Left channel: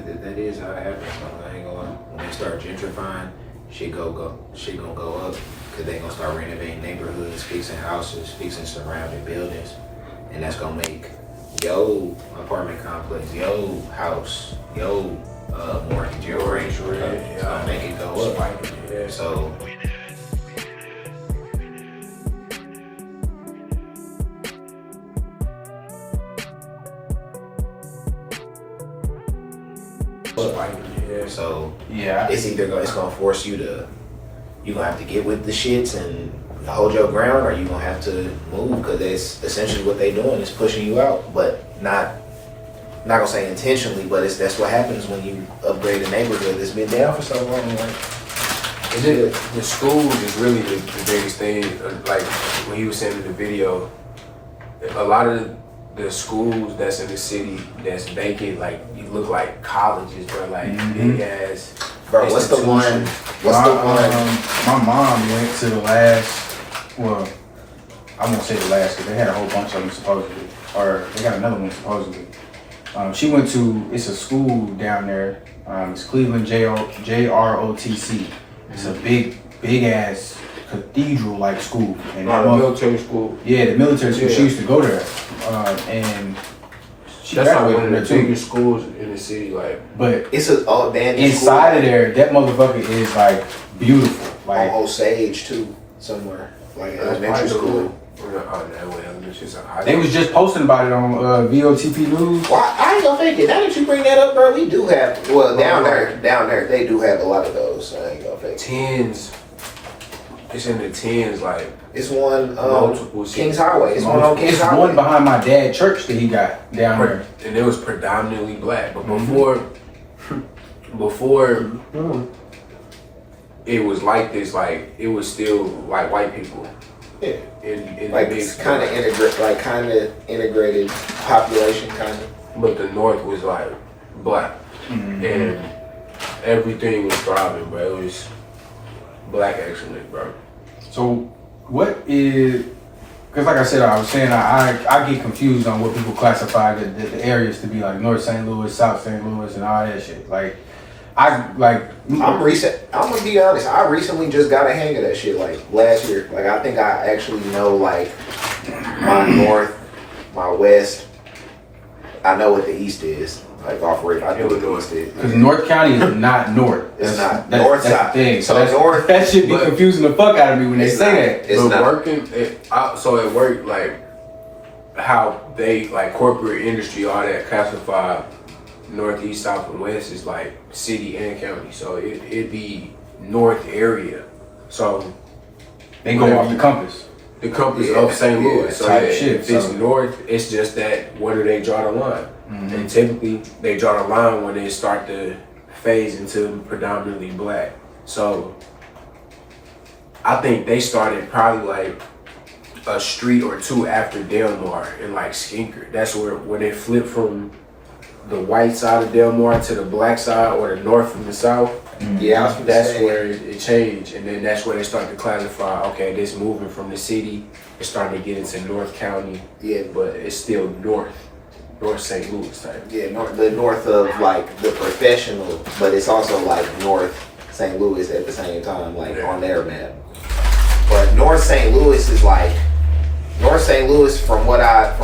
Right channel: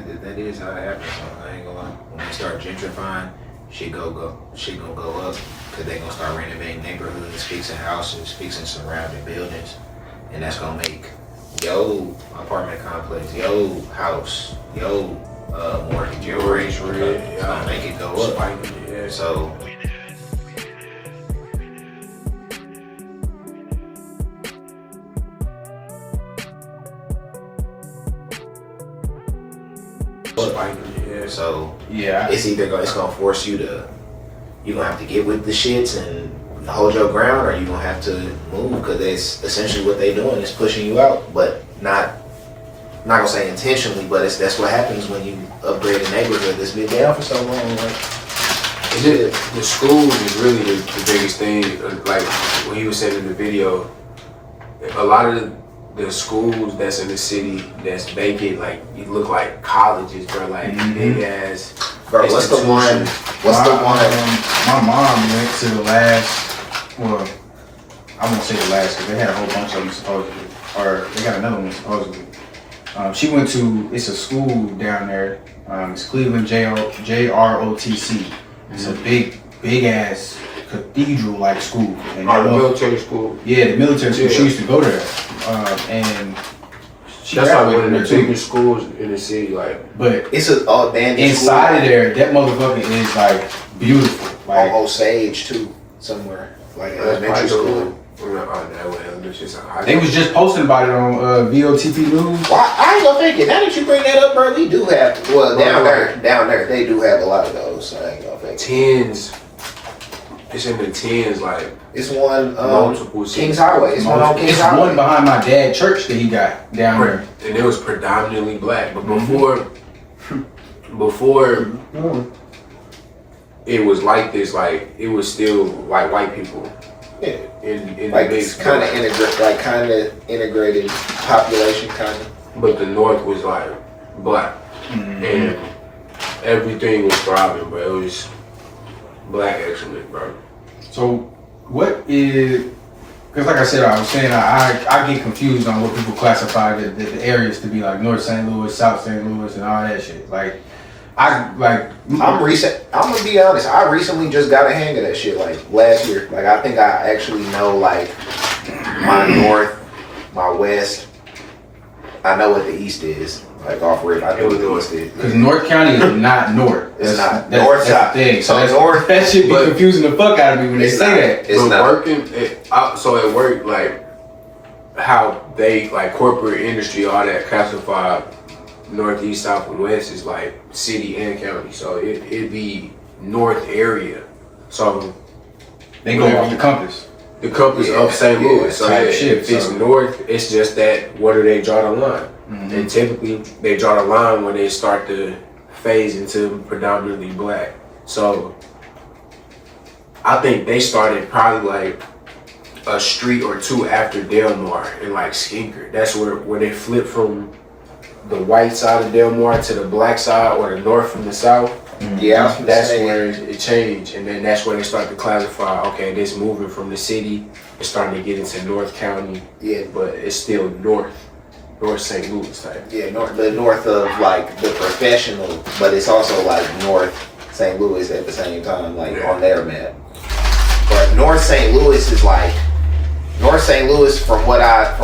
That is how it happens. I ain't gonna, when they start gentrifying, shit gonna go up because they gonna start renovating neighborhoods, fixing houses, fixing surrounding buildings, and that's gonna make your apartment complex, your house, your mortgage, your rate, it's gonna make it go up. Yeah. So. Yeah. So Yeah, it's either it's gonna force you to, you're gonna have to get with the shits and hold your ground, or you're gonna have to move, because it's essentially what they're doing is pushing you out, but not gonna say intentionally, but that's what happens when you upgrade a neighborhood that's been down for so long. Like, The schools is really the biggest thing. Like when he was saying in the video, a lot of the schools that's in the city that's vacant, like you look like colleges, bro. Like big ass. bro, what's the one? My mom went to the last. Well, I won't say the last because they had a whole bunch of them supposedly, or they got another one supposedly. She went to, it's a school down there. It's Cleveland JROTC. It's a big ass cathedral like school. And The military school. Yeah, the military school. She used to go there, and she That's like one of the there too. biggest schools in the city. Like, But It's a abandoned inside of school, there, that motherfucker is like beautiful. Like, on Osage too, somewhere like elementary school. they was just posting about it on VOTP News. Well, I ain't gonna fake it. Now that you bring that up, bro, we do have, well, down there, they do have a lot of those, so I ain't gonna fake it. tens. It's in the tens, like It's one, multiple Kings Highway. It's one on Kings It's Highway. one behind my dad's church that he got down there. and it was predominantly black. But before it was like this, like it was still like white people. Yeah. In Like the big it's kind of integrated population, kind of. But the North was like black, and everything was thriving, but it was black excellence, bro. So what is, because like I said, I was saying I get confused on what people classify the areas to be, like North St. Louis, South St. Louis, and all that shit. Like I'm gonna be honest, I recently just got a hang of that shit, like last year. Like I think I actually know like my north, my west. I know what the east is. Like off rip, I know what the east is. Because North County is not north. It's not. That's North, the south. thing. So north, that shit be but- confusing the fuck out of me when they It's say not. that. It's But not. working, so it worked like how they like corporate industry, all that classified northeast, south, and west is like city and county. So it'd be north area. So They go off the compass. the compass Yeah, of St. Louis. So type yeah, shit, if it's so- north, it's just that where do they draw the line? And typically they draw the line when they start to phase into predominantly black. So I think they started probably like a street or two after Delmar and like Skinker. That's where they flipped from the white side of Delmar to the black side, or the north from the south. Yeah, That's where it changed, and then that's where they start to classify. Okay, this moving from the city, it's starting to get into North County, Yeah, but it's still North St. Louis type. yeah, the north of like the professional, but it's also like North St. Louis at the same time, like on their map. But North St. Louis is like North St. Louis, from what I've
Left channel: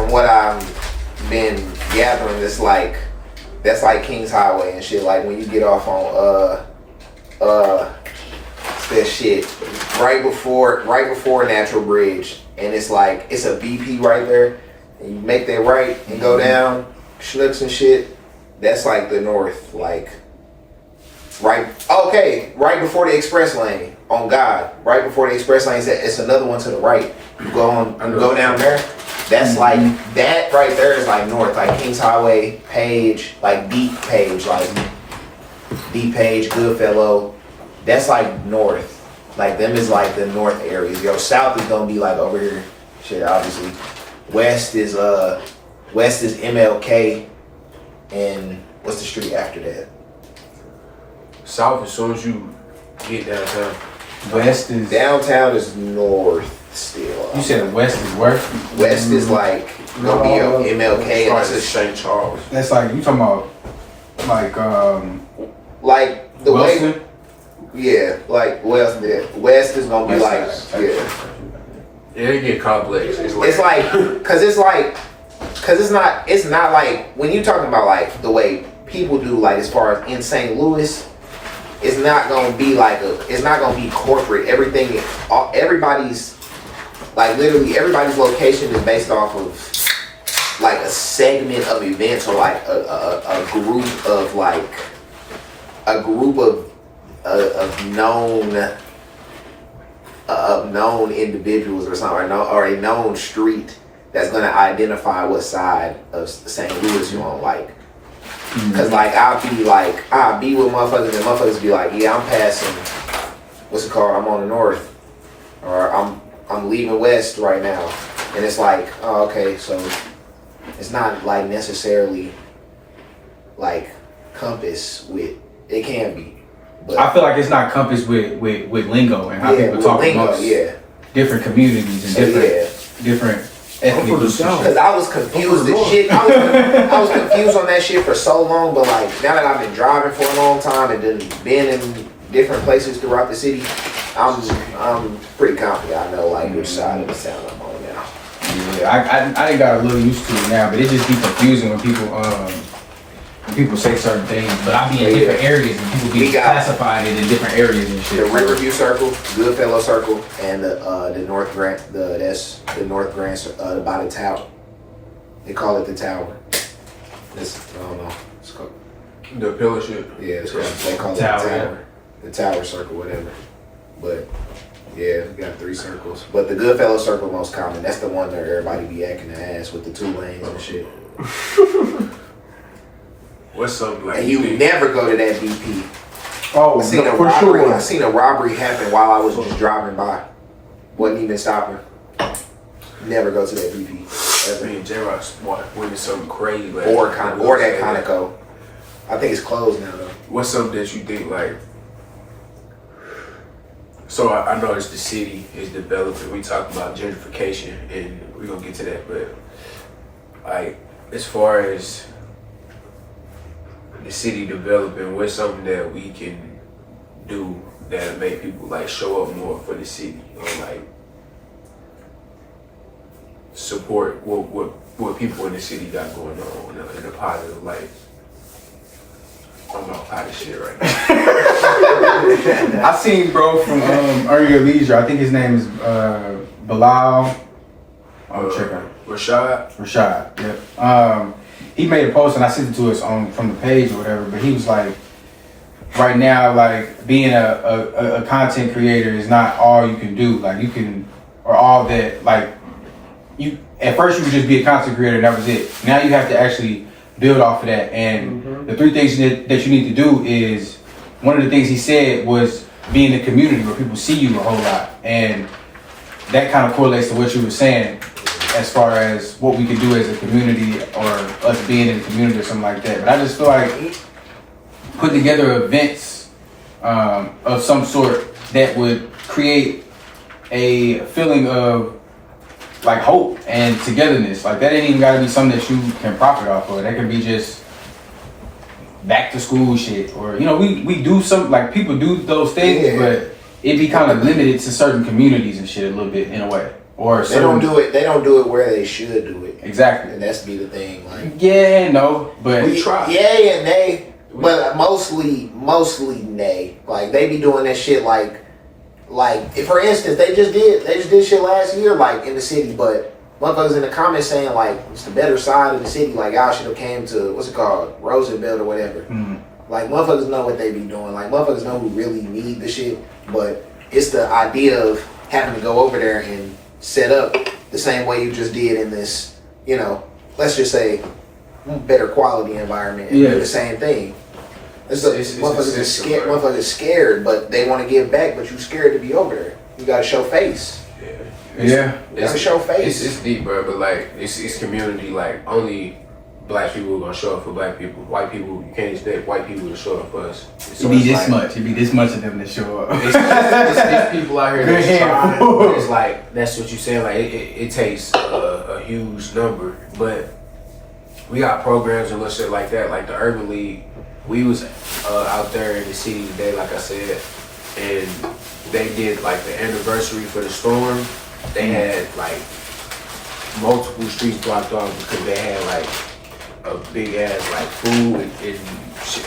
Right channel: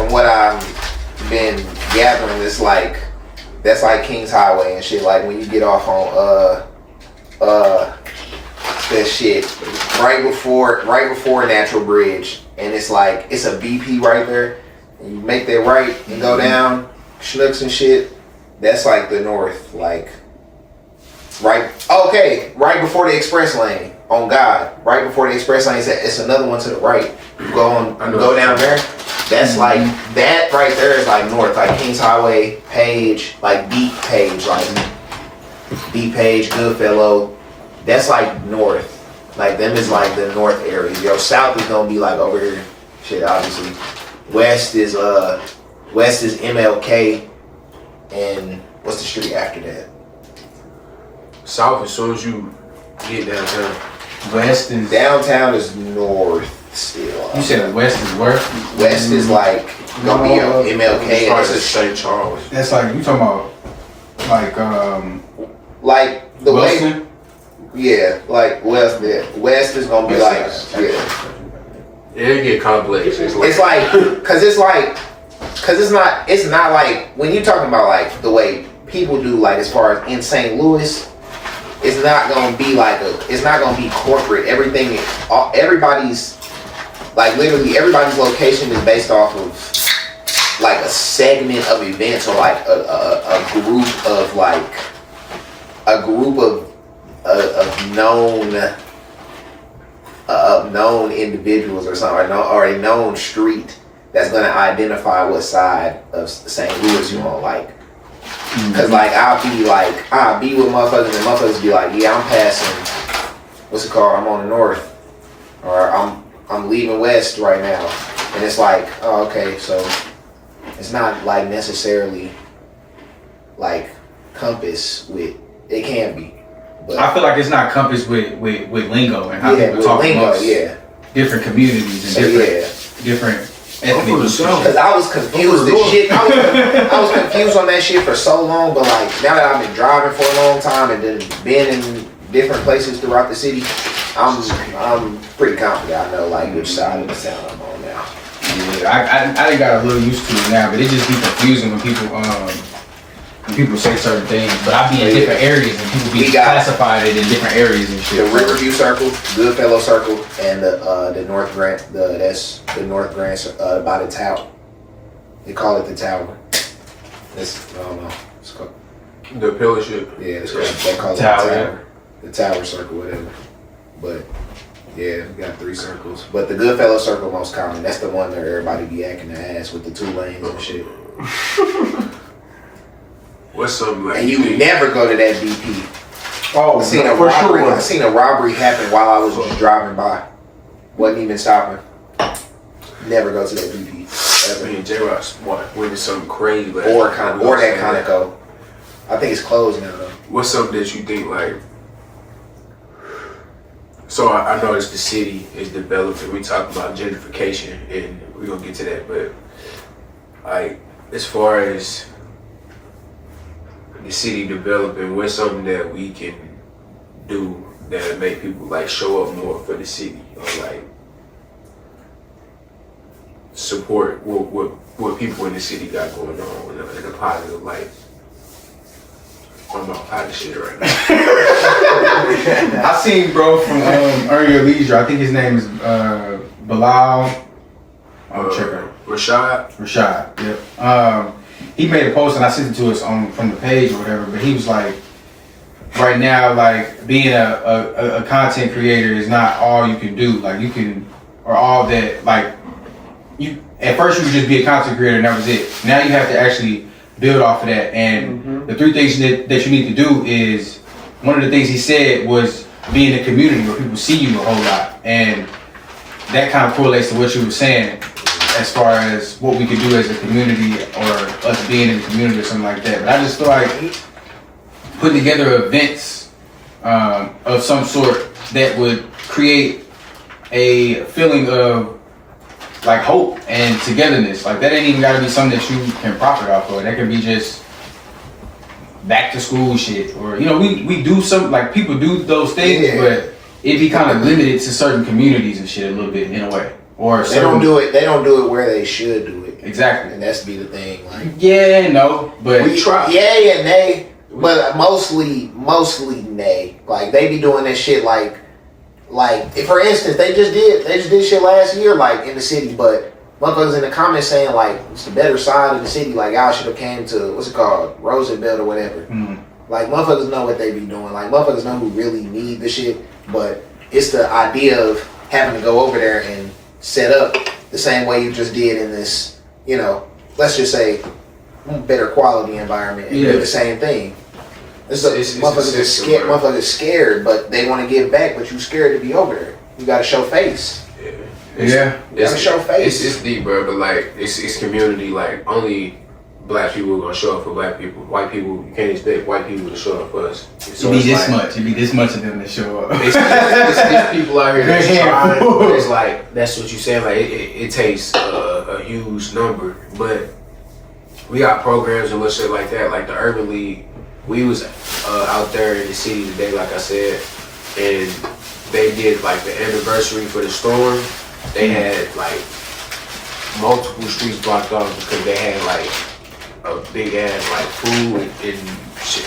been gathering, is like that's like Kings Highway and shit. Like when you get off on that shit right before Natural Bridge, and it's like it's a BP right there. And you make that right and go down Schnooks and shit. That's like the north, like right before the express lane. On God, right before the express lane, it's another one to the right. You go down there. That's like that right there is like north, like Kings Highway, Page, like Deep Page, Goodfellow. That's like north. Like them is like the north areas. Yo, south is gonna be like over here. Shit, obviously. West is MLK, and what's the street after that? South, as soon as you get downtown. West is Downtown is north still. You said west is where? West is like gonna be MLK, and Started this at is St. Charles. That's like you talking about Like Like the way, Wilson? yeah, like West is gonna be like, yeah. It get complex. It's not like when you're talking about like the way people do, like as far as in St. Louis, it's not gonna be it's not gonna be corporate. Everybody's like literally everybody's location is based off of like a segment of events or like a group of known individuals or something, or a known street that's gonna identify what side of St. Louis you on, like. Cause like I'll be with motherfuckers and motherfuckers be like, yeah, I'm passing, what's it called? I'm on the north, or I'm leaving west right now, and it's like, oh, okay, so it's not like necessarily like compass with, it can be, but I feel like it's not compassed with lingo and how people talk amongst different communities and different ethnic groups. Because I was confused as shit. I was confused on that shit for so long, but like now that I've been driving for a long time and then been in different places throughout the city, I'm pretty confident I know like which side of the sound I'm on now. Yeah, I got a little used to it now, but it just be confusing when people say certain things. But I be in different areas and people be classified it in different areas and shit. The Riverview Circle, Goodfellow Circle, and the North Grant. That's the North Grant by the tower. They call it the tower. I don't know. It's called the pillarship. Yeah, they call it the tower. The Tower Circle, whatever. But yeah, we got 3 circles. But the Goodfellow Circle most common. That's the one that everybody be acting the ass with the 2 lanes and shit. What's something like? And you never go to that BP. Oh, I seen a robbery. I seen a robbery happen while I was just driving by. Wasn't even stopping. Never go to that BP. Ever. Me and J-Rock went to something crazy. Like, or that Conoco. I think it's closed now though. What's something that you think like? So I noticed the city is developing. We talk about gentrification, and we're gonna get to that. But like, as far as the city developing, what's something that we can do that make people like show up more for the city, or like support what people in the city got going on in a positive light? I'm about pot of shit right now. I seen bro from Earn Your Leisure. I think his name is Bilal. Rashad. Yep. He made a post and I sent it to us from the page or whatever. But he was like, right now, like being a content creator is not all you can do. Like you can, or all that. Like you at first you would just be a content creator and that was it. Now you have to actually build off of that. And the 3 things that you need to do is, one of the things he said was be in a community where people see you a whole lot. And that kind of correlates to what you were saying as far as what we could do as a community or us being in a community or something like that. But I just feel like putting together events of some sort that would create a feeling of like hope and togetherness. Like that ain't even gotta be something that you can profit off of. That can be just back to school shit, or we do some, like people do those things, but it be kind of limited to certain communities and shit a little bit in a way. Or they don't do it where they should do it. Exactly. And that's be the thing. Like but we try. Yeah, nay. But mostly nay. Like they be doing that shit like if, for instance, they just did shit last year like in the city, but motherfuckers in the comments saying like it's the better side of the city, like y'all should have came to what's it called, Roosevelt or whatever. Like motherfuckers know what they be doing. Like motherfuckers know who really need the shit, but it's the idea of having to go over there and set up the same way you just did in this, let's just say better quality environment and do the same thing. Motherfuckers scared, but they want to give back, but you scared to be over there. You gotta show face. You gotta show face. It's deep, bro, but like it's community. Like only black people are gonna show up for black people. White people, you can't expect white people to show up for us. So it'd be this much of them to show up. It's people out here that's trying, but it's like that's what you saying. Like it takes a huge number, but we got programs and shit like that, like the Urban League. we was out there in the city today, like I said, and they did like the anniversary for the storm. They had like multiple streets blocked off because they had like a big ass like food and shit,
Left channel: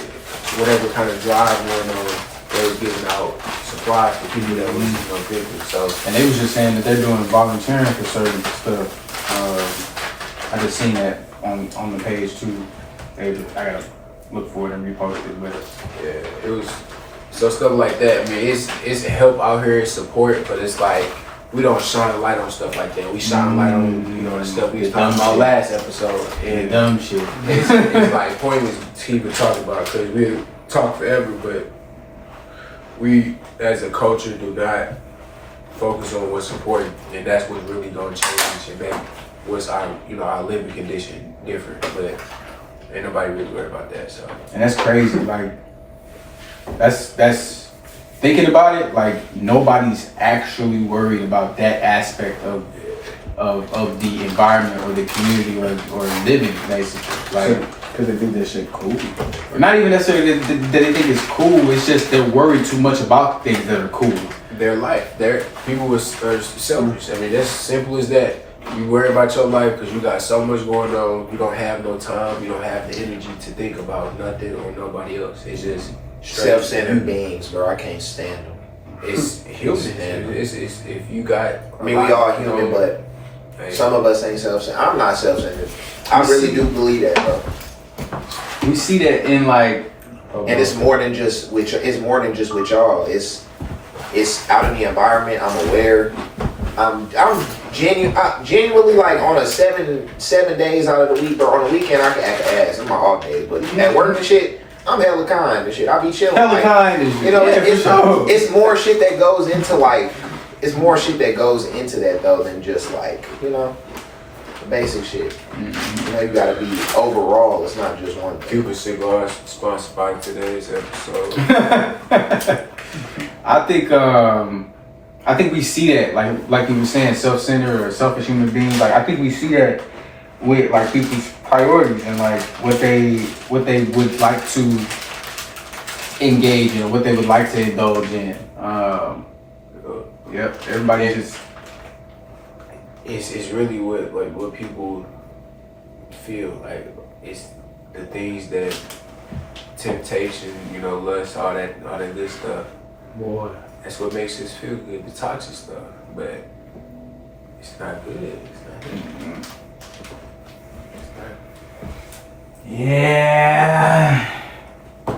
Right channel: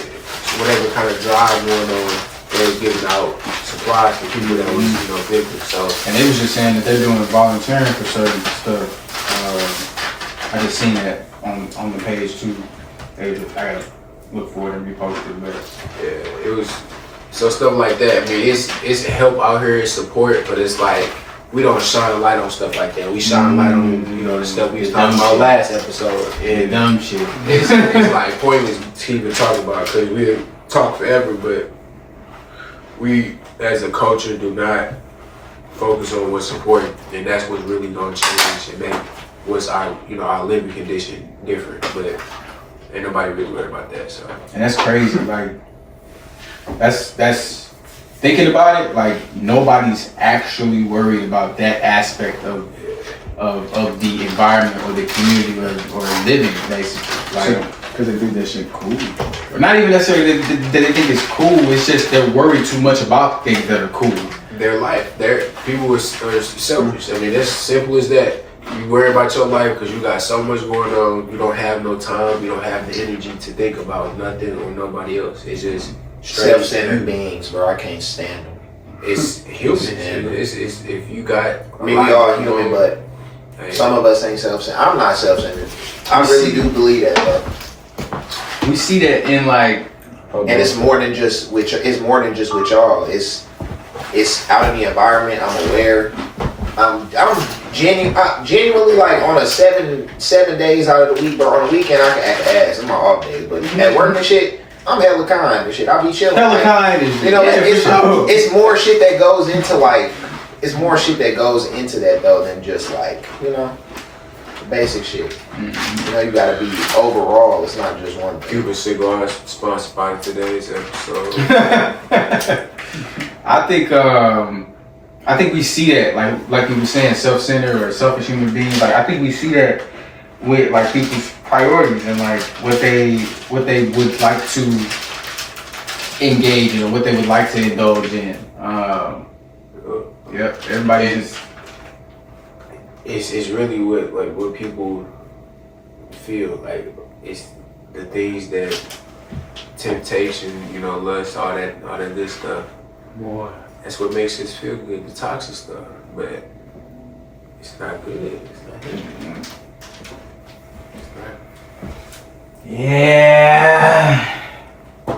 whatever kind of drive going on. They was giving out supplies for people that was victims. So, and they was just saying that they're doing volunteering for certain stuff. I just seen that on the page too. I gotta look for it and repost it, but yeah, it was so stuff like that. I mean, it's help out here, it's support, but it's like we don't shine a light on stuff like that. We shine a light on the stuff we was talking about last episode, and dumb shit. It's like pointless to even talk about because we talk forever, but we as a culture do not focus on what's important, and that's what's really gonna change and make what's our living condition different. But ain't nobody really worried about that. So, and that's crazy. Like that's thinking about it. Like nobody's actually worried about that aspect of the environment or the community or living, basically. Like because they think that shit cool. not even necessarily that they think it's cool. It's just they're worried too much about things that are cool. their life, people are selfish. I mean, that's simple as that. You worry about your life because you got so much going on. You don't have no time. You don't have the energy to think about nothing or nobody else. It's just self-centered beings, bro. I can't stand them. It's human. It's if you got. I mean, we all human, but some of us ain't self-centered. I'm not self-centered. I really do believe that, though. We see that in like, and it's more than just with y'all. It's out in the environment. I'm aware. I'm genuinely like on a seven days out of the week, but on the weekend I can act ass. I'm my off days, but at work and shit, I'm hella kind and shit. I be chilling. hella like, kind is, you know, yeah, it's more shit that goes into like, it's more shit that goes into that though than just like, you know, the basic shit. Mm-hmm. You know, you gotta be overall. It's not just one thing. Cuban Cigar sponsored by today's episode. I think we see that, like you were saying, self-centered or selfish human beings. Like I think we see that with like people's priorities and like what they would like to engage in, what they would like to indulge in. Yep, everybody just. It's really what people feel like. It's the things that temptation, you know, lust, all that good stuff. Boy. That's what makes us feel good, the toxic stuff. But it's not good. It's not good. It's not. Yeah. A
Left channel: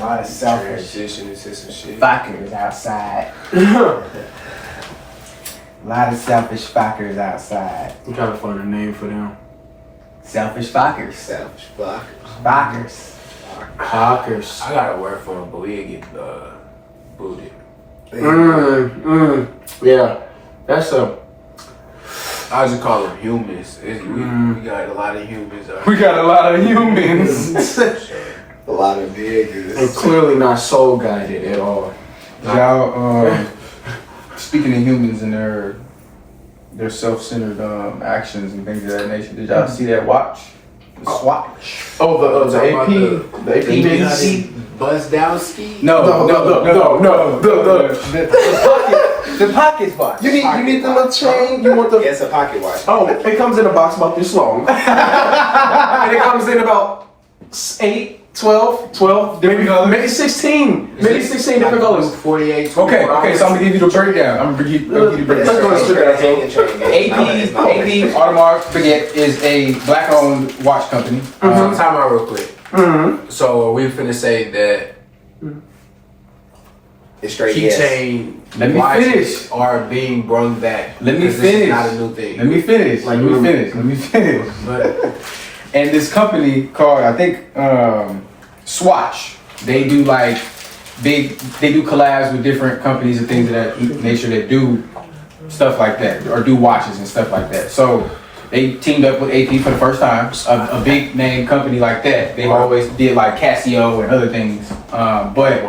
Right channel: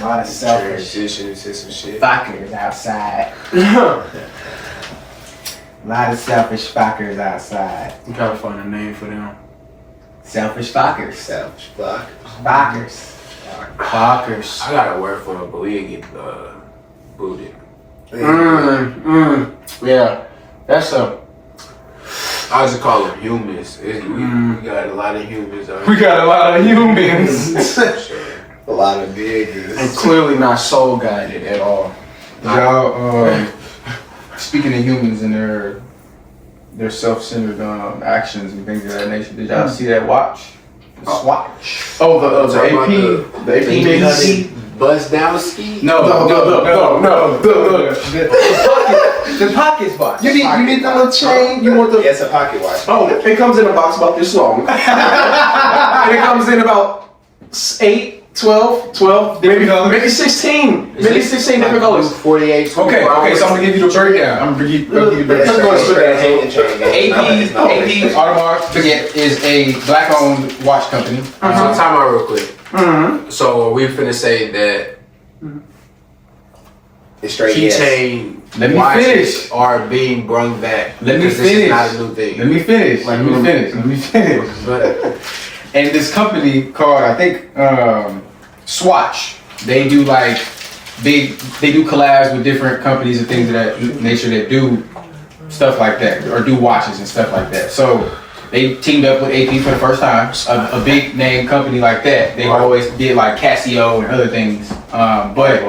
lot of selfish Transition into some shit. fuckers outside. A lot of selfish fuckers outside. We gotta find a name for them. Selfish fuckers. Selfish block. Fuckers. Fuckers. I gotta work for him, but we get booted. Yeah, that's a. I just call them humans. We got a lot of humans out We got a lot of humans. A lot of niggas. And clearly not soul guided at all. Y'all, speaking of humans and their self-centered actions and things of that nature, did y'all see that watch? The Swatch. Oh, the AP. The AP. Buzdowski? No. The pocket watch. You need the little chain. You want the. Yeah, it's a pocket watch. Oh, it comes in a box about this long. And it comes in about 8, 12, maybe 16. Maybe 16 different colors. 48. Okay, so I'm gonna give you the breakdown. I'm gonna give you the breakdown. AP Audemars Piguet is a black-owned watch company. So time out real quick. Mm-hmm. So we're finna say that It's straight yes. keychain Let me watches finish. are being brought back. Let me because this finish. is not a new thing. Let me finish. Let me finish. But And this company called, I think, Swatch. They do like they do collabs with different companies and things of that nature that do stuff like that or do watches and stuff like that. So they teamed up with AP for the first time. A big name company like that. They always did like Casio and other things. But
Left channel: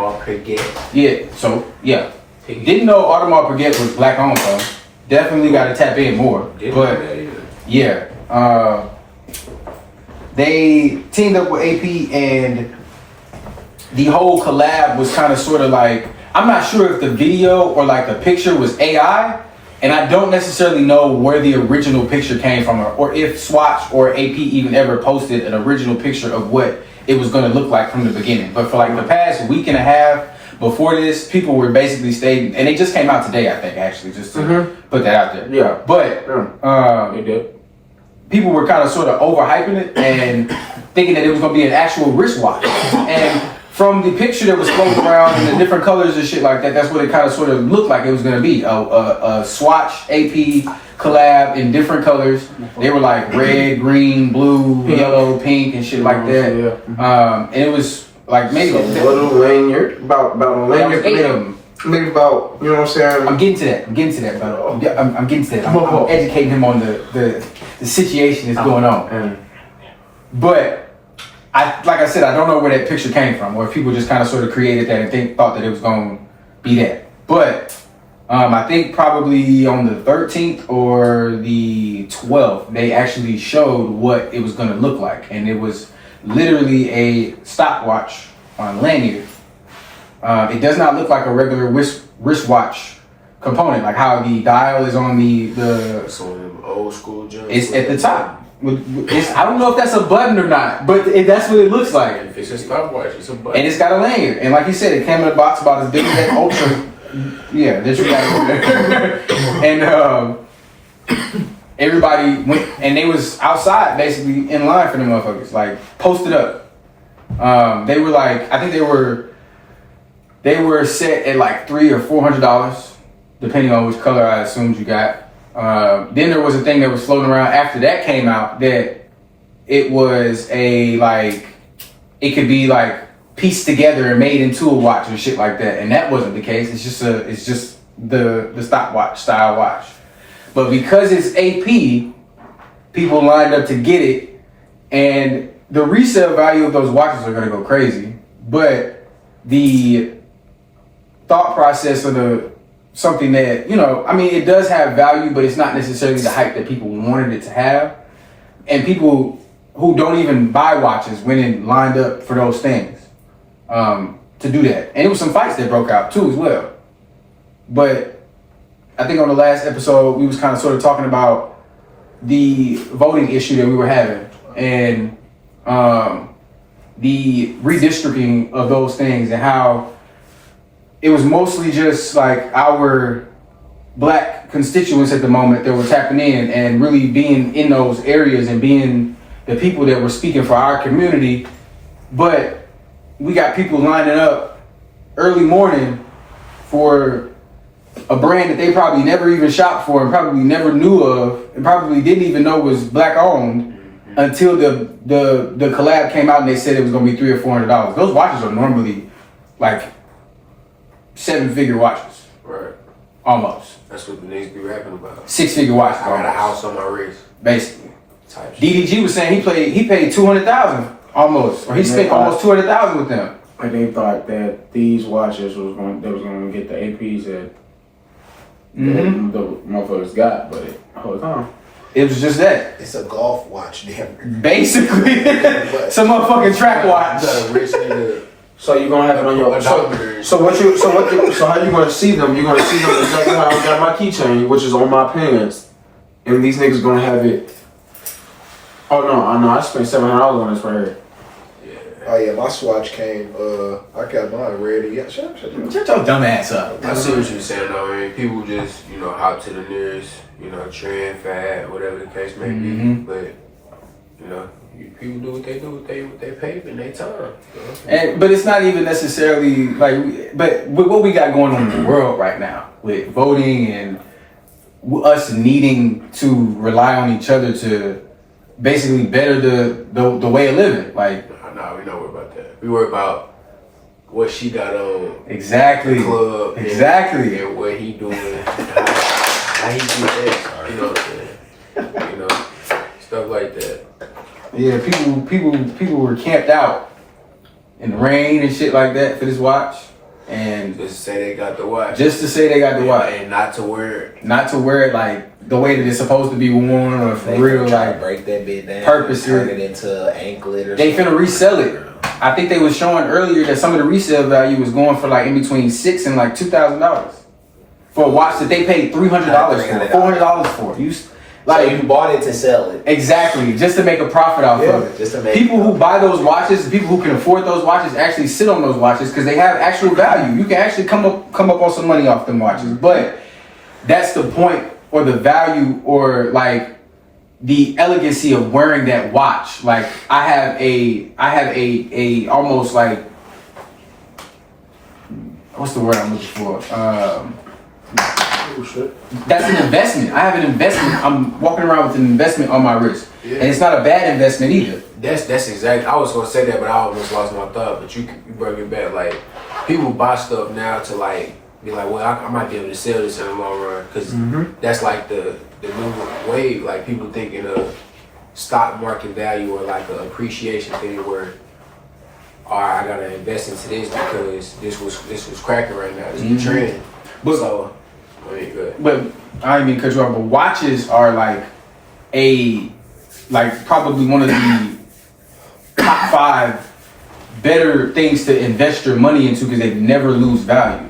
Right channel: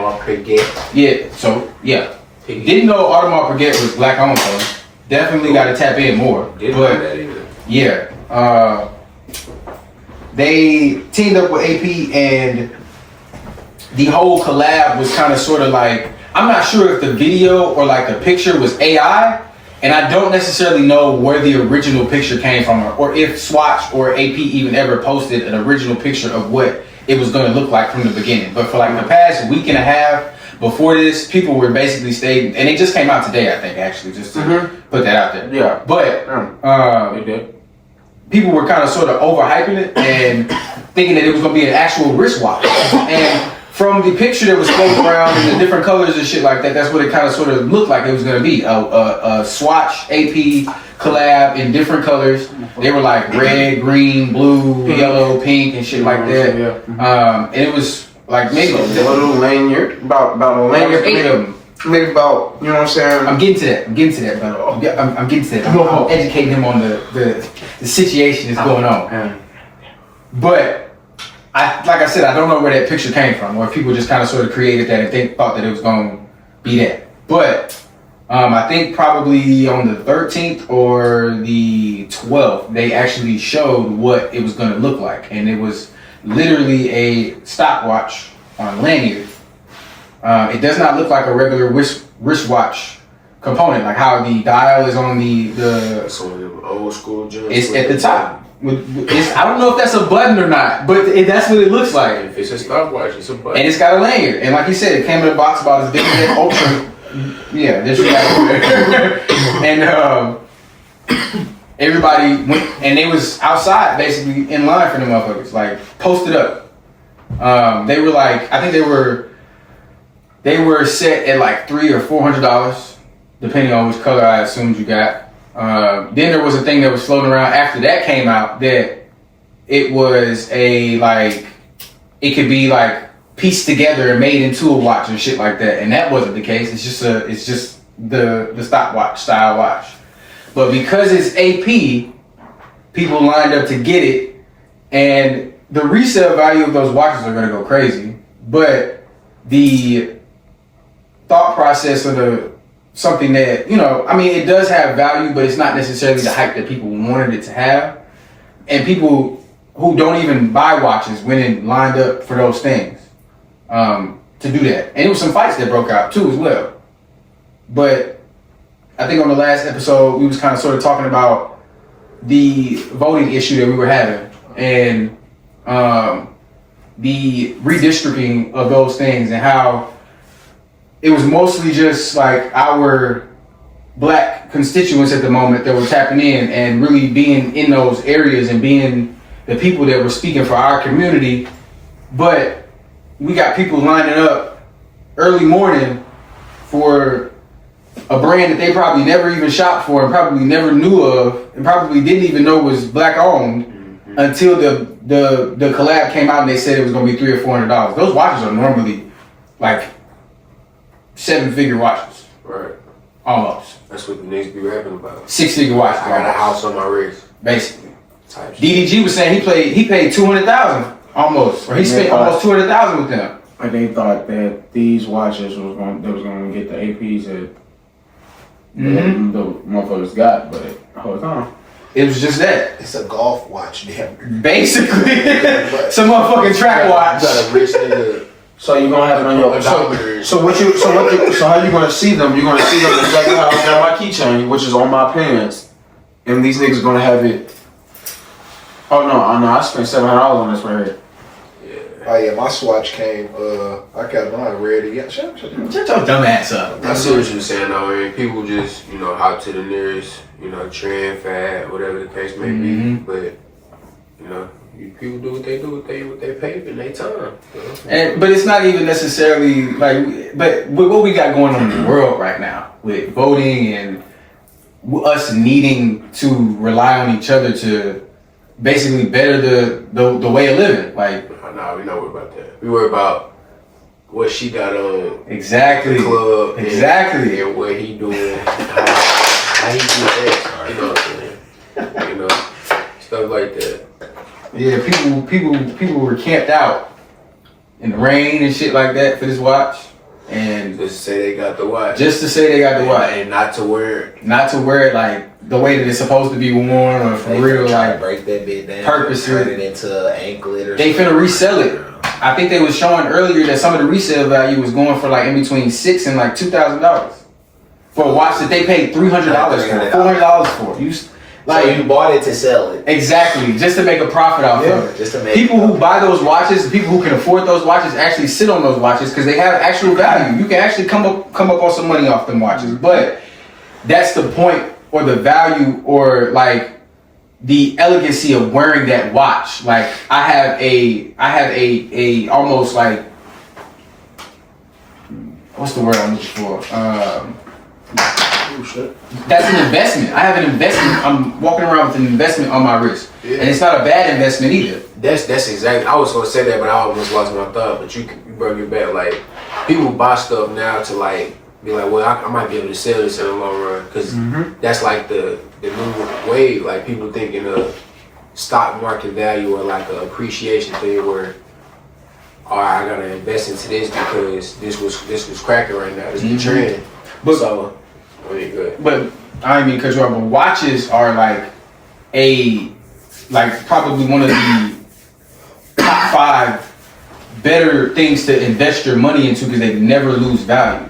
didn't know Audemars Piguet was black owned though. Definitely got to tap in more. didn't know that either. They teamed up with AP and the whole collab was kind of sort of like, I'm not sure if the video or like the picture was AI, and I don't necessarily know where the original picture came from, or if Swatch or AP even ever posted an original picture of what it was going to look like from the beginning. But for like the past week and a half before this, people were basically stating, and it just came out today, I think, actually, just to put that out there. Yeah. But They did. people were kind of sort of overhyping it and thinking that it was going to be an actual wristwatch. And from the picture that was floating around in the different colors and shit like that, that's what it kind of sort of looked like it was going to be. A Swatch AP collab in different colors. They were like red, green, blue, yellow, pink, and shit like that. And it was like maybe a little lanyard, about a lanyard, 8 of them. maybe about, you know what I'm saying? I'm getting to that, but I'm getting to that. I'm educating him on the situation that's going on. But like I said, I don't know where that picture came from, or if people just kind of sort of created that and thought that it was going to be that. But I think probably on the 13th or the 12th, they actually showed what it was going to look like, and it was literally a stopwatch on a lanyard. It does not look like a regular wristwatch component, like how the dial is on the Some of them old school joints. it's at the top. I don't know if that's a button or not, but that's what it looks like. If it's a stopwatch, it's a button. And it's got a lanyard. And like you said, it came in a box about as big as that Ultra. Yeah, this you got over there. And everybody went, and they was outside basically in line for the motherfuckers, like posted up. They were like, I think they were set at like $300 or $400, depending on which color I assumed you got. Then there was a thing that was floating around after that came out that it was a like, it could be like pieced together and made into a watch and shit like that, and that wasn't the case. It's just the stopwatch style watch. But because it's AP, people lined up to get it, and the resale value of those watches are gonna go crazy. But the thought process of something that, you know, I mean, it does have value, but it's not necessarily the hype that people wanted it to have. And people who don't even buy watches went and lined up for those things to do that. And it was some fights that broke out too as well. But I think on the last episode, we was kind of sort of talking about the voting issue that we were having and the redistricting of those things, and how it was mostly just like our black constituents at the moment that were tapping in and really being in those areas and being the people that were speaking for our community. But we got people lining up early morning for a brand that they probably never even shopped for and probably never knew of and probably didn't even know was black owned until the collab came out and they said it was going to be $300 or $400. Those watches are normally like 7-figure watches. Right. Almost. That's what the niggas be rapping about. 6-figure watches. I got a almost. house on my wrist. Basically. Type shit. DDG was saying he paid $200,000 almost, or he spent almost $200,000 with them. And they thought that these watches was going to get the APs that the motherfuckers got, but hold on. It was just that. It's a golf watch, damn. Basically, some motherfucking track watch. You got a rich nigga. So you're gonna have it on your so how you gonna see them? You're gonna see them exactly how I got my keychain, which is on my pants, and these niggas gonna have it. Oh no, I spent $700 on this right here. Oh yeah, my Swatch came. I got mine ready. Yeah, shut your dumb ass up. I see what you're saying though, man. People just, you know, hop to the nearest, you know, trend, fad, whatever the case may be. But, you know, people do what they do with they paper and they time. You know? But it's not even necessarily like, but with what we got going on in the world right now, with voting and us needing to rely on each other to basically better the way of living, like. Nah, we not worried about that. We worry about what she got on. Exactly. The club. Exactly. And what he doing. How he do that. You know what I'm saying? You know, stuff like that. Yeah, people were camped out in the rain and shit like that for this watch. and Just say they got the watch. just to say they got the watch, And not to wear it. not to wear it like the way that it's supposed to be worn, or for They real, try to like break that bit down, purposely. turn it into an anklet or they something. finna resell it. I think they was showing earlier that some of the resale value was going for like in between $6,000 and like $2,000 for a watch that they paid $300 for, $400 for. Like, so you bought it to sell it. Exactly, just to make a profit off of it. Just to make People who buy those watches, people who can afford those watches, actually sit on those watches because they have actual value. You can actually come up on some money off them watches. But that's the point, or the value, or like the elegancy of wearing that watch. Like I have a almost like, what's the word I'm looking for? That's an investment. I have an investment. I'm walking around with an investment on my wrist, and it's not a bad investment either. That's exactly. I was gonna say that, but I almost lost my thought. But you brought it back. Like people buy stuff now to like be like, well, I might be able to sell this in the long run because that's like the new way. Like people thinking of stock market value or like an appreciation thing where, all right, I gotta invest into this because this was cracking right now. This is the trend. But So, I mean, good. But I didn't mean cut you off. But watches are like probably one of the top 5 better things to invest your money into because they never lose value.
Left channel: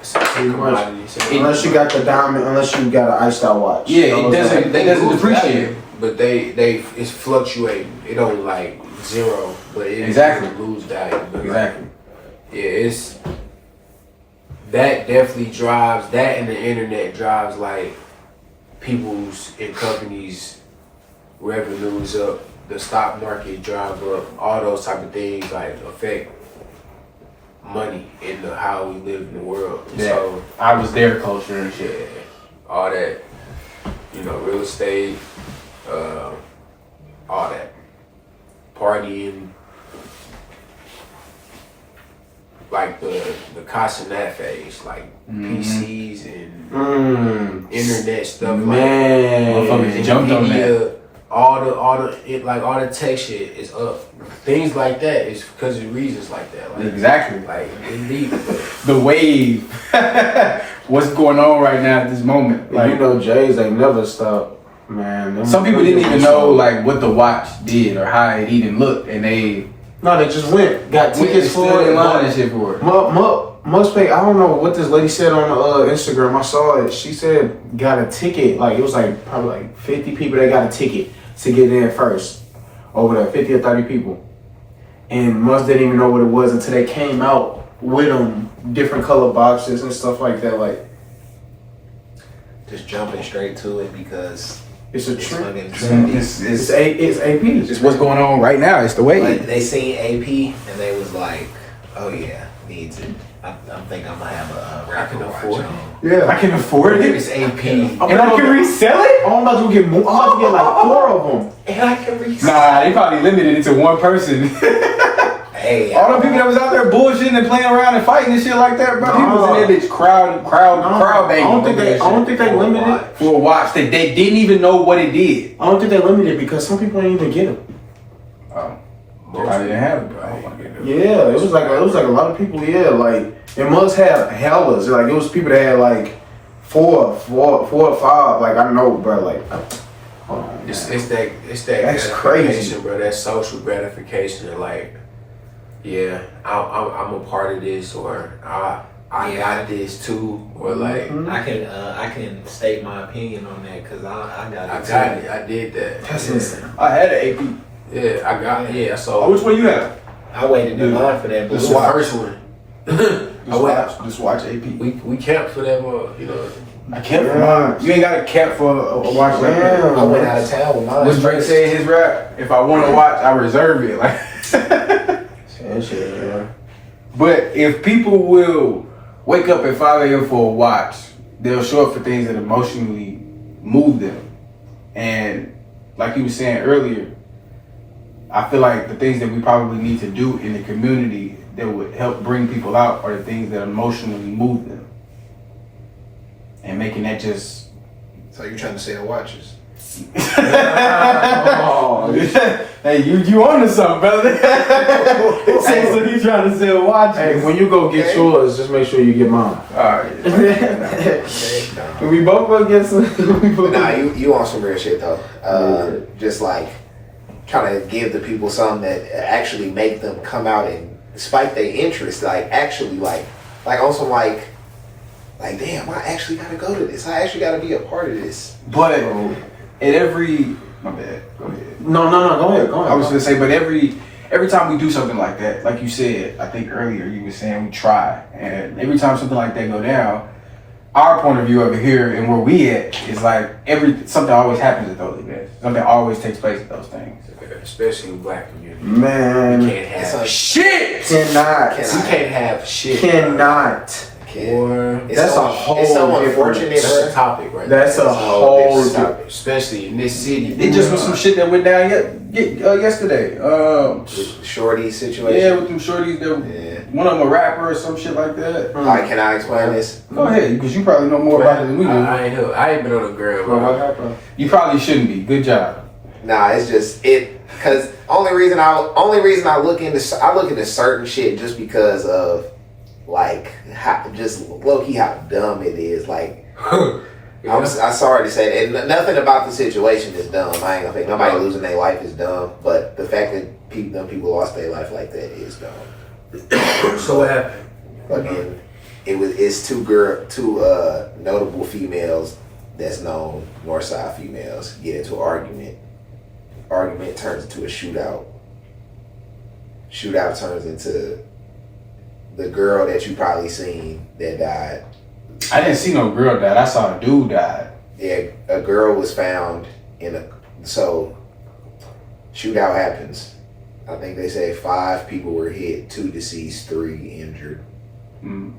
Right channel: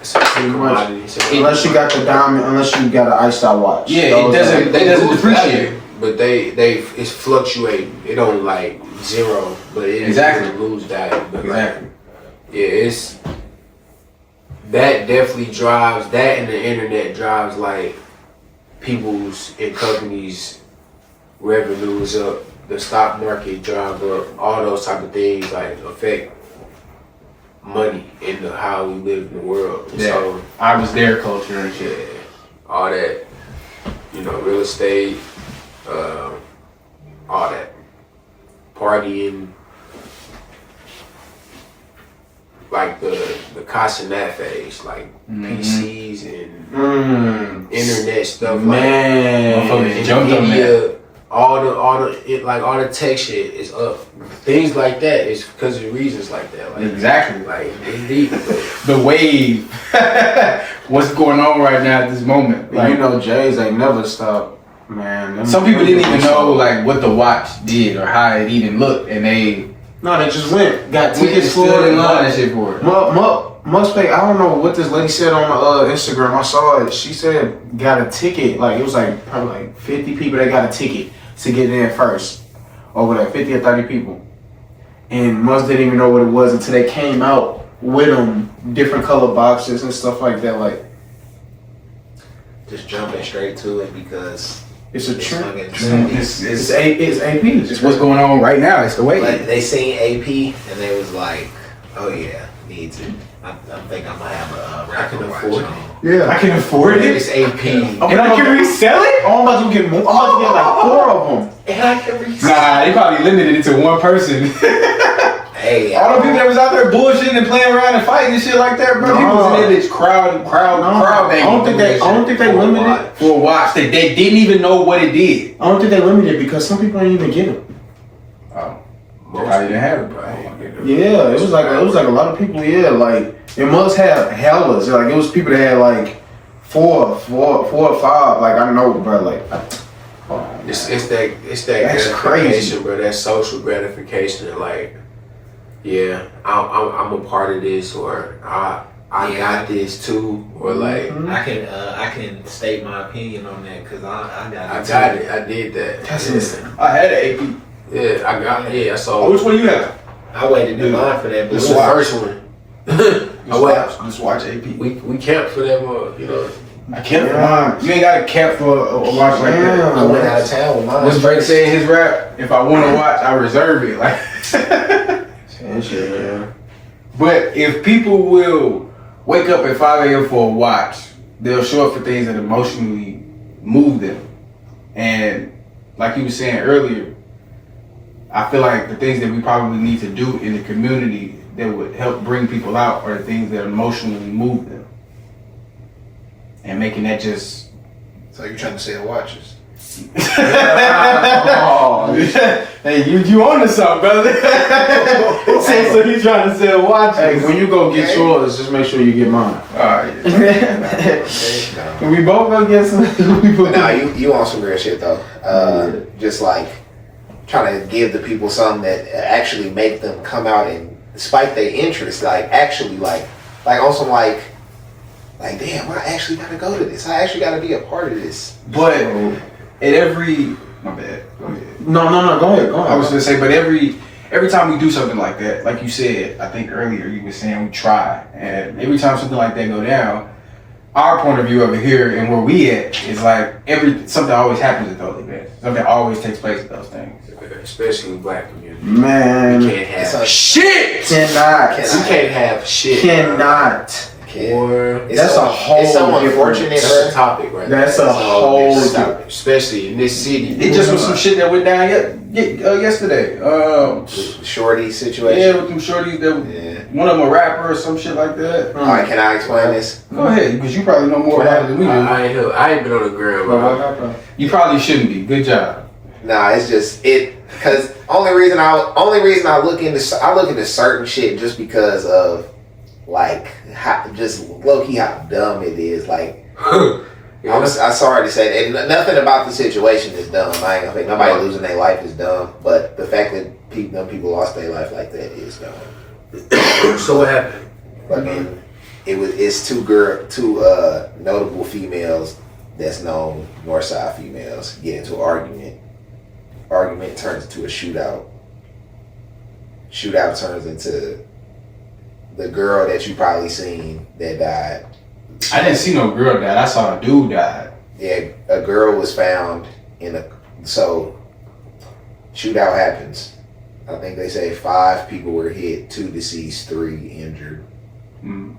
It's a commodity. Unless you got the diamond, unless you got an iced out watch. Yeah, it doesn't lose depreciate. value, but it's fluctuating. It don't like zero, but it Exactly. doesn't lose value. But Exactly. it's that definitely drives that, and the internet drives like people's and companies' revenues up. The stock market drive up. All those type of things like affect money in how we live in the world. Yeah. So I was there culture and shit. all that, real estate, all that, partying, like the Casanat phase, like PCs and internet stuff, Man, Motherfuckers jumped on that. all the tech shit is up. Things like that is because of reasons like that. Like, Exactly. Like indeed. The wave. What's going on right now at this moment? Like, Jays ain't never stopped, man. some people didn't even know like what the watch did or how it even looked, and they just went, got stood tickets for in it. line and shit for it. Must pay. I don't know what this lady said on Instagram. I saw it. She said got a ticket. Like it was like probably like 50 people. They got a ticket to get in first. Over there, 50 or 30 people. And Must didn't even know what it was until they came out with them, different color boxes and stuff like that. Like just jumping straight to it because it's a it's trend. fucking It's It's AP. It's what's going on right now. It's the wave. Like they seen AP and they was like, oh yeah, needs it. I think I'm gonna have a rapper watch afford on. Yeah, I can afford it, It's AP. and I can resell it. Oh, I'm about to get more. I'm about to get like 4 of them. And I can resell. Nah, they probably limited it to one person. Hey, All the people that was out there bullshitting and playing around and fighting and shit like that, bro. People was in there bitch crowd banging. I don't think they limited it. For a watch that they didn't even know what it did. I don't think they limited it because some people didn't even get them. Oh, probably didn't have it, bro. Yeah, it was like a lot of people. Yeah, like it must have hellas. Like it was people that had like four or 5. Like I know, bro. Like hold on, It's man. that That's gratification, crazy. bro. That social gratification, and like, yeah, I'm a part of this, or I got this too, or like I can state my opinion on that because I got it. I got it, I did that. That's yeah. insane. I had an AP. Yeah, I got Oh, So which one you have? I waited in line for that. the blue first one. Just watch AP. We camped for that one, I kept Yeah. mine. You ain't got a cap for a watch like that. Yeah. I went out of town with mine. What Drake said in his rap, if I want to watch, I reserve it. Like, That shit, yeah. but if people will wake up at 5 a.m. for a watch, they'll show up for things that emotionally move them. And like you were saying earlier, I feel like the things that we probably need to do in the community that would help bring people out are the things that emotionally move them. And making that just... So you're trying to sell watches? Oh, Hey, you on to something, brother? Say so you trying to sell watches. Hey, when you go get yours, just make sure you get mine. Alright. Nah. We both gonna get some. But nah, you on some real shit though. Just like trying to give the people something that actually make them come out and despite their interest, like actually like on some like damn, I actually gotta go to this. I actually gotta be a part of this. But at every my bad. Go ahead. No, go ahead. I was gonna say, but every time we do something like that, like you said, I think earlier you were saying we try, and every time something like that go down, our point of view over here and where we at is like something always happens at those events. Something always takes place at those things. Especially in the black community. Man, You can't have Shit! cannot. You can't have shit. Cannot. Or That's a whole It's so different- unfortunate, that's bro. a topic, right? That's there. a whole different different- topic, especially in this city. It just was some shit that went down yesterday. Shorty situation. Yeah, with them shorties that Yeah. one of them a rapper or some shit like that. All right, can I explain this? Go ahead, because you probably know more about it than we do. I ain't been on the ground. bro. You probably shouldn't be. Good job. Nah, it's just because only reason I look into certain shit just because of like just low key how dumb it is. Like I'm sorry to say that, and nothing about the situation is dumb. I ain't gonna think nobody losing their life is dumb, but the fact that people lost their life like that is dumb. So what happened? Fucking, it's two notable females that's known Northside females get into an argument. Argument turns into a shootout. Shootout turns into the girl that you probably seen that died. I didn't see no girl die. I saw a dude die. Yeah, a girl was found so shootout happens. I think they say 5 people were hit, 2 deceased, 3 injured. Mm.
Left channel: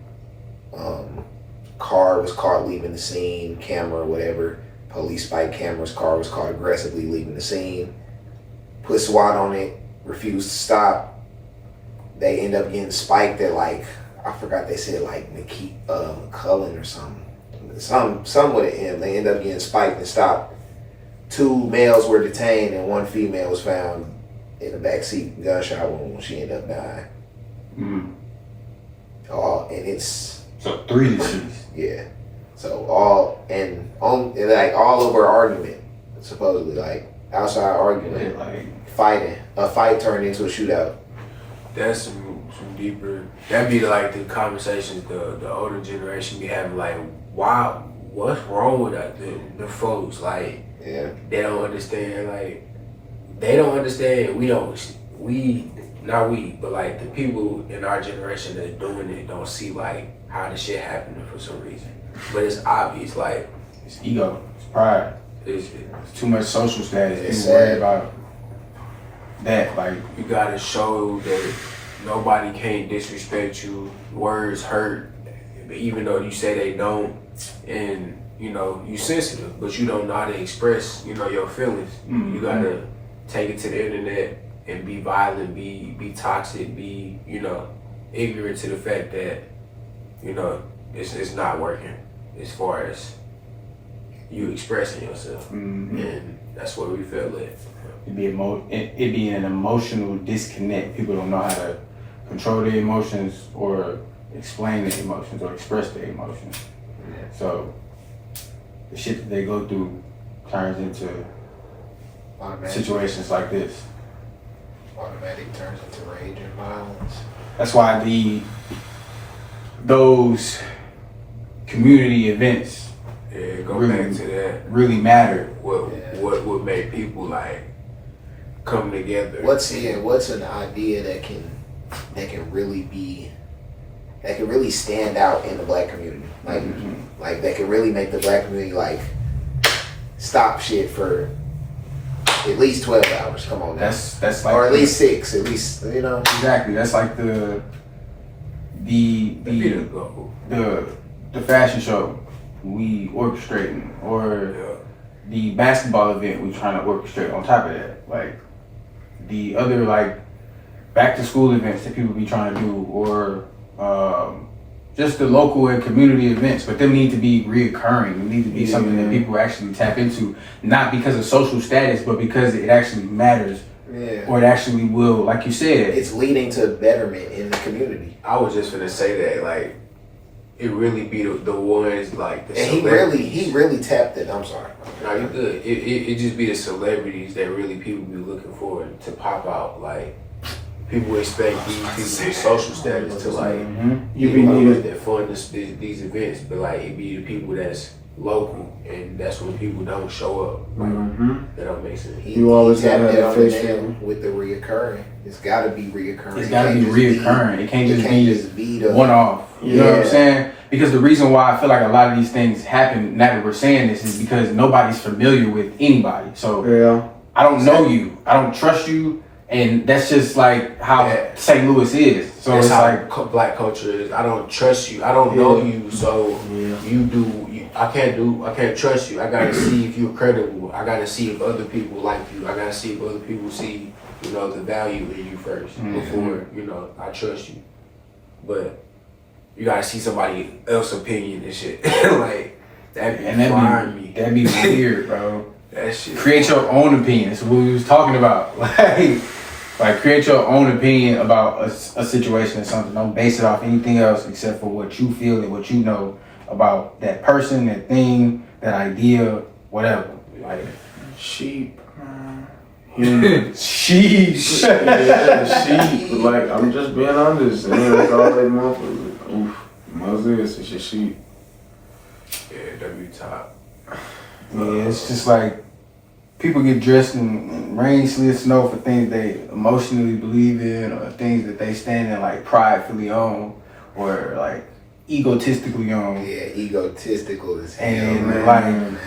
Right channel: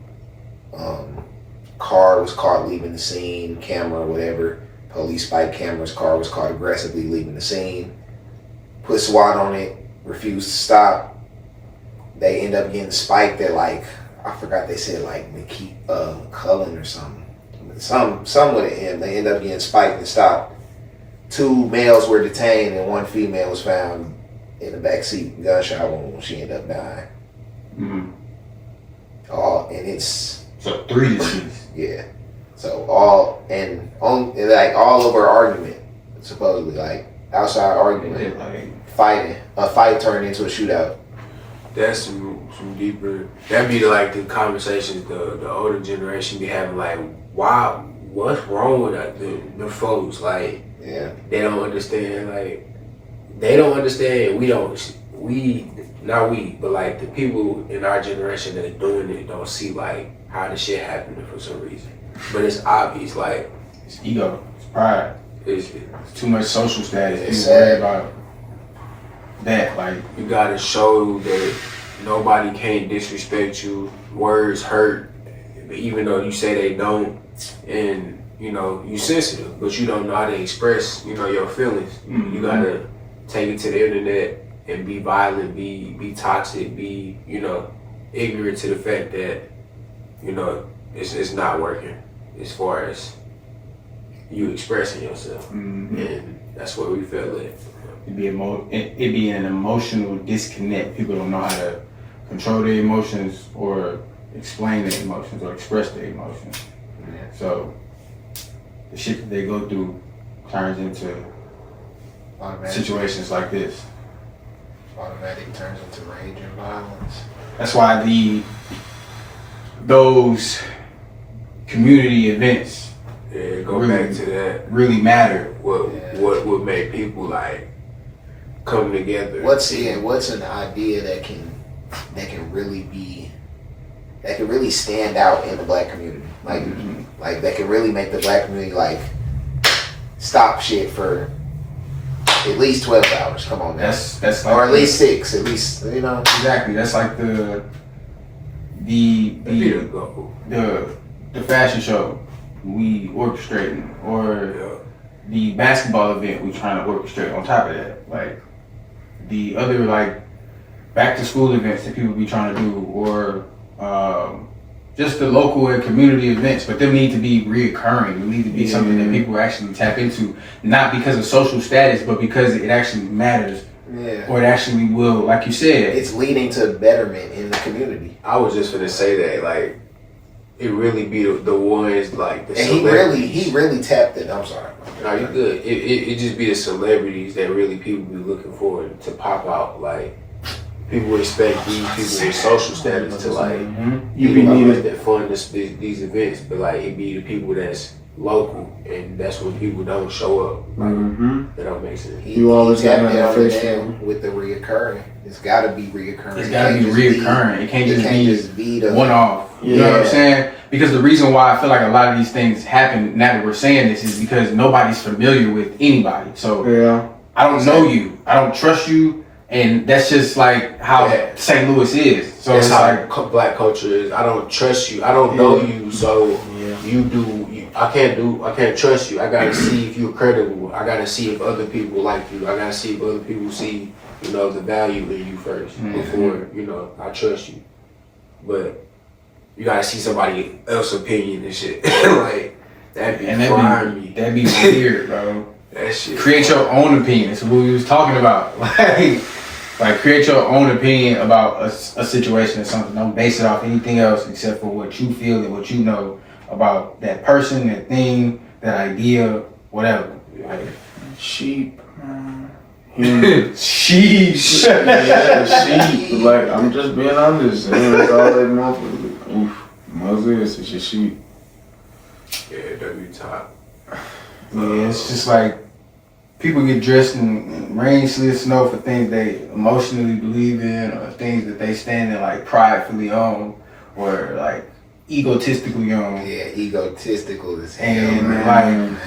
Car was caught leaving the scene, camera, whatever. Police spike cameras, car was caught aggressively leaving the scene. Put SWAT on it, refused to stop. They end up getting spiked at like, I forgot they said like McCullen or something. Some with an M. They end up getting spiked and stopped. 2 males were detained and 1 female was found in the back seat, gunshot wound when she ended up dying. Mm-hmm. And it's So 3 deceased. yeah. So all of our argument, supposedly like outside argument, fighting, a fight turned into a shootout. That's some deeper. That'd be like the conversations the older generation be having. Like, why? What's wrong with that? The folks like Yeah. they don't understand. Like they don't understand. Not we, but like the people in our generation that are doing it don't see like how the shit happening for some reason. But it's obvious. Like It's ego. It's pride. it's It's too much social status. It's People worry sad. about that. Like, you gotta show that nobody can't disrespect you. Words hurt, even though you say they don't, and you sensitive, but you don't know how to express, your feelings. mm-hmm. You gotta take it to the internet and be violent, be toxic, be ignorant to the fact that it's not working as far as you expressing yourself, Mm-hmm. and that's where we feel it. It'd be an emotional disconnect. People don't know how to control their emotions or explain their emotions or express their emotions. Yeah. So the shit that they go through turns into situations like this. Automatic turns into rage and violence. That's why those community events Yeah, go Really? back to that. really matter. What would make people like come together? What's an idea that can really stand out in the black community? Like Mhm. like that can really make the black community like stop shit for at least 12 hours. Come on now. That's like Or at least 6, at least, exactly. That's like the fashion show we orchestrating, or the basketball event we trying to orchestrate on top of that. Like the other like back to school events that people be trying to do, or just the local and community events, but they need to be reoccurring. They need to be something that people actually tap into, not because of social status, but because it actually matters Yeah. or it actually will, like you said. It's leading to betterment in the community. I was just gonna say that, like, it really be the ones like the And celebrities. he really tapped it. I'm sorry. No, you good. It just be the celebrities that really people be looking for to pop out. Like, people expect these people with social status to like You be needed. that fund these events, but like it be the people that's local, and that's when people don't show up. Like, that don't make sense. You always tapped gotta it have on the face nail value. with the reoccurring. It's got to be reoccurring. It's got to be reoccurring. It can't just be the one off. You know what I'm Yeah. saying? Because the reason why I feel like a lot of these things happen now that we're saying this is because nobody's familiar with anybody. So Yeah. I don't know you. I don't trust you. And that's just like how Yeah. St. Louis is. So That's it's how like, black culture is. I don't trust you. I don't know you, so I can't trust you. I gotta see if you're credible. I gotta see if other people like you. I gotta see if other people see, the value in you first before, I trust you. But you gotta see somebody else's opinion and shit. Like, that'd be frying me. that'd be weird, bro. That shit. Create your own opinion. That's what we was talking about. Like create your own opinion about a situation or something. Don't base it off anything else except for what you feel and what you know about that person, that thing, that idea, whatever. Like, Sheep. sheesh. Yeah, sheep. Like, I'm just being honest. That's all they want. Oof. Moses, it's your sheep. Yeah, W top. Yeah, it's just like people get dressed in rain, sleet, snow for things they emotionally believe in or things that they stand in like pridefully on or like egotistically on. Yeah, egotistical as hell. And man. like,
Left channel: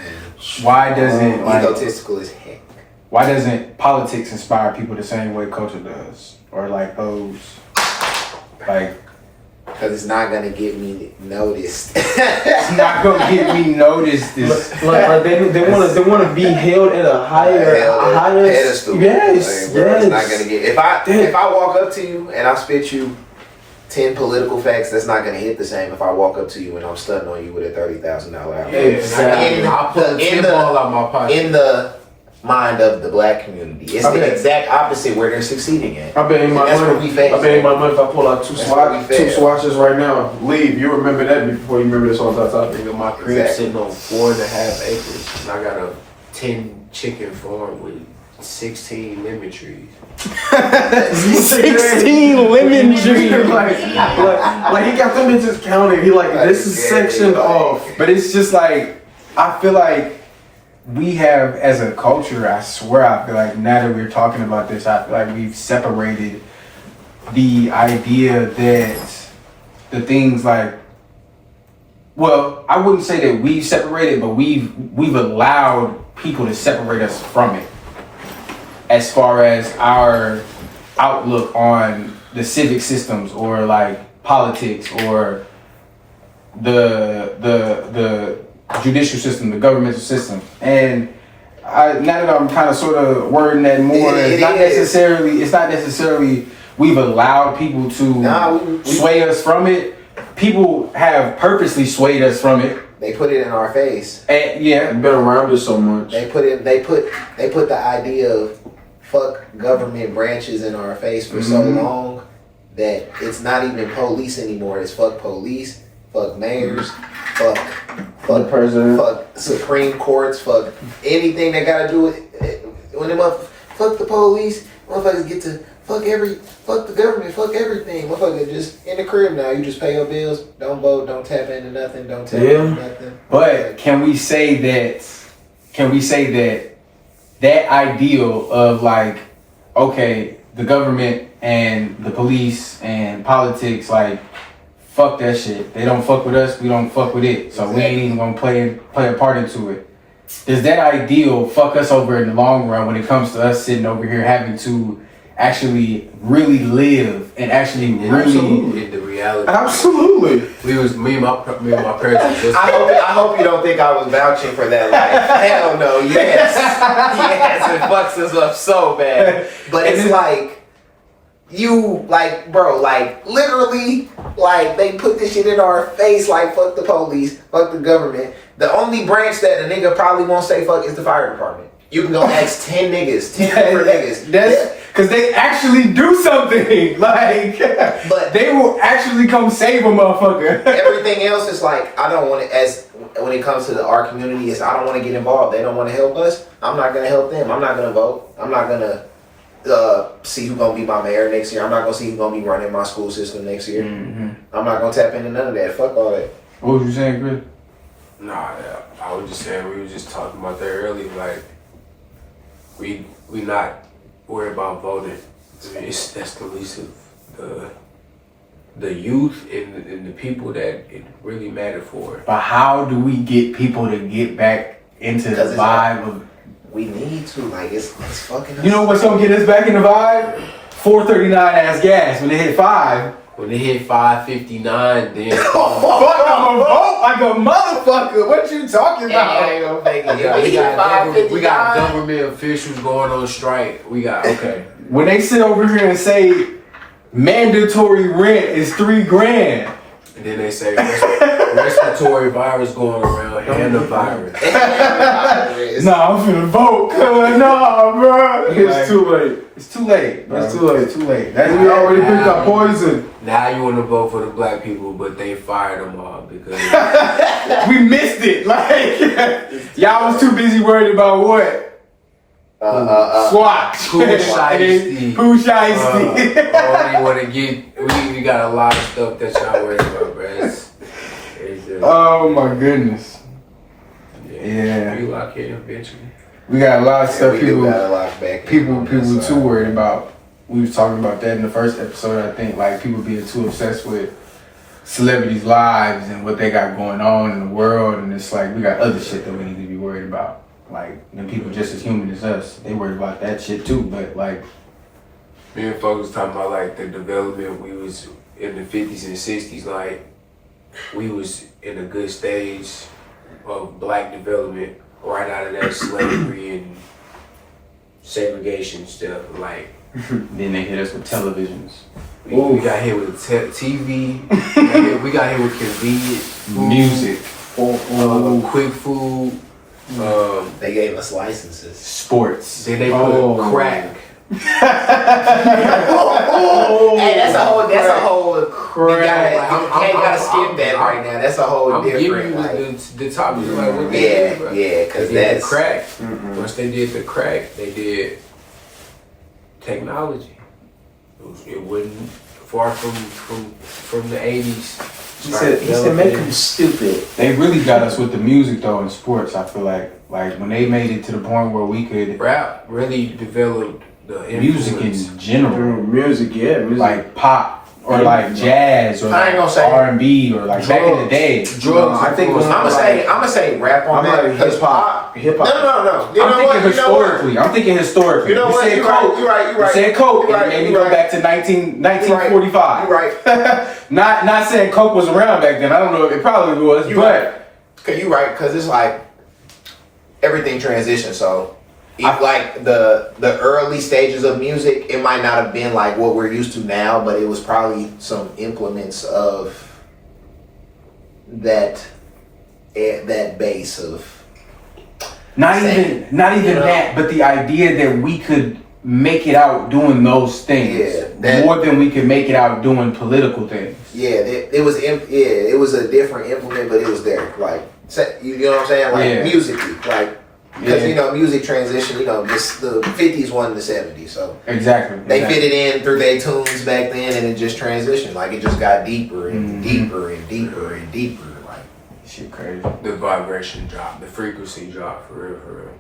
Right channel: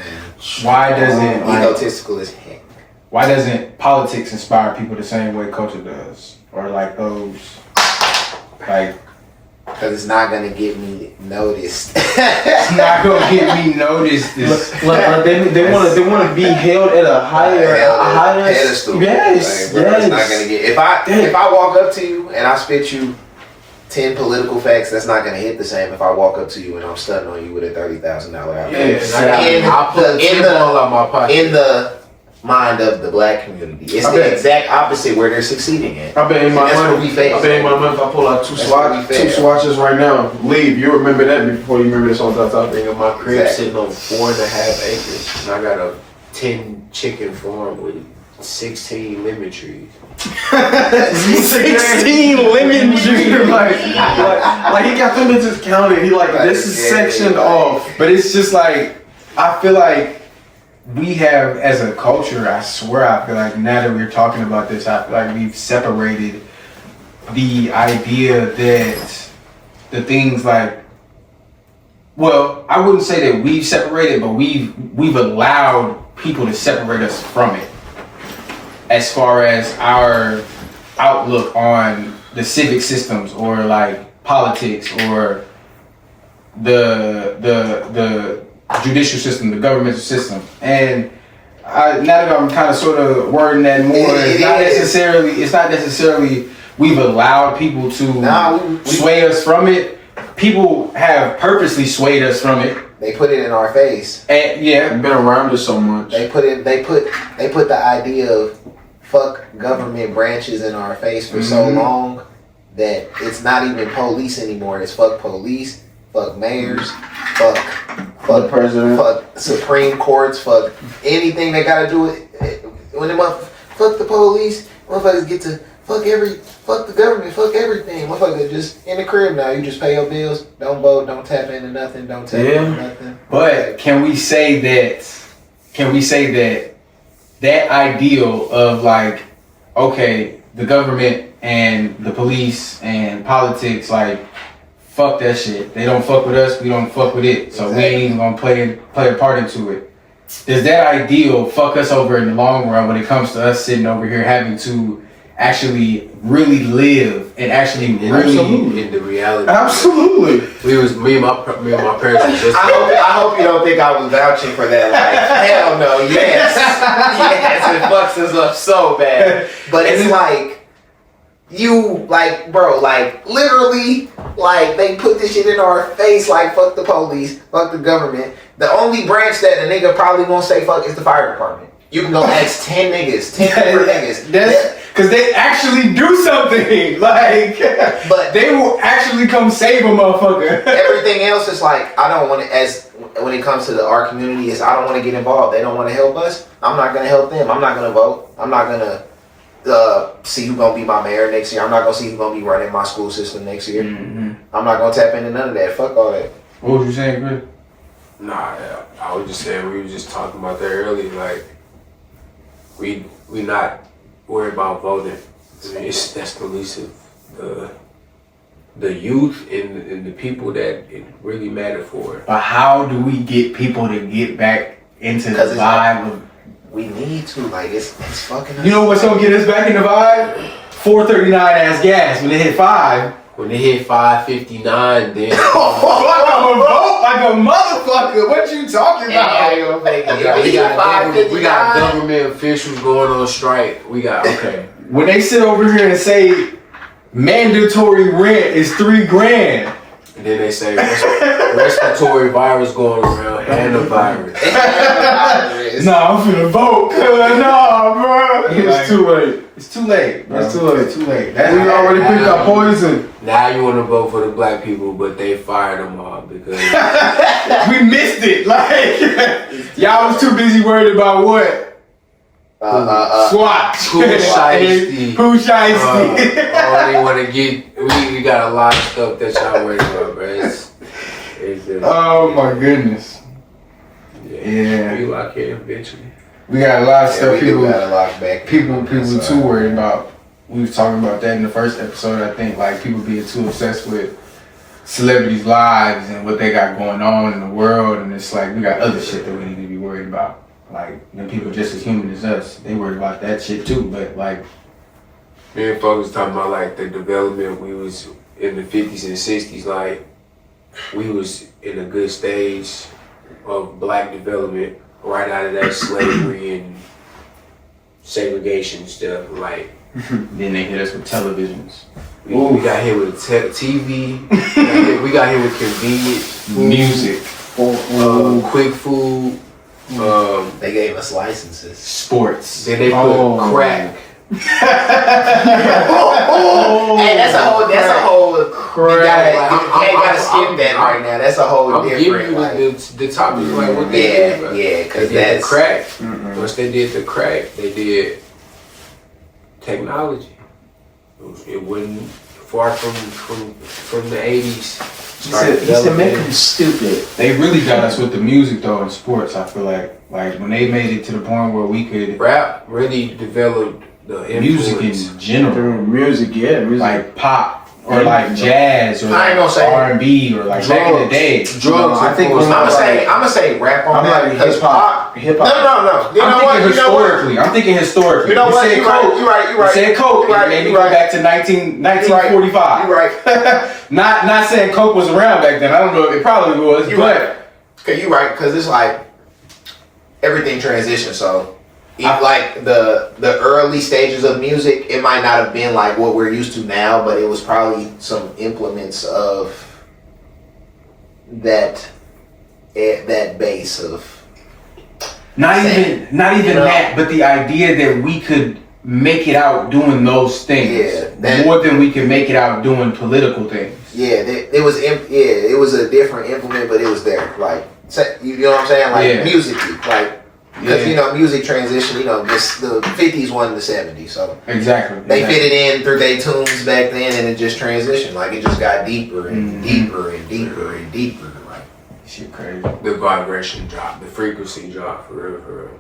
why doesn't Egotistical as heck. why doesn't politics inspire people the same way culture does? Or like those like Because it's not going to get me noticed. it's not gonna get me noticed. Like they want to be held at a higher pedestal. Yes, Like, bro, yes. It's not gonna get. If I walk up to you and I spit you 10 political facts, that's not gonna hit the same if I walk up to you and I'm stunting on you with a $30,000 outfit. Exactly. I put a In 10 ball out my pocket. In the mind of the black community, it's I the bet. exact opposite where they're succeeding in. I bet in my That's money. what we face. I bet in my money if I pull out two That's what we face. swatches right now. Leave. You remember that before you remember this on top. Nigga, my crib Exactly. sitting on 4.5 acres, and I got a 10 chicken farm with 16 lemon trees. 16 lemon trees. like he got them bitches counted. He like this is sectioned off. But it's just like, I feel like we have, as a culture, I swear, I feel like now that we're talking about this, I feel like we've separated the idea that the things like, well, I wouldn't say that we've separated, but we've allowed people to separate us from it as far as our outlook on the civic systems or like politics or the judicial system, the governmental system. And now that I'm kind of sort of wording that more, it's not necessarily we've allowed people to sway us from it. People have purposely swayed us from it. They put it in our face. And yeah, I've been around it so much. They put the idea of fuck government branches in our face for so long that it's not even police anymore. It's fuck police, fuck mayors, fuck president, fuck Supreme Courts, fuck anything that gotta do with when them fuck the police. Motherfuckers get to fuck the government, fuck everything. Motherfuckers just in the crib now. You just pay your bills, don't vote, don't tap into nothing, don't tap into nothing. but can we say that that ideal of like, okay, the government and the police and politics, like, fuck that shit. They don't fuck with us, we don't fuck with it. So we ain't even gonna play a part into it. Does that ideal fuck us over in the long run when it comes to us sitting over here having to actually really live and actually really In the reality. Absolutely. Me and my parents was just. I hope you don't think I was vouching for that life. Hell no, yes, it fucks us up so bad. But it's like bro, like literally, like they put this shit in our face, like fuck the police, fuck the government. The only branch that a nigga probably won't say fuck is the fire department. You can go ask 10 niggas, 10 different niggas. That's because they actually do something. Like, But they will actually come save a motherfucker. everything else is like, I don't want to, when it comes to our community, is I don't want to get involved. They don't want to help us. I'm not going to help them. I'm not going to vote. I'm not going to see who's going to be my mayor next year. I'm not going to see who's going to be running my school system next year. Mm-hmm. I'm not going to tap into none of that. Fuck all that. What was you saying, Chris? Nah, yeah, I was just saying, we were just talking about that earlier, like, we not worried about voting. I mean, that's the least of the youth and the people that it really matter for. But how do we get people to get back into the Because it's vibe of... We need to. Like, it's fucking us. You know what's gonna get us back in the vibe? 439 ass gas when they hit 5. When they hit 559, then Fuck, I'm gonna vote like a motherfucker. What you talking about? we got government officials going on strike. We got When they sit over here and say mandatory rent is $3,000. and then they say respiratory virus going around and the virus. Nah, I'm finna vote. Nah, bro. It's too late. It's too late. Bro. It's too late. It's too late. We already picked our poison. Now you want to vote for the black people, but they fired them all because We missed it. Like, y'all was too busy worried about what? SWAT. Who shiesty. Who shiesty. Only want to get. We got a lot of stuff that y'all worried about, bro. It's Oh my goodness. Yeah. We lock in eventually. We got a lot of stuff we do gotta lock back. people too worried about. We was talking about that in the first episode, I think, like people being too obsessed with celebrities' lives and what they got going on in the world, and it's like we got other shit that we need to be worried about. Like, people just as human as us, they worried about that shit too, but like... Me and folks was talking about like the development we was in the 50s and 60s, like we was in a good stage of black development right out of that slavery and segregation stuff, like Then they hit us with televisions. we got hit with TV, we got hit with convenient food, Music. quick food. They gave us licenses. Sports. Then they put crack. Hey, that's a whole. You gotta skip that right now. That's a whole I'm giving different. you Like, the topic, like what they did, bro. because They did that's the crack. Once they did the crack, they did technology. It wasn't far from the 80s. He said make them stupid. They really got us with the music though in sports. I feel like when they made it to the point where we could Rap really developed the music influence. in general, Music, like pop or like jazz or I ain't gonna say R&B or like back in the day. Drugs. No, I think it was I'm gonna say rap on I'm that like because hip-hop. No. You know what? I'm thinking historically. You know what? You're right. You're right. You said Coke. You're right. Maybe You're go right. back to 1945. You're right. Not saying Coke was around back then. I don't know. It probably was. You're right. Cause you're right. Cause it's like everything transitions. So, like the early stages of music, it might not have been like what we're used to now, but it was probably some implements of that base of. Not even you know? that, but the idea that we could make it out doing those things more than we could make it out doing political things. Yeah, it was a different implement, but it was there. Like, you know what I'm saying? Like musically, like. Because music transition. The 50s won the 70s, so exactly they fit it in through their tunes back then, and it just transitioned. Like it just got deeper and deeper and deeper and deeper. Like shit, crazy. The vibration drop, the frequency drop for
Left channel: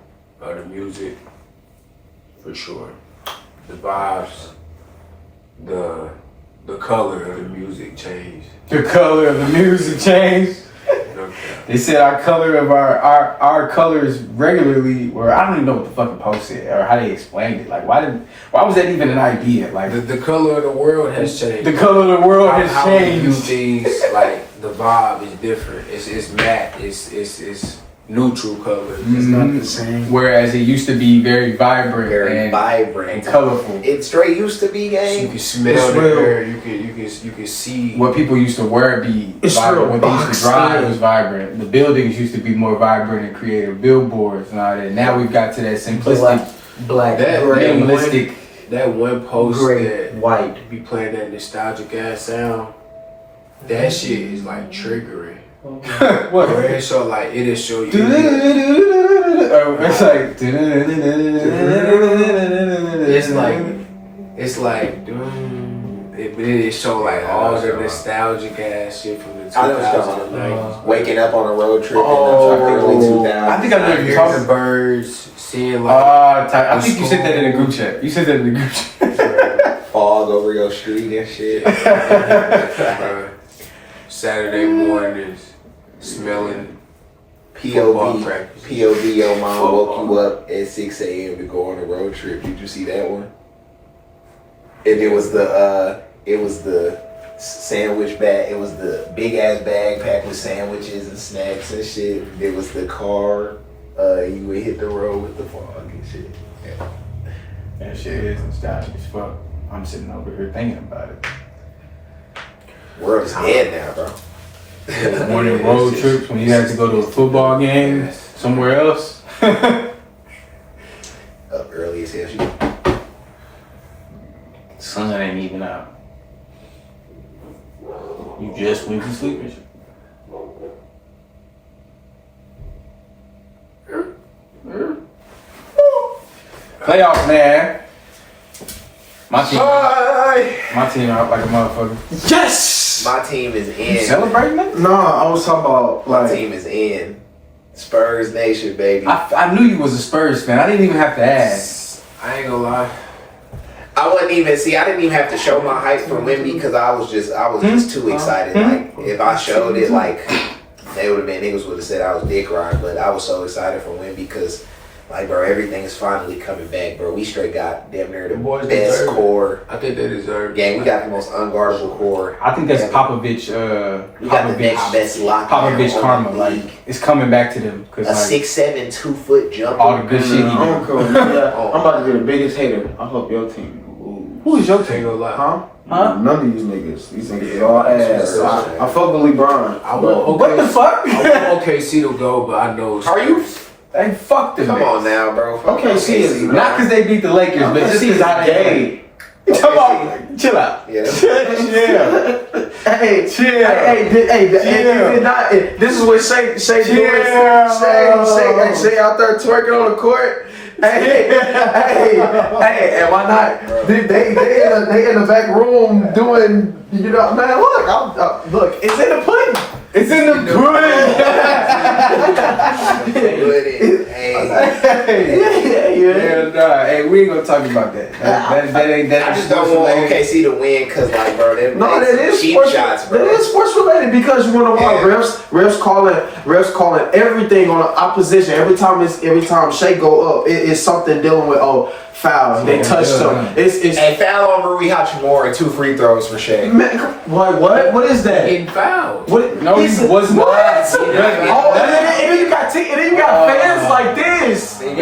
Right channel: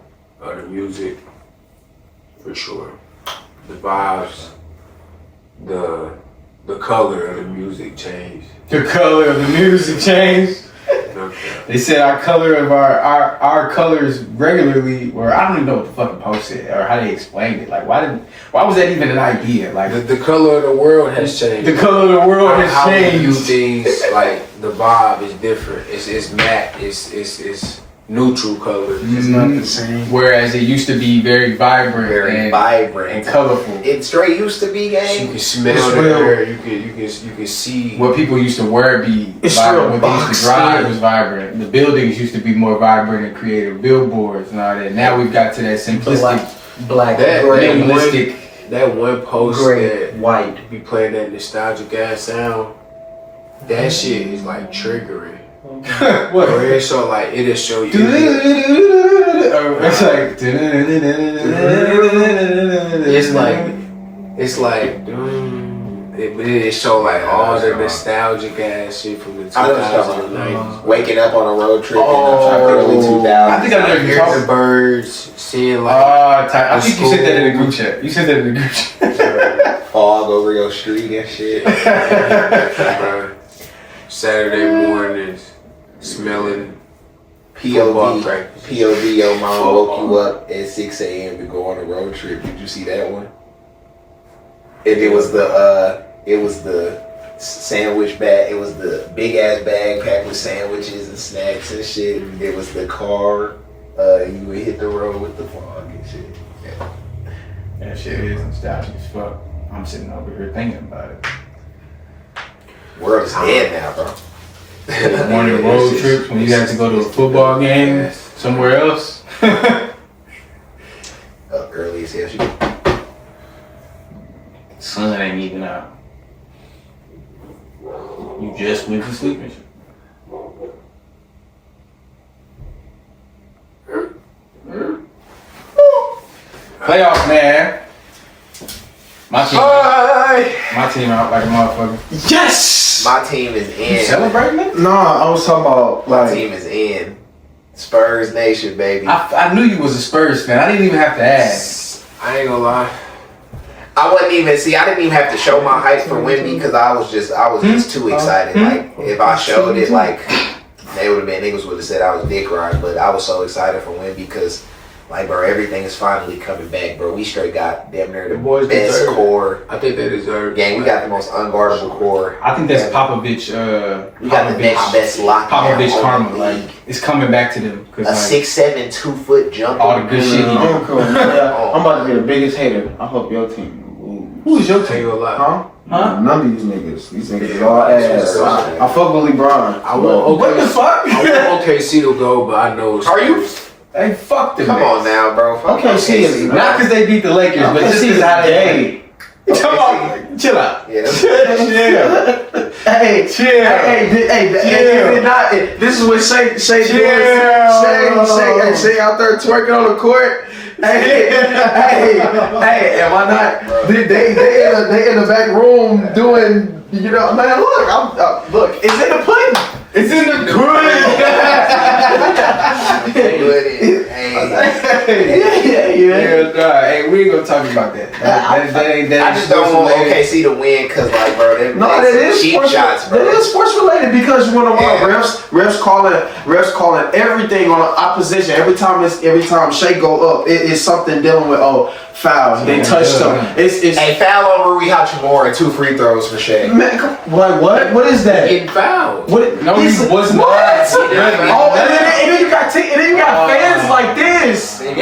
the music, for sure. The vibes, the color of the music changed. The color of the music changed. Okay. They said our color of our colors regularly, or I don't even know what the fucking post said or how they explained it. Like why was that even an idea? Like The color of the world has changed. the color of the world has How we view changed. things, like the vibe is different. It's matte. It's neutral colors. Mhm. It's not the same. Whereas it used to be very vibrant, Very and, vibrant. and colorful. It straight used to be, You gang. can smell the air. You can see. What people used to wear be It's vibrant. real What they used box to drive in. was vibrant. The buildings used to be more vibrant and creative. Billboards and all that. Now we've got to that simplistic, Black, That- gray, minimalistic. That one post gray, that white. be playing that nostalgic ass sound. That shit is like triggering. What? Where it show like it'll show you. It's like It's like it show like all the nostalgic ass shit from the I know what you're talking 2090s. Waking up on a road trip in the early 2000s. I think I know what you're Hearing talking the birds, seeing like I think you said that in the group chat. You said that in the group chat. Fog over your street and shit. Saturday mornings, smelling football POV, practice. POV, your mom woke you up at 6 a.m. to go on a road trip. Did you see that one? And it was the sandwich bag. It was the big ass bag packed with sandwiches and snacks and shit. It was the car. You would hit the road with the fog and shit. Yeah. That shit is nostalgic as fuck. I'm sitting over here thinking about it. World is dead now, bro. Morning road trips when you had to go to a football game somewhere else. Up early as hell. She Sun ain't even out. You just went to sleep and shit. Playoffs, man. My team out like a motherfucker. Yes. My team is You in. celebrating it? Nah, I was talking about My like. team is in. Spurs Nation, baby. I knew you was a Spurs fan. I didn't even have to ask. I ain't gonna lie. I wasn't even I didn't even have to show my hype for Wemby because I was just too excited. Like if I showed it, like niggas would have said I was dick riding, but I was so excited for Wemby because, like, bro, everything is finally coming back, bro. We straight got damn near the boys best deserve it. core. I think they deserve. Gang, we got the most unguardable core. I think that's Popovich. We got the next best lockdown. Popovich on karma. the Like league. it's coming back to them A because like 6'7", 2-foot jumper. all the good shit he I'm did. cool. I'm about to be the biggest hater. I hope your team lose. Who is your Ain't team? gonna lie. Huh? Huh? None of these niggas. These niggas is all ass. Yeah. I fuck with LeBron. I want What the fuck? I want OKC to go, but I know. Are you? Hey, fuck them. Come on now, bro. Fuck OKC is bro. Not because they beat the Lakers, but just because how they play. Come on, chill out. Yeah, that's Chill. Hey, Chill. hey, not. This is what Shay doing. Shay out there twerking on the court. Hey, am I not? They in the back room doing. You know, man. Look, it's in the pudding. It's in the Hey, we ain't gonna talk about that. That ain't. I just don't want OKC to win because, like, bro, them No, that is cheap sports. shots, bro. That is sports related because you want to watch refs calling everything on the opposition. Every time Shea go up, it's something dealing with foul. They touched them. It's Hey, foul on Rui Hachimura and 2 free throws for Shea. man, what? What is that? Getting fouled. What? No, he was not. What? And then you got fans like this. They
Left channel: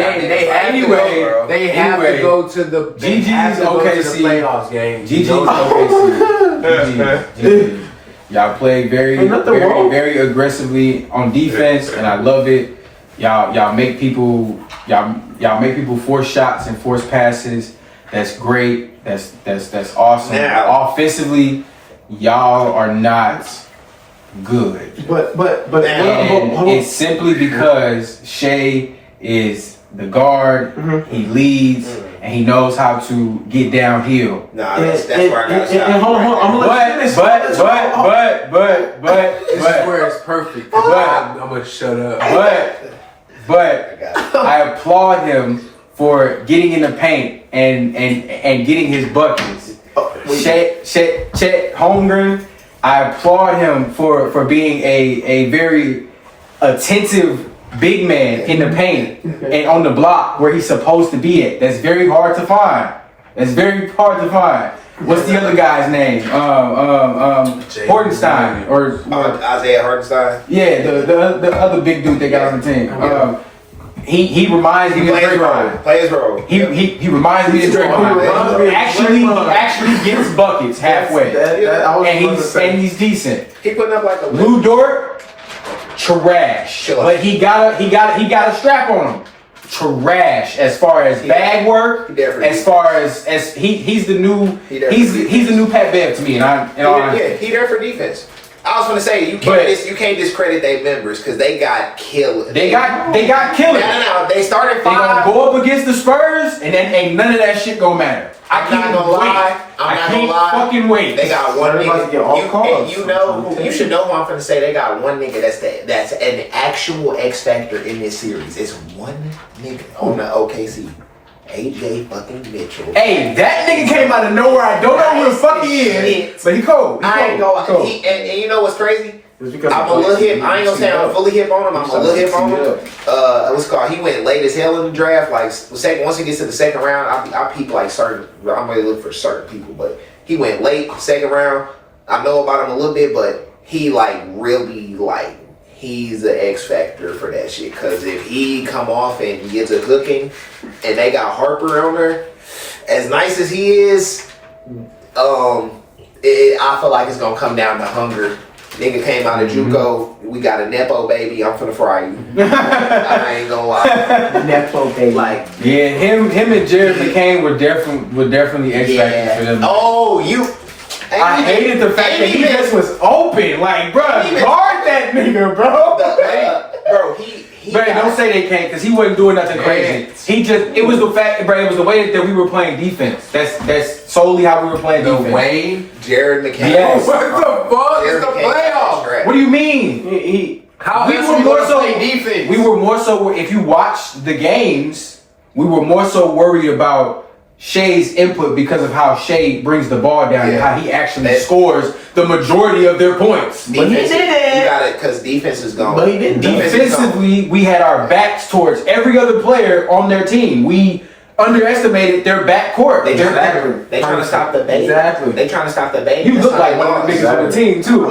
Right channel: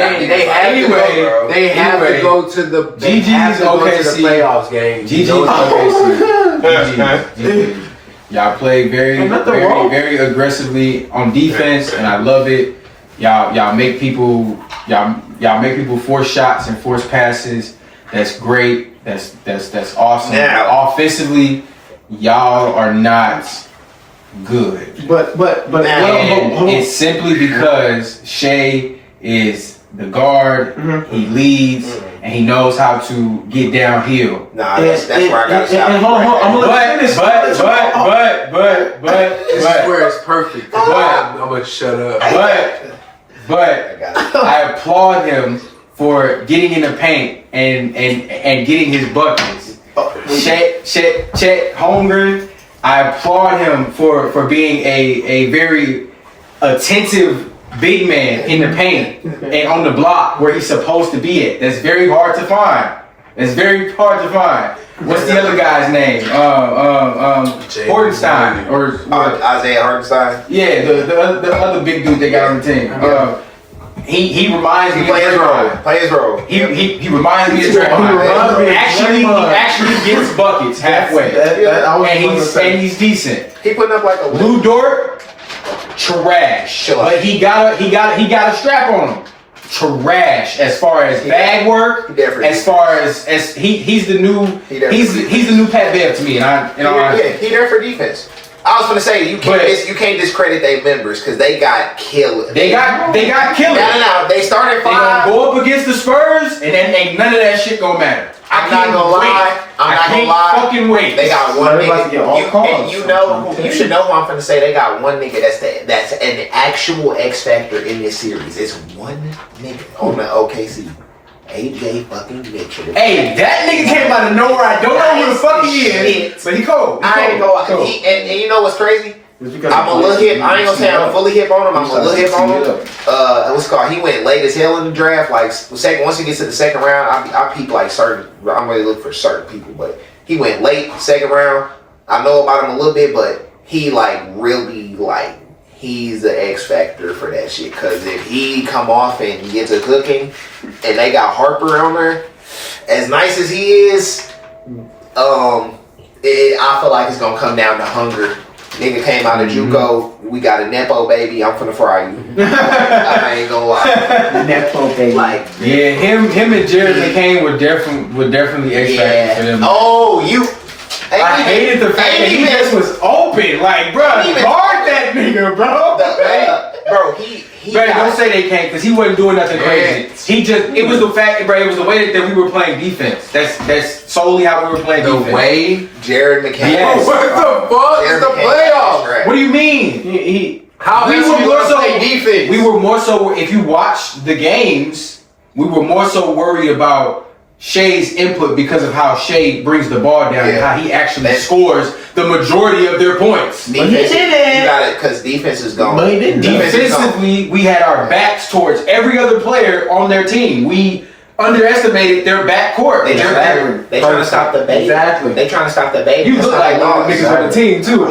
Have to go to the GG's OKC. playoffs game. GG's OKC. GG. Y'all play very, Ain't nothing wrong. very aggressively on defense, and I love it. Y'all make people force shots and force passes. That's great. That's awesome. Now. Offensively, y'all are not good. But And it's simply because Shea is the guard, he leads, and he knows how to get downhill. Nah, that's where I gotta stop. hold on, I'm gonna let you finish. This is where it's perfect. I'm gonna shut up. But I applaud him for getting in the paint and getting his buckets. Chet Holmgren, I applaud him for being a very attentive big man in the paint and on the block where he's supposed to be at. That's very hard to find. What's the other guy's name? Hortenstein or Isaiah Hartenstein. yeah, the other big dude they got on the team. He reminds me of Draymond. Play his role. He reminds me of Draymond. me of He Draymond. actually gets buckets halfway, and he's decent. He putting up like a Lou Dort, trash. Chill out. But he got a strap on him. Trash as far as bag work, He definitely- as far as he's the new He definitely- he's the new Pat Bev to me, and I he there for defense. I was gonna say you can't discredit their members because they got killed. they got killers. No. They started They gonna 5. go up against the Spurs, and then ain't none of that shit gonna matter. I'm not gonna lie. I can't fucking wait. They got one Everybody's nigga. getting all You calls. know, you should know who I'm finna say. They got one nigga that's an actual X factor in this series. It's one nigga on the OKC. AJ fucking Mitchell. Hey, that nigga came out of nowhere. I don't know who the fuck he is, Shit. but he cold. I ain't gonna. And you know what's crazy? I'm a little hip. I ain't gonna say I'm fully hip on him. I'm a little hip on him. What's it called? He went late as hell in the draft. Like once he gets to the second round, I peep like certain. I'm really looking for certain people, but he went late second round. I know about him a little bit, but he like really like he's the X factor for that shit. Cause if he come off and he gets a cooking, and they got Harper on there, as nice as he is, I feel like it's gonna come down to hunger. Nigga came out of JUCO. We got a Nepo baby. I'm finna fry you. I ain't gonna lie. Nepo baby. Like, Yeah, him and Jared McCain were definitely X factors for them. Oh, you. I hated the fact that he just was open. Like, bro, guard that nigga, bro. Bro, he Bro, don't say they can't, because he wasn't doing nothing crazy. It was the fact, bro, it was the way that we were playing defense. That's solely how we were playing the defense. way Jared McCain. Yes. What the fuck? It's Jared the McCain playoffs. right. What do you mean? How We else were we more gonna so- play defense? We were more so, if you watch the games, we were more so worried about Shea's input because of how Shea brings the ball down and Yeah. how he actually scores the majority of their points. But he Defense- didn't. You got it, because defense is gone. But he didn't. Defense is gone. Defensively, we had our backs towards every other player on their team. We underestimated their backcourt. They trying to stop the baby. Exactly. They trying to stop the baby. You That's look how like they one of the lost. niggas on the team too.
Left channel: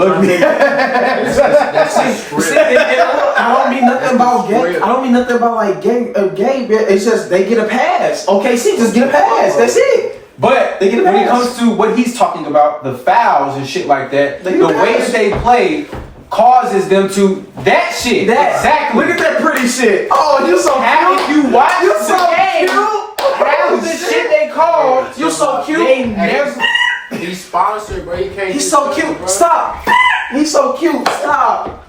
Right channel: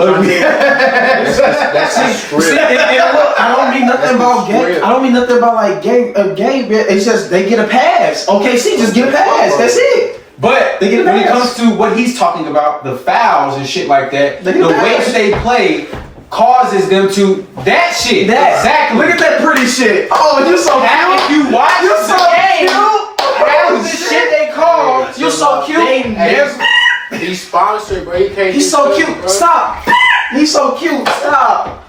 See, and look, I don't mean nothing about game. I don't mean nothing about like game. It's just they get a pass. OKC just get a pass. That's it. But They get a when it pass. comes to what he's talking about, the fouls and shit like that, They the get a way pass. that they play causes them to that shit. Exactly. Look at that pretty shit. Oh, you're so If cute. you watch You're the so game, cute. half of the shit they call, You're so cute. they never. He's sponsored, bro. He can't. He's do so stuff, cute. bro. Stop. He's so cute. Stop.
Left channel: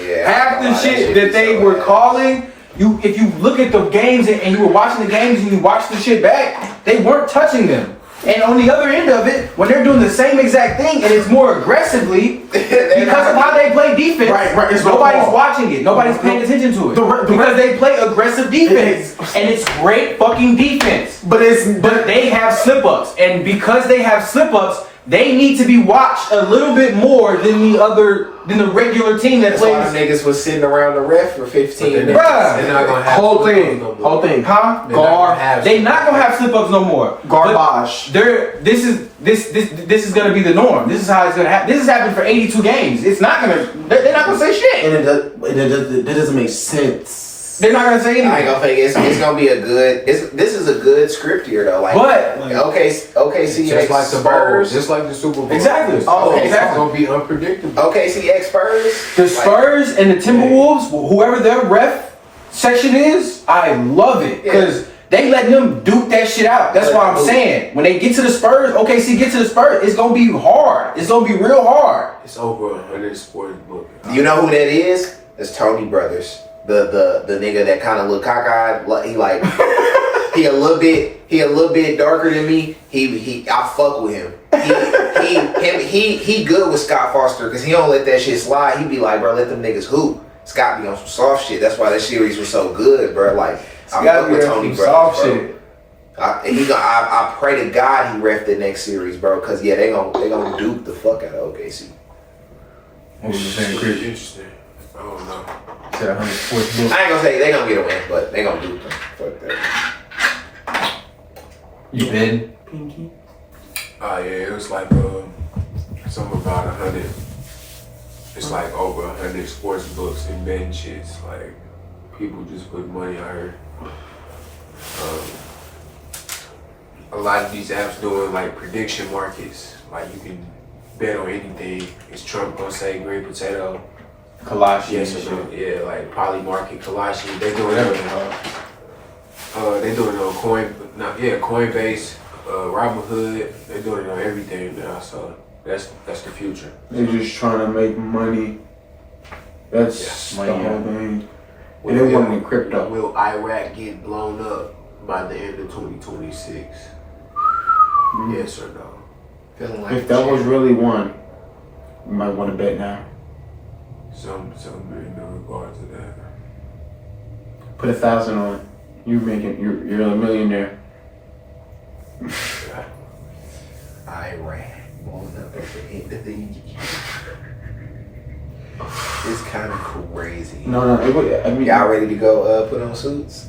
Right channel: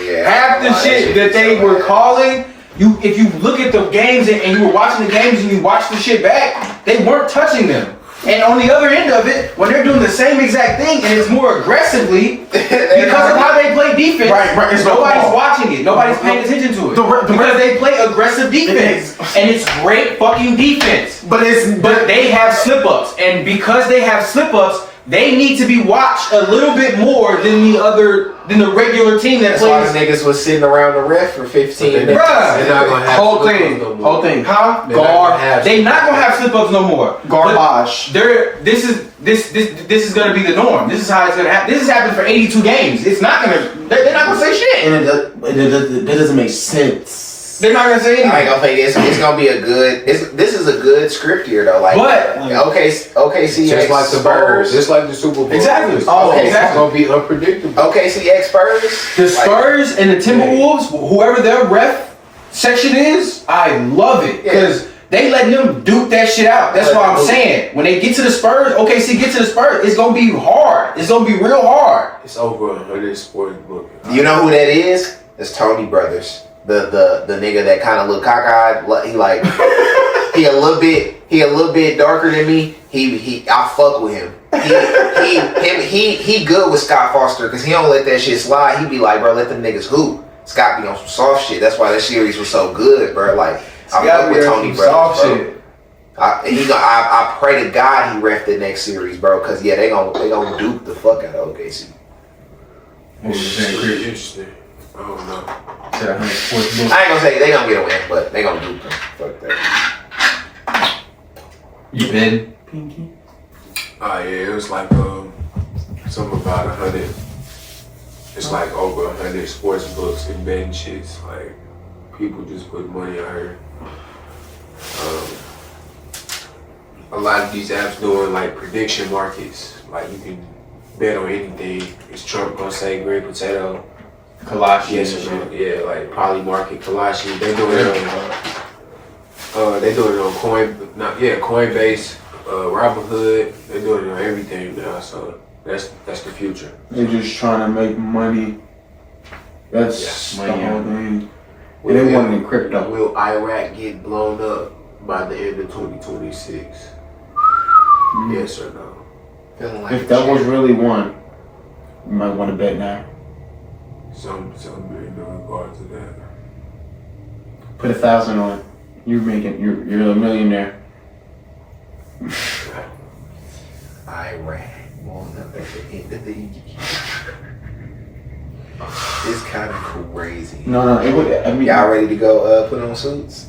Yeah, Half the shit that they were calling, if you look at the games and you were watching the games and you watch the shit back, they weren't touching them. And on the other end of it, when they're doing the same exact thing and it's more aggressively, because of how they play defense, Right, it's no nobody's ball. watching it. Nobody's paying attention to it. Because they play aggressive defense. And it's great fucking defense. But But they have slip-ups. And because they have slip-ups, they need to be watched a little bit more than the regular team that That's why plays. the niggas was sitting around the ref for 15 minutes. Bruh. They're not gonna have whole slip-ups thing. no more. Whole thing. Huh? They're not gonna have They not gonna have slip-ups no more. Garbage. This is gonna be the norm. This is how it's gonna happen. This has happened for 82 games. It's not gonna. They're not gonna say shit. And that doesn't make sense. They're not gonna say I ain't anything. gonna think it's gonna be a good. This is a good script here though. Like, But OKC Just X like the Spurs. Bowl, just like the Super Bowl. Exactly. It's Oh, it's exactly. gonna be unpredictable. OKC X Spurs. the Spurs and the Timberwolves, whoever their ref section is, I love it because they letting them duke that shit out. That's why I'm saying when they get to the Spurs, OKC get to the Spurs, it's gonna be hard. It's gonna be real hard. It's over on this sports book. You know who that is? It's Tony Brothers. The nigga that kind of look cockeyed. He like he a little bit darker than me. I fuck with him. He good with Scott Foster because he don't let that shit slide. He be like, bro, let them niggas hoop. Scott be on some soft shit. That's why that series was so good, bro. Like I fuck with Tony Brothers, bro. I pray to God he ref the next series, bro. Cause yeah, they gonna duke the fuck out of OKC. Interesting. I don't know. Said 100 sports book. I ain't gonna say they gonna get a win, but they gonna duke them. Fuck that. You been? Oh yeah, it was like something about 100. It's like over 100 sports books and betting shits. Like people just put money on her. A lot of these apps doing like prediction markets. Like you can bet on anything. Is Trump gonna say green potato? Kalashi. Yes or no? Yeah, like Polymarket, Kalashi. They doing it on. They doing it on Coinbase, Robinhood. They doing it on everything now. So that's the future. They're just trying to make money. That's the money, whole thing. And they want in crypto. Will Iraq get blown up by the end of 2026? Yes or no? Feeling like If that was really one, you might want to bet now. Some in regard to that. Put 1,000 on it. You're a millionaire. Iraq blown up at the end of the year. It's kind of crazy. No, it would. I mean, Y'all ready to go put on suits?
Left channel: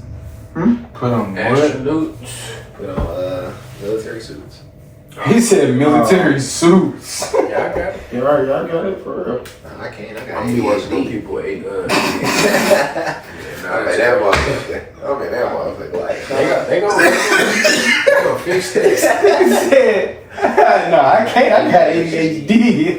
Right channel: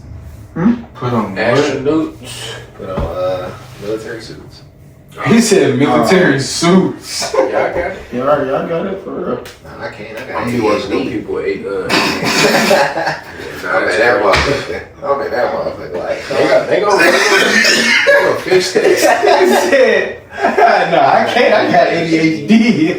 Put on what? Astronauts. Put on military suits. He said military suits. Yeah, I got it. Yeah, I got it for real. Nah, I can't. I got I'm be watching them ADHD. people I bet that motherfucker like. They gonna fix that. He said, no, I can't. I got ADHD.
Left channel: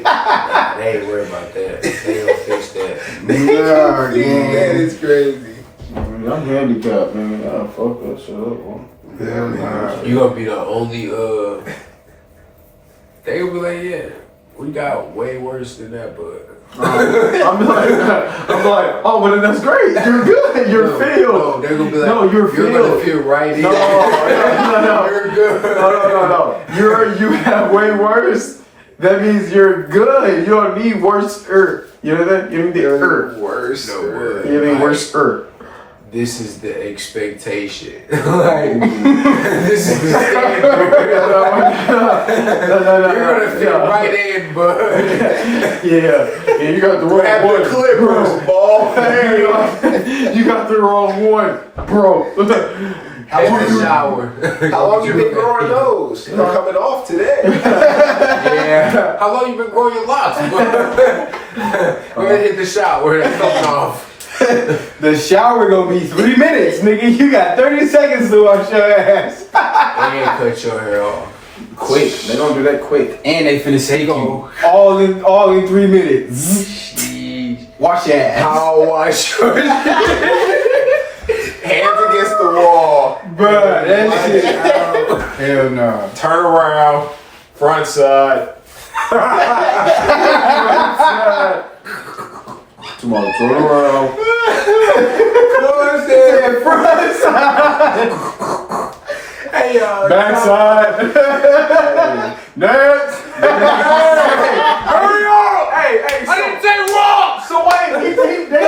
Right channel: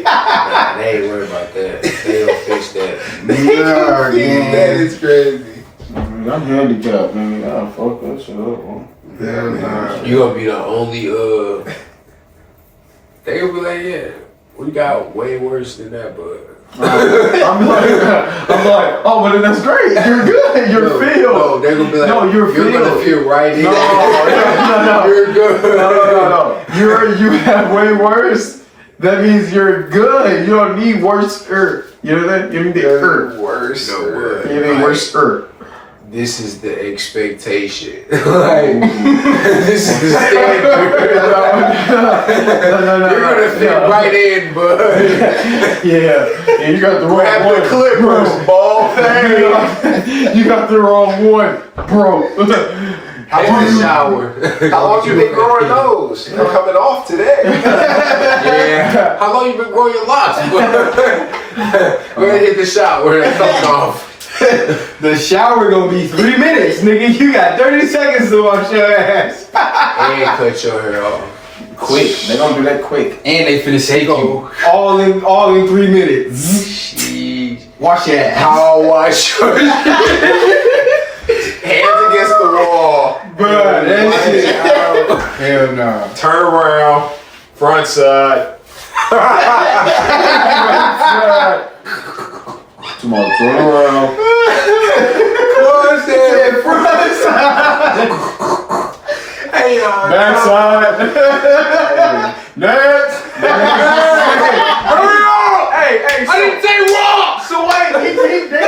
Nah, they ain't worried about that. They gonna fix that. Yeah, That is crazy. I'm handicapped, man. I gotta fuck that shit up, man. You gonna be the only they gonna be like, yeah, we got way worse than that, but I'm like, oh, but then that's great. You're good. You're no, filled. no, they're gonna be like, No, you're gonna filled. feel right in. No. You're good. No. You have way worse. That means you're good. You don't need worse. You know that? You need the Worse. No word. You need worse. This is the expectation. Like, this is the standard. No. You're gonna fit right in, bud. Yeah, you got the wrong Grab one. the clippers, ball. You got the wrong one, bro. How long you shower? How long you been growing those? They're coming off today. Yeah. How long you been growing your locks? Go ahead, hit the shower. They're coming off. The shower gonna be 3 minutes, nigga. You got 30 seconds to wash your ass. And cut your hair off. Quick, they don't do that quick. And they finna shake you all in 3 minutes. Wash your ass. How wash your Hands against the wall. Bruh, that shit. Hell no. Turn around, front side. Tomorrow, turn around. Hey, Backside. Next. Hey, I didn't say walk! So wait, they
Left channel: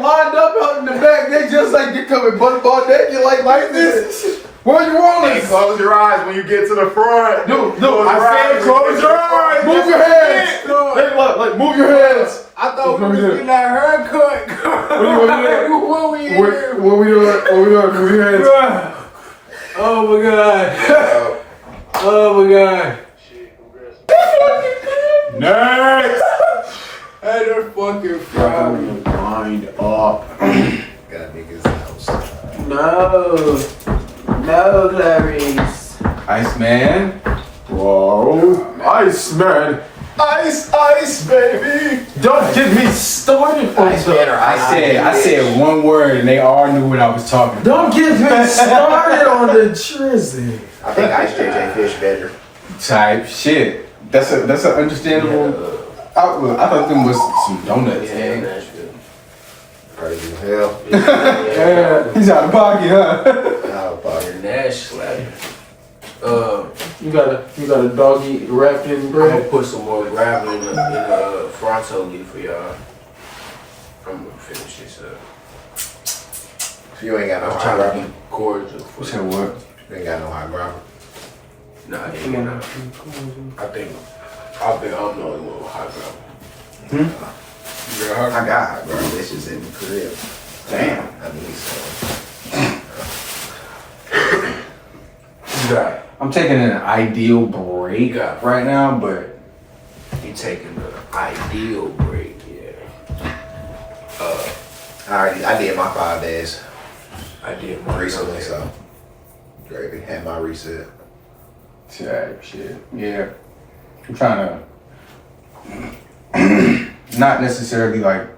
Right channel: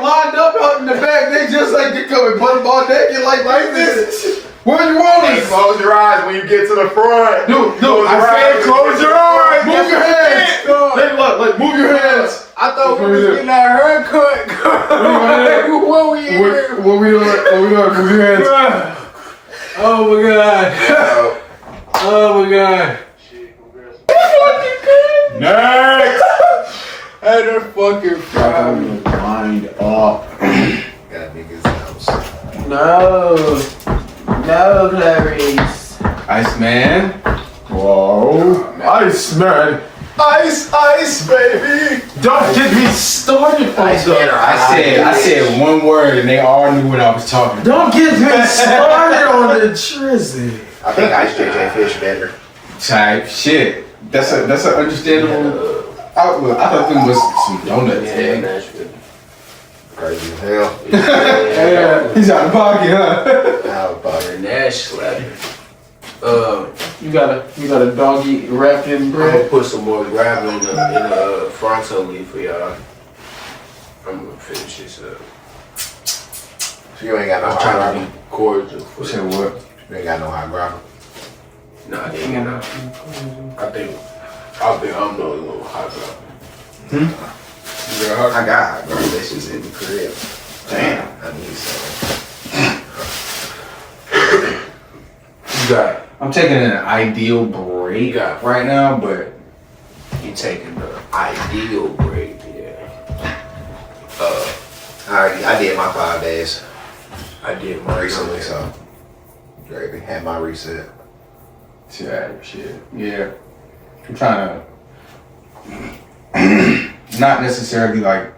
lined up out in the back. They just like they coming butt ball naked like this. Where you rolling? Hey, close your eyes when you get to the front. No, I said close your eyes. Move your hands. Like move your hands. I thought we was getting our haircut. What we in here? What we doing? Move your hands. Oh my god. Oh my god. Next. Had her fucking Gotta grind up. Got niggas outside. No, Clarice. ICEMAN. Whoa, Iceman. Ice, baby. Don't get me started on I said one word and they all knew what I was talking about. Don't get me started on the trizzy. I think Ice JJ Fish better. Type shit. That's an understandable outlook. I thought them was some donuts. Yeah, Yeah, Nashville. Crazy as hell. he's out of pocket, huh? Out of pocket. Nash slapping. You got a doggy wrapped in I'm bread. gonna put some more gravel in the fronto leaf for y'all. I'm gonna finish this up. You ain't got no I'm hot trying to grabber. be cordial. You said what? You ain't got no hot grabber. Nah, they ain't got. I think I'm the only one with hot gravel. I got hot grabber. This is in the crib. Damn. I need some. You got I'm taking an ideal break right now, but You taking the ideal break, yeah. I did my 5 days I did mine recently, so Gravy had my reset. shit. Yeah. I'm trying to not necessarily like,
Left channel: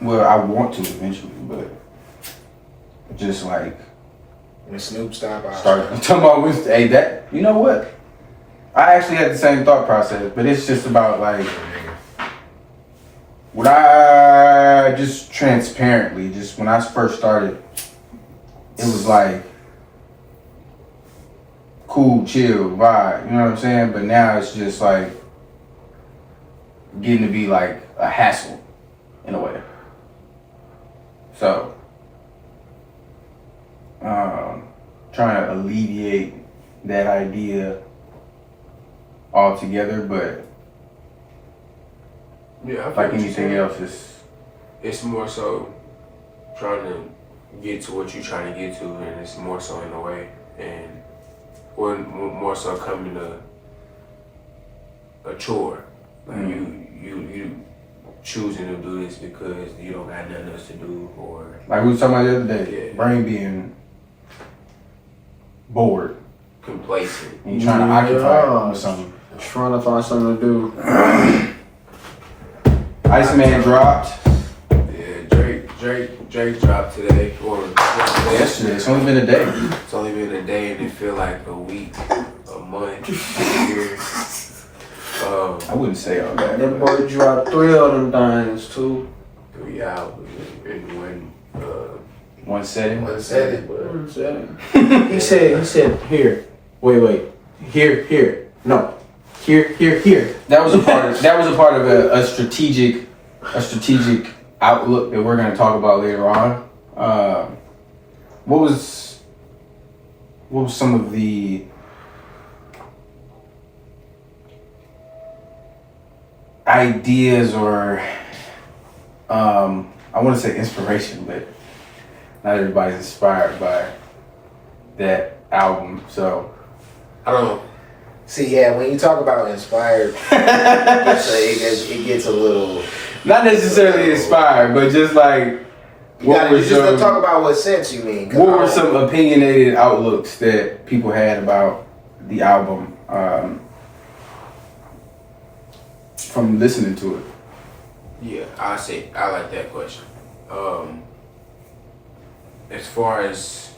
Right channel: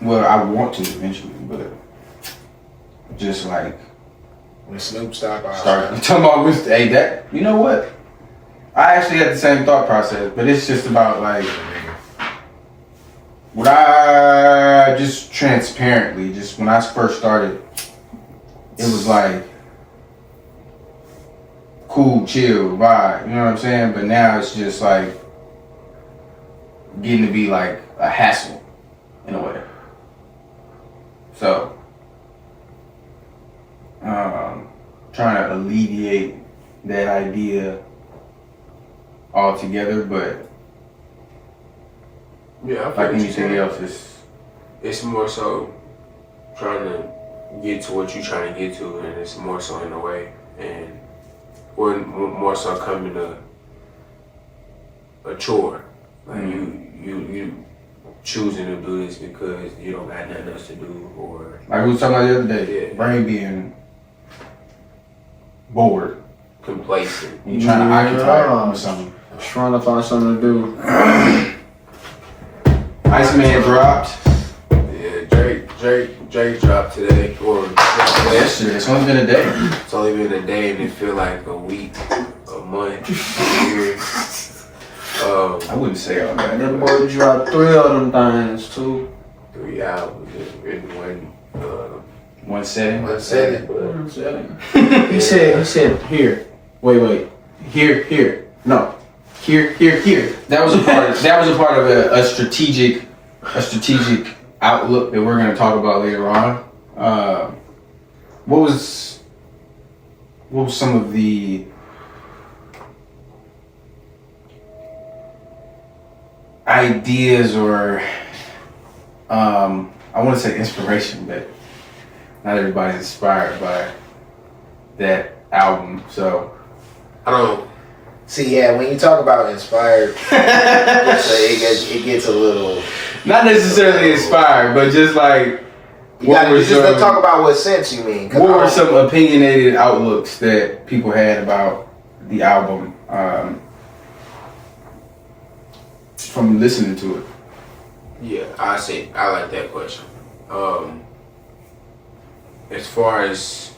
well, I want to eventually, but just like When Snoop stopped, I start talking about with hey that you know what? I actually had the same thought process, but it's just about like what I just transparently, just when I first started, it was like cool, chill, vibe, you know what I'm saying? But now it's just like getting to be like a hassle in a way. So, trying to alleviate that idea altogether, but Yeah, I feel like what you're anything saying. else, It's more so trying to get to what you're trying to get to, and it's more so in a way, and or more so coming to a chore. Like you choosing to do this because you don't got nothing else to do, or like we was talking about the other day, Yeah. brain being bored. complacent. You trying to occupy it with something. Trying to find something to do. ICEMAN dropped. Yeah, Drake dropped today, or Yesterday. It's only been a day. it's only been a day, and it feel like a week, a month, a year. I wouldn't say all that. That boy dropped 3 of them things too. 3 albums in one. One setting. One second. He said, here. Wait. Here. No. Here. That was a part of a strategic outlook that we're going to talk about later on. What was some of the ideas or I want to say inspiration, but not everybody's inspired by that album. So I don't. See, yeah, when you talk about inspired, it gets a little. not necessarily inspired, but just like You just don't talk about what sense you mean. 'Cause what I were don't- some opinionated outlooks that people had about the album from listening to it? Yeah, I like that question. As far as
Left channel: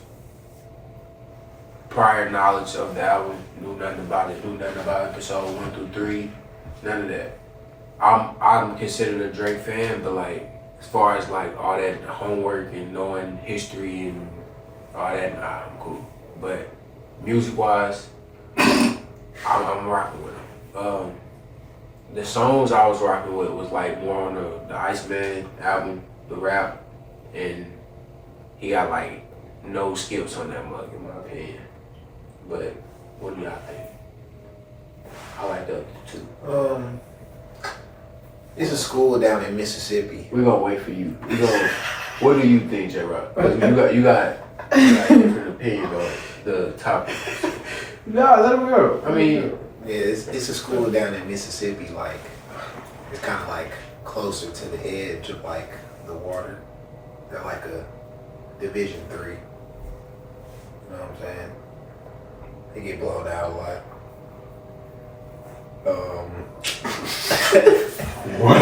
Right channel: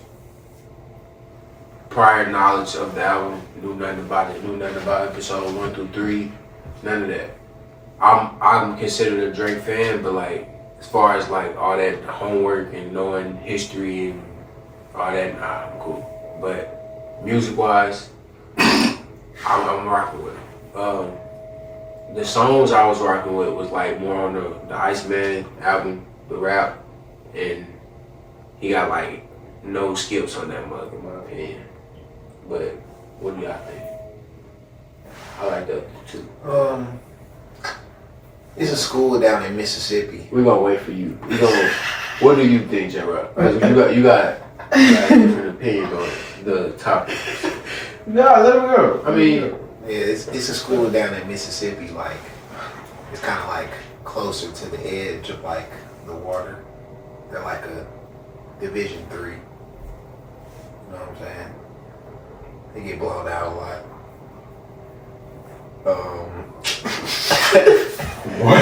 prior knowledge of the album, knew nothing about episode 1 through 3, none of that. I'm considered a Drake fan, but like as far as like all that homework and knowing history and all that, nah, I'm cool. But music wise, I'm rocking with it. The songs I was rocking with was like more on the ICEMAN album, the rap, and he got like no skips on that mug in my opinion. But what do y'all think? I like the other two. It's a school down in Mississippi. We're gonna wait for you. What do you think, J-Rock? You got a different opinion on the topic. Yeah, let him go. I mean, Yeah, it's a school down in Mississippi. Like it's kind of like closer to the edge of like the water. They're like a Division 3. You know what I'm saying? They get blown out a lot. What?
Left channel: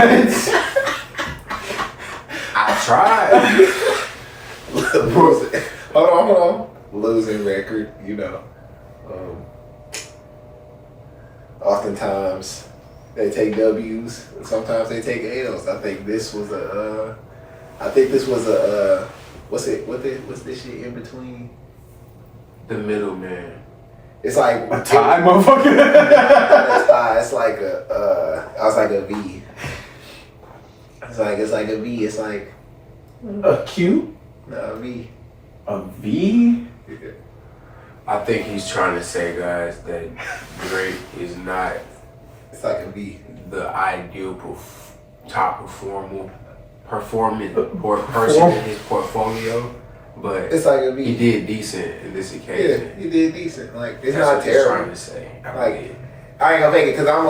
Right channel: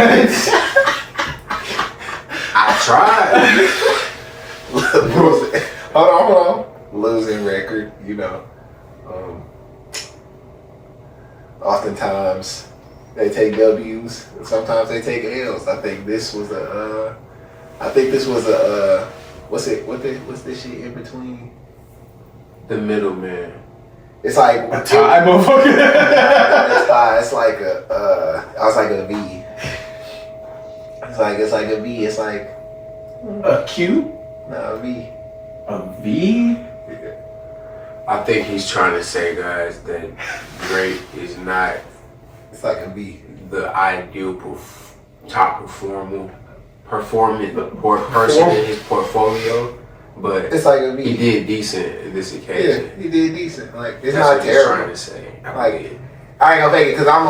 I tried. Hold on. Losing record, you know. Oftentimes they take W's, and sometimes they take L's. I think this was a. What's this shit in between? The middleman. It's like A tie, motherfucker. It's like a. I was like a V. It's like a V. It's like A Q? no a V. A V? I think he's trying to say, guys, that Drake is not It's like a V. the ideal top performing person in his portfolio, but It's like a he beat. did decent in this Yeah, occasion. he did decent. Like it's That's not what he's terrible. trying to say. Like, I ain't gonna fake it because I'm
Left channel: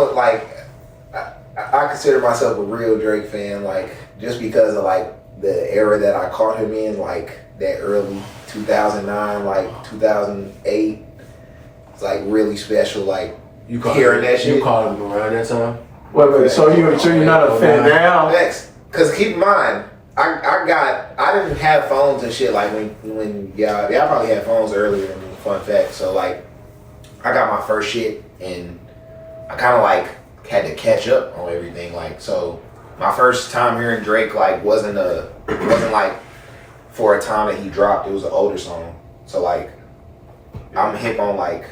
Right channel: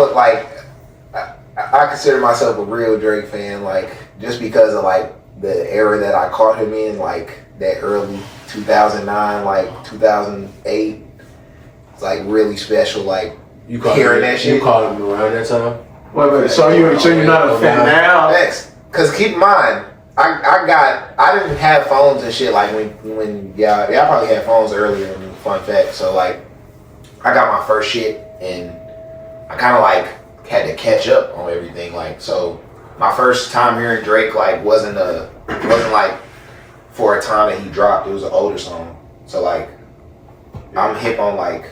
I consider myself a real Drake fan. Like just because of like the era that I caught him in, like that early 2009, like 2008. It's like really special. Like you called hearing him, that shit. You called him around that time. Wait, so you're not a fan now? Next, because keep in mind, I didn't have phones and shit like when y'all probably had phones earlier. Fun fact. So like, I got my first shit and I kind of like had to catch up on everything. Like, so my first time hearing Drake like wasn't like for a time that he dropped. It was an older song. So like, I'm hip on like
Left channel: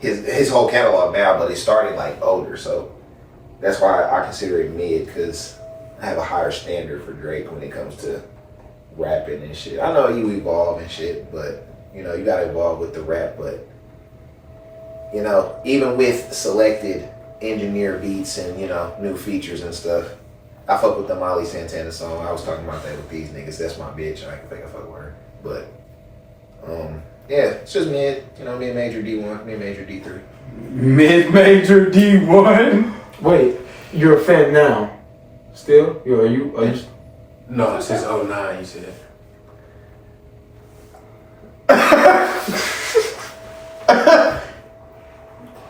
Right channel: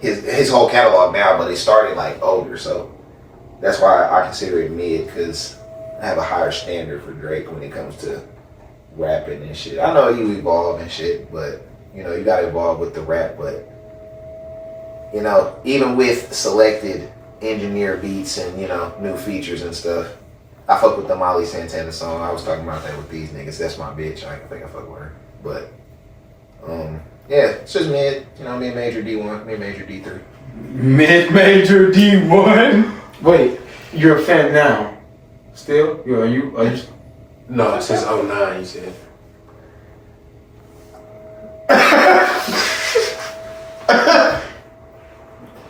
his whole catalog now, but it started like older. So that's why I consider it mid, because I have a higher standard for Drake when it comes to rapping and shit. I know you evolve and shit, but you know, you gotta evolve with the rap. But you know, even with selected engineer beats and, you know, new features and stuff, I fuck with the Molly Santana song. I was talking about that with these niggas. That's my bitch. I think I fuck with her. But yeah, it's just mid, you know, mid major D1, mid major D3. Mid major D1. Wait, you're a fan now? Still? Are you? No, since 09, he said.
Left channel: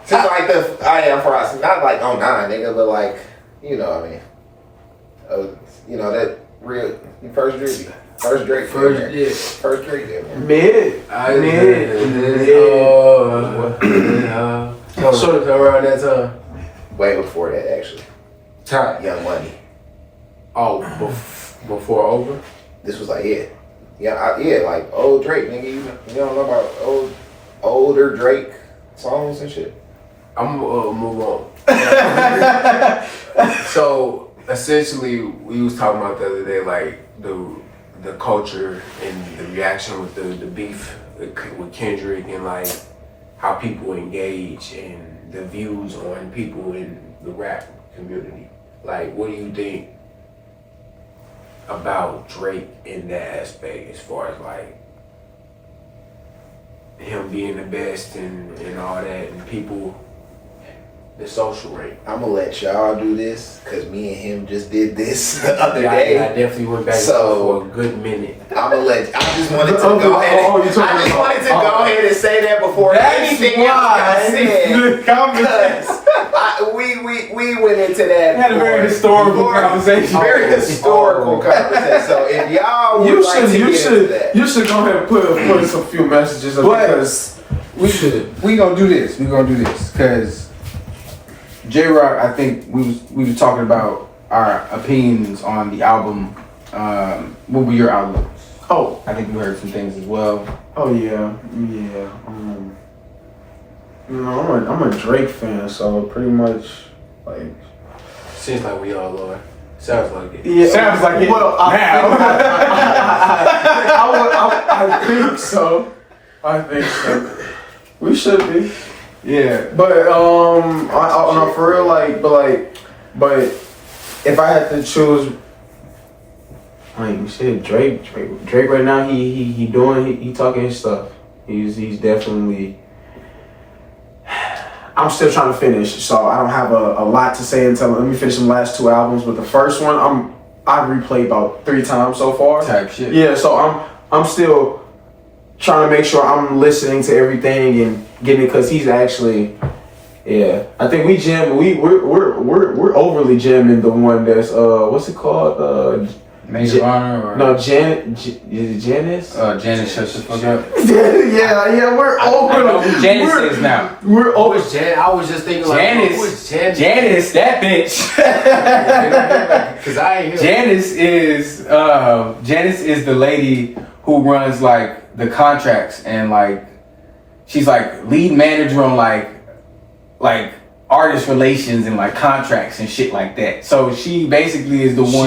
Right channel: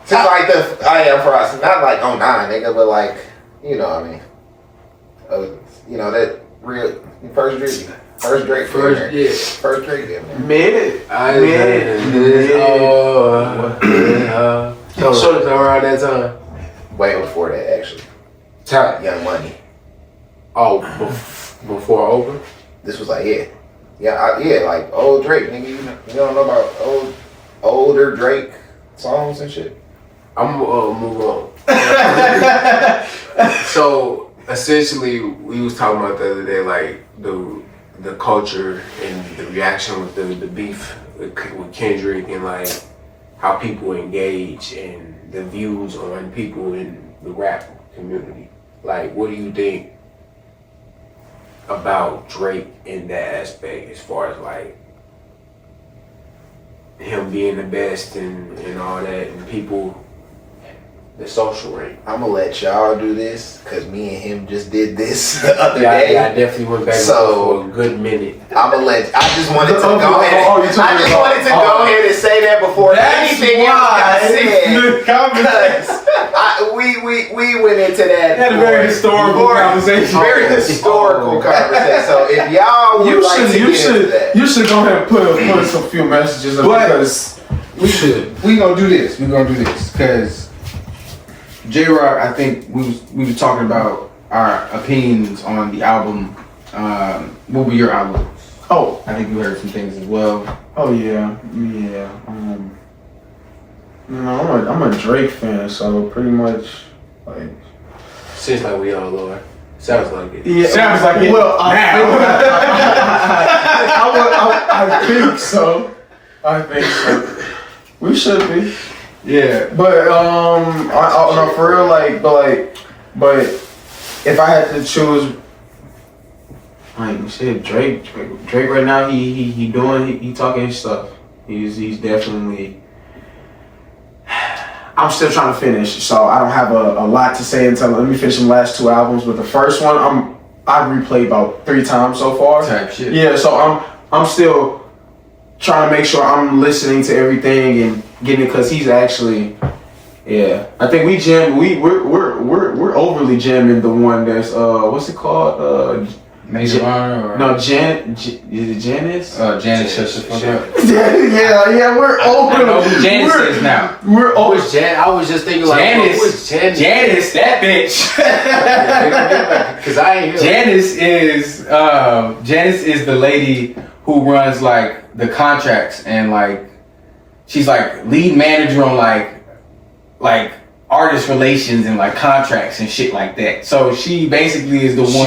Since like I am process, not like 09, nigga, but like, you know, I mean, you know, that real first Drake, first Drake, first Drake, man. Mid. So around that time. Way before that, actually. Time. Young Money. Oh, before over. This was like like old Drake, nigga. You don't know about older Drake songs and shit. I'm gonna move on. So essentially, we was talking about the other day, like the culture and the reaction with the beef with Kendrick, and like how people engage and the views on people in the rap community. Like, what do you think about Drake in that aspect, as far as like him being the best and all that, and people, the social rate? I'm gonna let y'all do this because me and him just did this the other day. Yeah, I definitely went back for a good minute. I'm gonna let. I just wanted to go ahead. Go ahead and say that before anything else got said. Because we went into that. Had a very historical conversation. Very historical conversation. So if y'all would you should go ahead and put a few messages up, because we gonna do this. We gonna do this because J-Rock, I think we were talking about our opinions on the album. What were your outlooks? Oh, I think you heard some things as well. oh yeah. I'm a Drake fan, so pretty much like. Seems like we all are. Sounds like it. Yeah, Sounds like it. Well, Now. I think so. I think so. We should be. Yeah. But no, for real, like, but if I had to choose, like shit, Drake right now, he talking his stuff. He's definitely. I'm still trying to finish, so I don't have a lot to say until let me finish the last two albums. But the first one, I've replayed about 3 times so far. Type shit. Yeah, so I'm still trying to make sure I'm listening to everything and getting it, because he's actually, yeah. I think we're overly jamming the one that's what's it called? Major Honor or No, is it Janice? Janice shuts the fuck up. yeah, we're I know overly. who Janice is now. We're over. I was just thinking like, Janice. Janice, that bitch. Because I ain't here. Janice is the lady who runs like the contracts, and like she's like lead manager on like artist relations and like contracts and shit like that. So she basically is the one.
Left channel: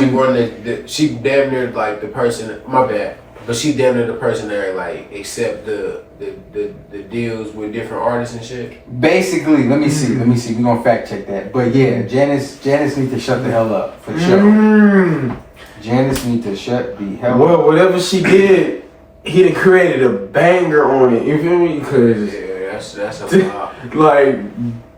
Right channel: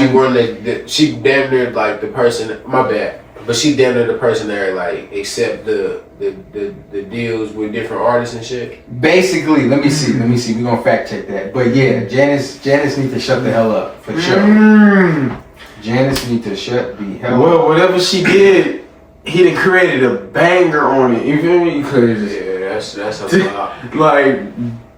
She damn near like the person. My bad. But she damn near the person there like accept the deals with different artists and shit. Basically, let me see. We're gonna fact check that. But yeah, Janice needs to shut the hell up for sure. Janice needs to shut the hell up. Well, whatever she did, he done created a banger on it. You feel me? Cause Yeah, that's a lot. like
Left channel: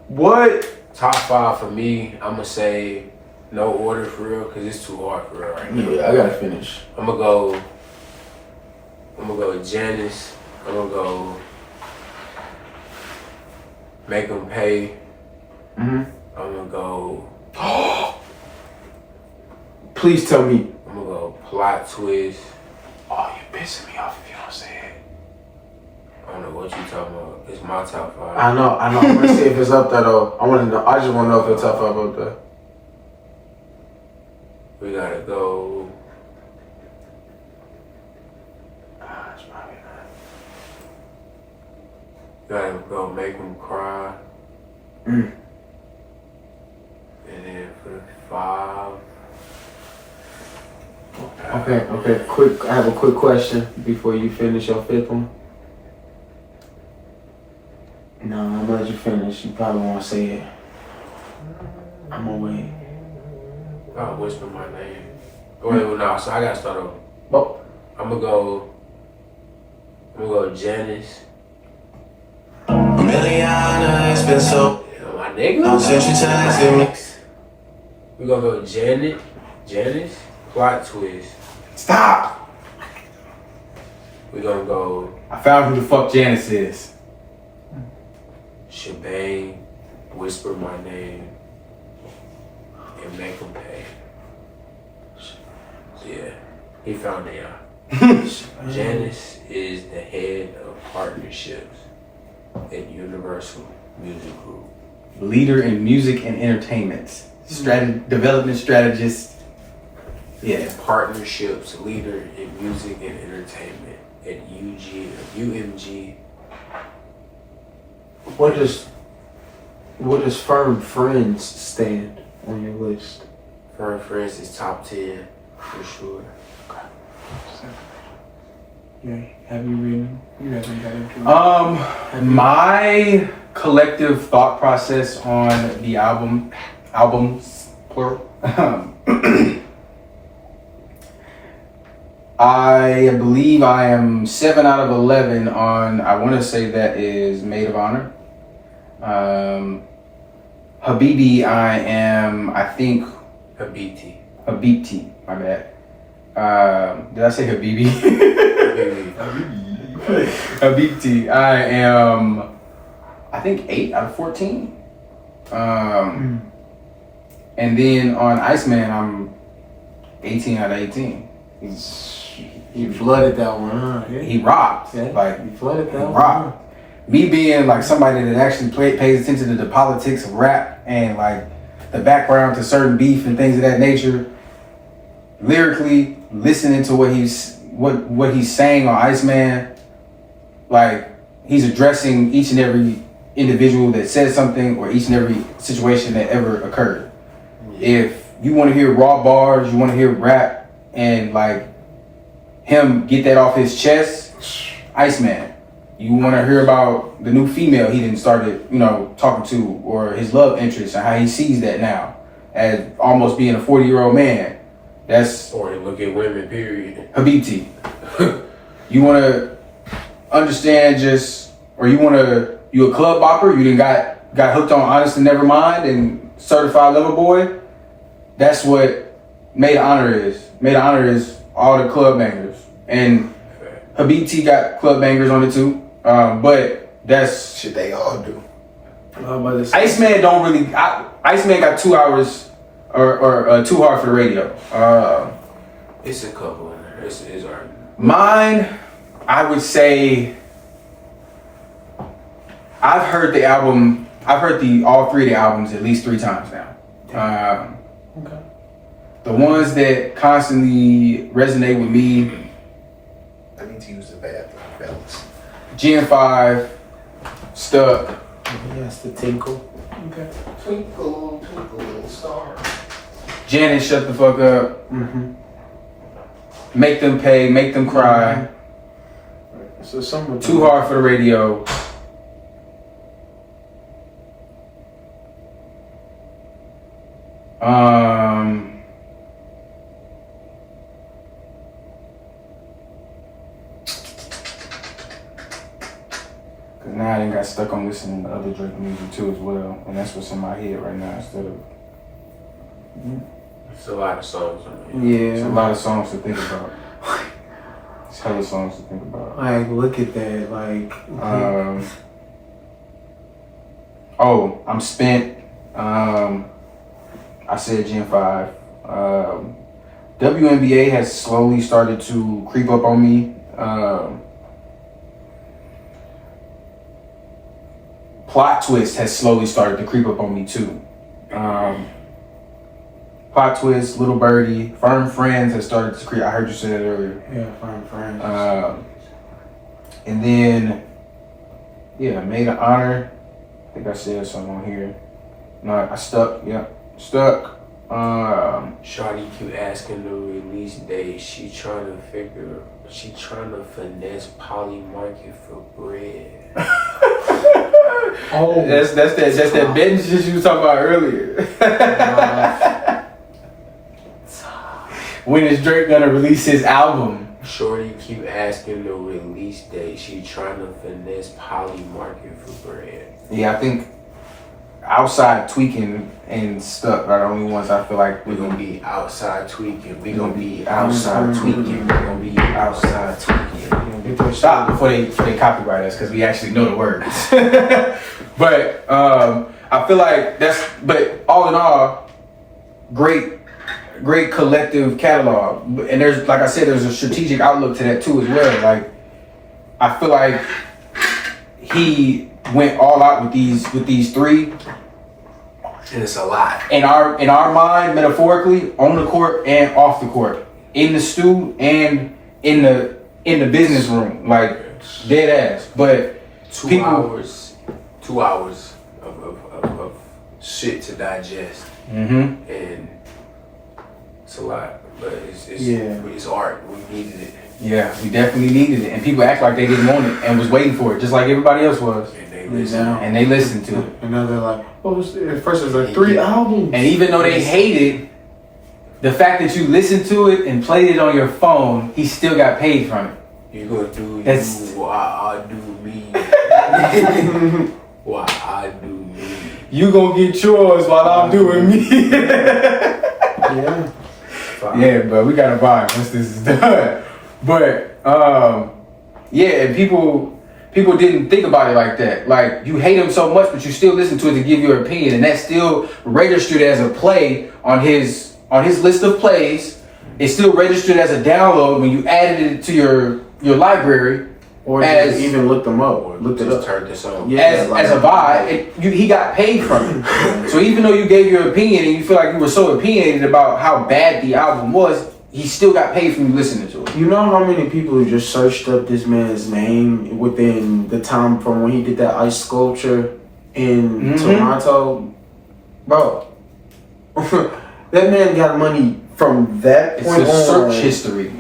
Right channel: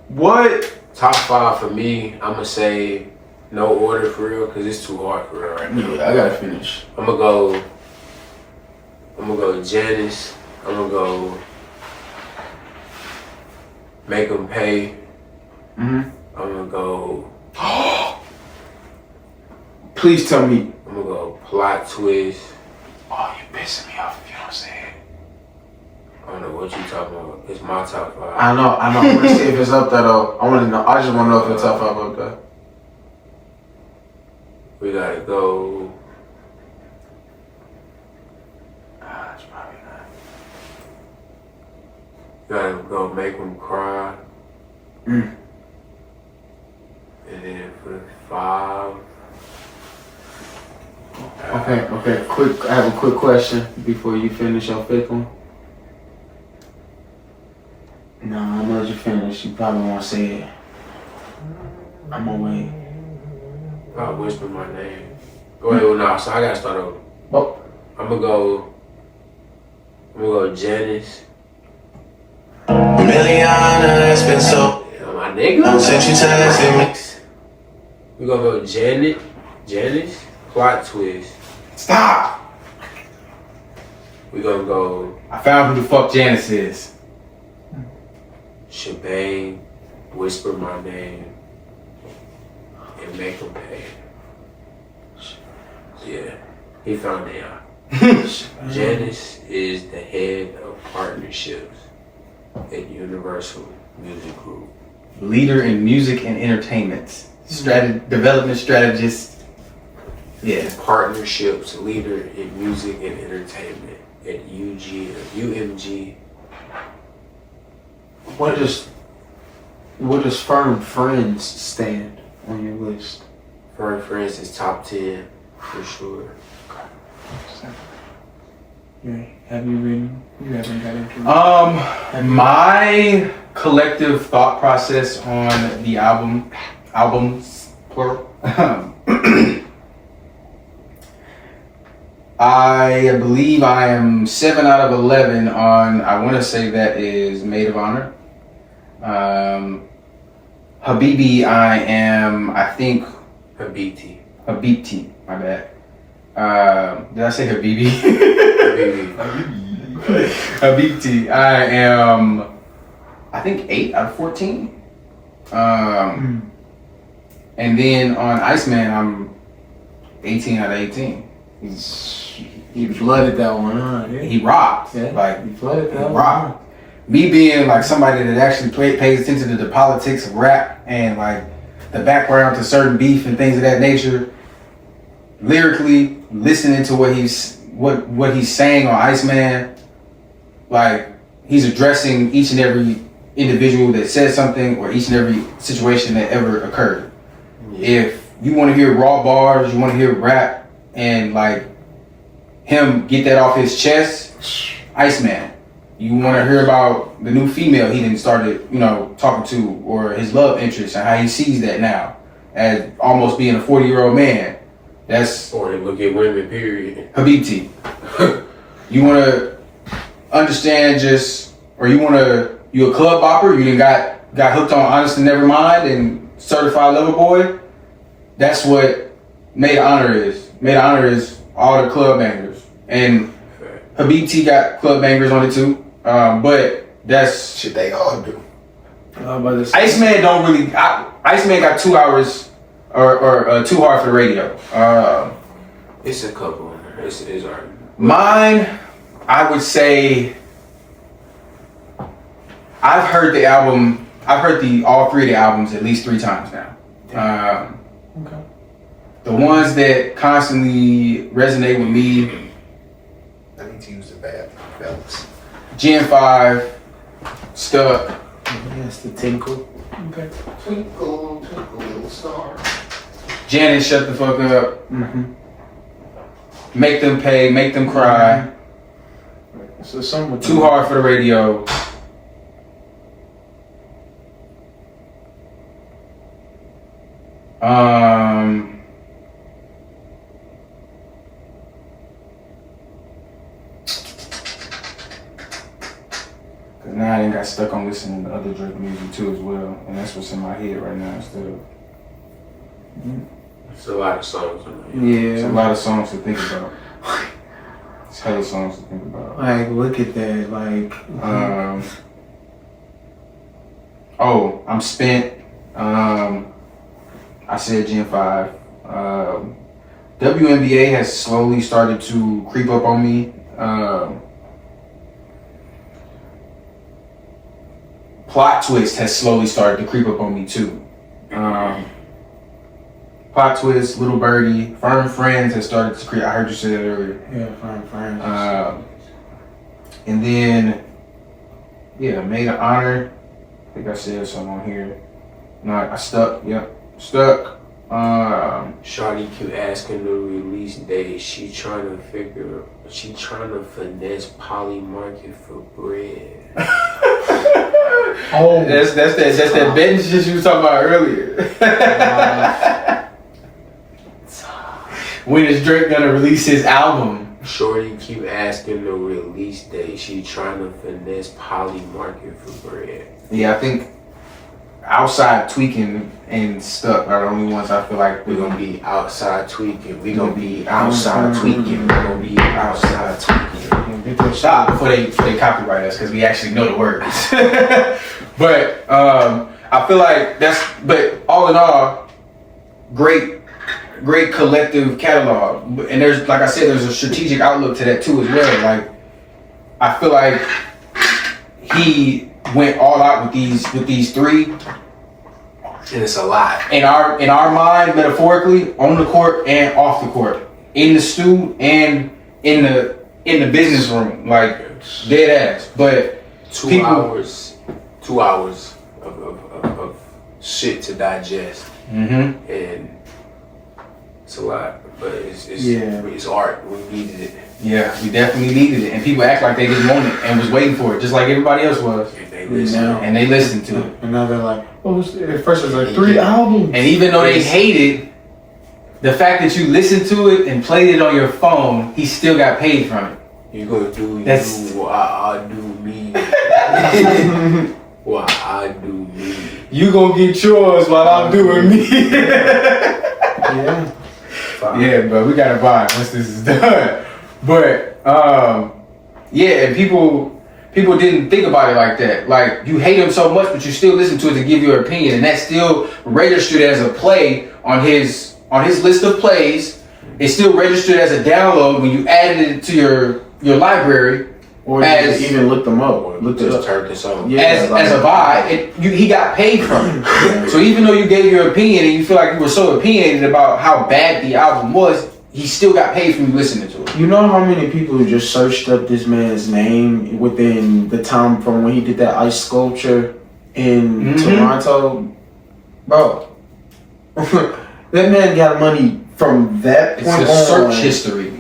what? Top 5 for me, I'm gonna say no order for real, cause it's too hard for real right now. Yeah, I gotta finish. I'm gonna go Janice. I'm gonna go Make 'Em Pay. Mm-hmm. I'm gonna go. Please tell me. I'm gonna go Plot Twist. Oh, you pissing me off if you don't say it. I don't know what you talking about. It's my top 5. I know. I want to see if it's up there though. I want to know. I just want to know if it's top 5 up there. We gotta go. It's probably not. Gotta go Make 'Em Cry. Mm. And then for the 5. Okay. Quick. I have a quick question before you finish your 5th one. No, I'm gonna let you finish. You probably won't say it. I'm gonna wait. I'll whisper my name. Wait, well, no, so I gotta start over. Oh. I'm gonna go Janice. Milliana, it's been so Yeah, my nigga. long since you tested me. We gonna go Janice, Plot Twist. Stop! We gonna go I found who the fuck Janice is. Shebang, Whisper My Name, and Make 'Em Pay. Yeah, he found it out. Janice is the head of partnerships at Universal Music Group. Leader in music and entertainment. Development strategist. Yeah. Partnerships leader in music and entertainment at UMG. What does Firm Friends stand on your list? For friends is top 10 for sure. Have you written? You haven't got into my collective thought process on the albums plural. I believe I am 7 out of 11 on. I want to say that is Maid of Honor. Habibi, I am. I think Habiti. Habibti. My bad. Did I say Habibi? Habibti. I am. I think 8 out of 14. And then on ICEMAN, I'm 18 out of 18. He flooded that one, huh? Yeah. He rocked. Yeah. Like, He flooded that he one. rocked. Me being like somebody that actually pays attention to the politics of rap and like the background to certain beef and things of that nature, lyrically listening to what he's saying on ICEMAN, like he's addressing each and every individual that says something or each and every situation that ever occurred. If you want to hear raw bars, you want to hear rap and like him get that off his chest, ICEMAN. You want to hear about the new female he didn't started, talking to, or his love interest and how he sees that now as almost being a 40-year-old man. That's Or they look at women, period. Habibti. You want to understand you a club bopper, you done got hooked on Honest and Nevermind and Certified Lover Boy. That's what Maid of Honor is. Maid of Honor is all the club bangers. And Habibti got club bangers on it too. But that's Shit, they all do. ICEMAN don't really. ICEMAN got 2 hours or too hard for the radio. It's a couple in there. It's our Mine, I would say. I've heard the album. I've heard all 3 of the albums at least 3 times now. Okay. The ones that constantly resonate with me. I need to use the bathroom, fellas. Gen 5, Stuck. Yes, the tinkle. Okay. Twinkle, twinkle, little star. Janet, Shut the Fuck Up. Mm-hmm. Make Them Pay, Make Them Cry. So some Too Hard for the Radio. got stuck on listening to other Drake music too as well, and that's what's in my head right now instead of. It's a lot of songs. It's a lot of songs to think about. It's hella songs to think about. Like, look at that. Like, I'm spent. I said Gen 5. WNBA has slowly started to creep up on me. Plot Twist has slowly started to creep up on me too. Plot Twist, Little Birdie, Firm Friends has started to creep. I heard you say that earlier. yeah, Firm Friends. And then, Maid of Honor. I think I said something on here. No, I stuck. Yeah, stuck. Shawty keep asking the release date. She trying to finesse Poly Market for bread. Oh, that's that betting shit you was talking about earlier. When is Drake gonna release his album? Shorty keep asking the release date. She trying to finesse Poly Market for bread. Yeah, I think Outside Tweaking and Stuck are the only ones I feel like We're gonna be outside tweaking. We're gonna be outside tweaking. We're gonna be outside tweaking. Stop before they copyright us because we actually know the words. But I feel like but all in all, great collective catalog. And there's, like I said, there's a strategic outlook to that too as well. Like, I feel like he went all out with these three. And it's a lot. In our mind, metaphorically, on the court and off the court, in the stew and in the business room, like dead ass. But 2 hours of shit to digest, and it's a lot. But it's art. We needed it. Yeah, we definitely needed it, and people act like they didn't want it and was waiting for it, just like everybody else was. And they listened to it. And now they're like, at first it was like 3 albums. And even though they hated the fact that you listened to it and played it on your phone, he still got paid from it. You gonna do you while I do me. While I do me. You gonna get yours while I'm doing me. Yeah, but we gotta buy once this is done. But and people didn't think about it like that. Like, you hate him so much, but you still listen to it to give your opinion, and that's still registered as a play on his list of plays. It's still registered as a download when you added it to your library. Or you even looked them up. Looked it up. Turned this on. As a buy, he got paid from it. So even though you gave your opinion and you feel like you were so opinionated about how bad the album was, he still got paid from you listening to it. You know how many people just searched up this man's name within the time from when he did that ice sculpture in Toronto? Bro, that man got money from that point on. It's a search history.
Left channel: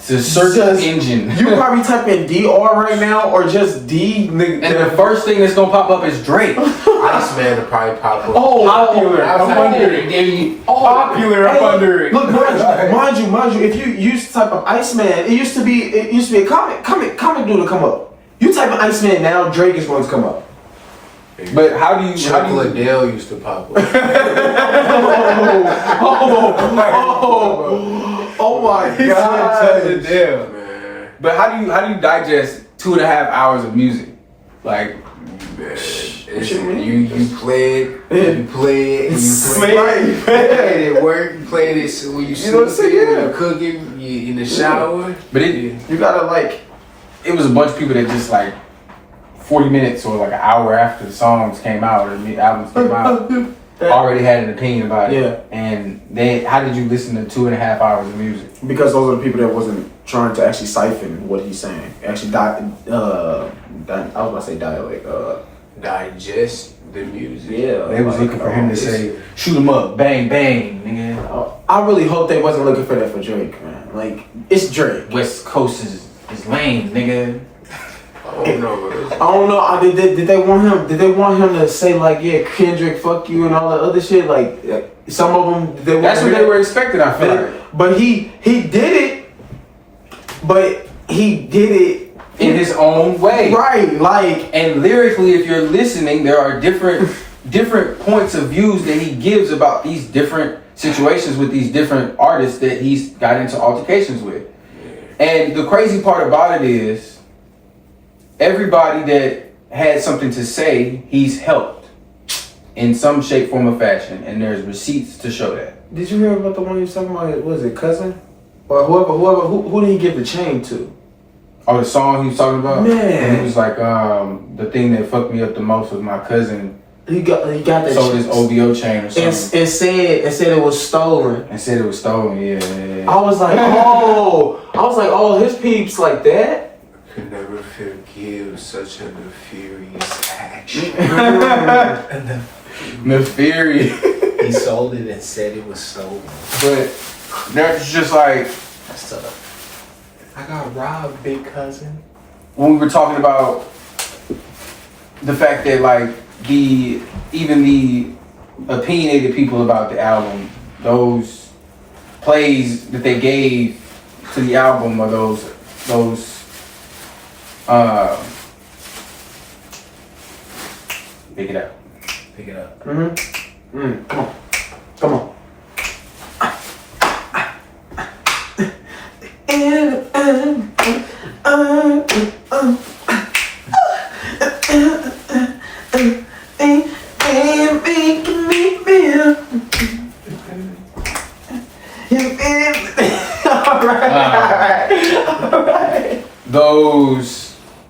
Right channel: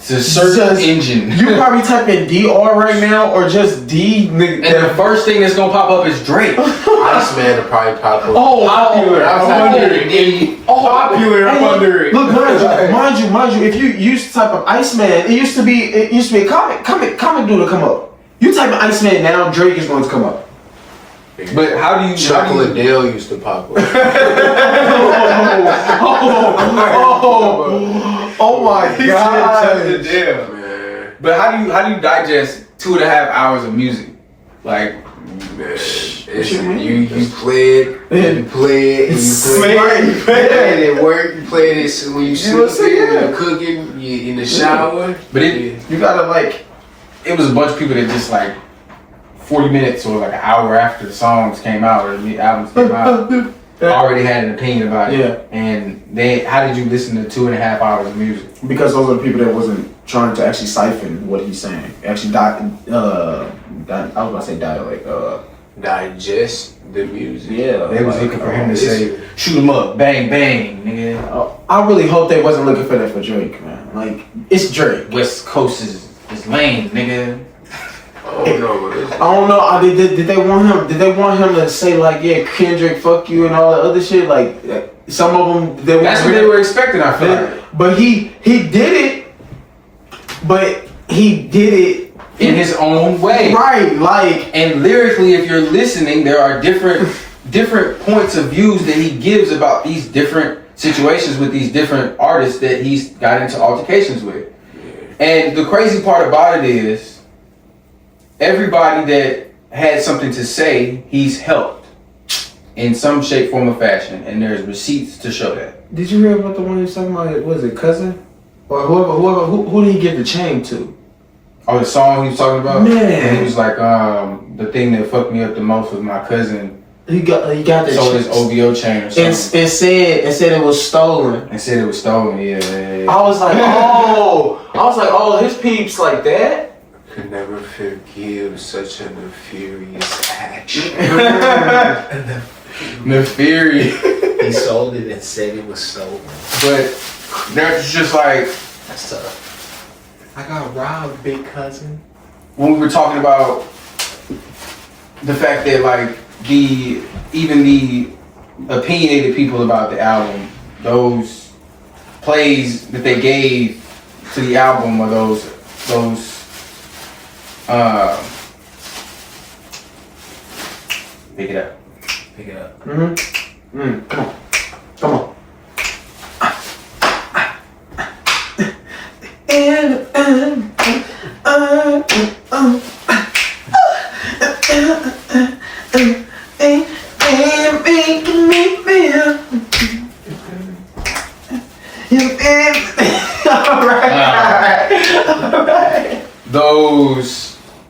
It's a search engine. You probably type in DR right now or just D. And the first thing that's gonna pop up is Drake. ICEMAN to probably pop up. Popular. I'm wondering. Popular. I'm wondering. Look, mind you, if you used to type of ICEMAN, it used to be a comic dude to come up. You type in ICEMAN now, Drake is going to come up. But how do you? Chocolate Dale used to pop up. Oh my God! Man. But how do you digest 2.5 hours of music? Like, man, you play it, you play it, and you play it at work, you play it when you sleep, when you cooking, you in the shower. But you gotta like. It was a bunch of people that just like 40 minutes or like an hour after the songs came out or the albums came out. Already had an opinion about it. Yeah. And how did you listen to 2.5 hours of music? Because those are the people that wasn't trying to actually siphon what he's saying. Actually, I was about to say dialect. Digest the music. Yeah. They was looking for him to say, shoot him up, bang, bang, nigga. I really hope they wasn't looking for that for Drake, man. Like, it's Drake. West Coast is lame, nigga. Oh no, I don't know. Did they want him? Did they want him to say like, yeah, Kendrick, fuck you, and all that other shit? Like, some of them. That's what they were expecting. I feel like. But he did it. But he did it in his own way. Right, like And lyrically, if you're listening, there are different points of views that he gives about these different situations with these different artists that he's got into altercations with. And the crazy part about it is, everybody that had something to say, he's helped in some shape, form, or fashion, and there's receipts to show that. did you hear about the one he was talking about? Was it Cousin? Or who did he give the chain to? Oh, the song he was talking about? Man. And he was like, the thing that fucked me up the most was my cousin He got that sold chain. his OVO chain or something. It said it was stolen. And said it was stolen, yeah. I was like, oh, his peeps like that. Could never forgive such a nefarious action. Nefarious. He sold it and said it was stolen. But that's just like, That's tough. I got robbed, big cousin. when we were talking about the fact that like even the opinionated people about the album, those plays that they gave to the album, or those pick it up. Pick it up. Come on.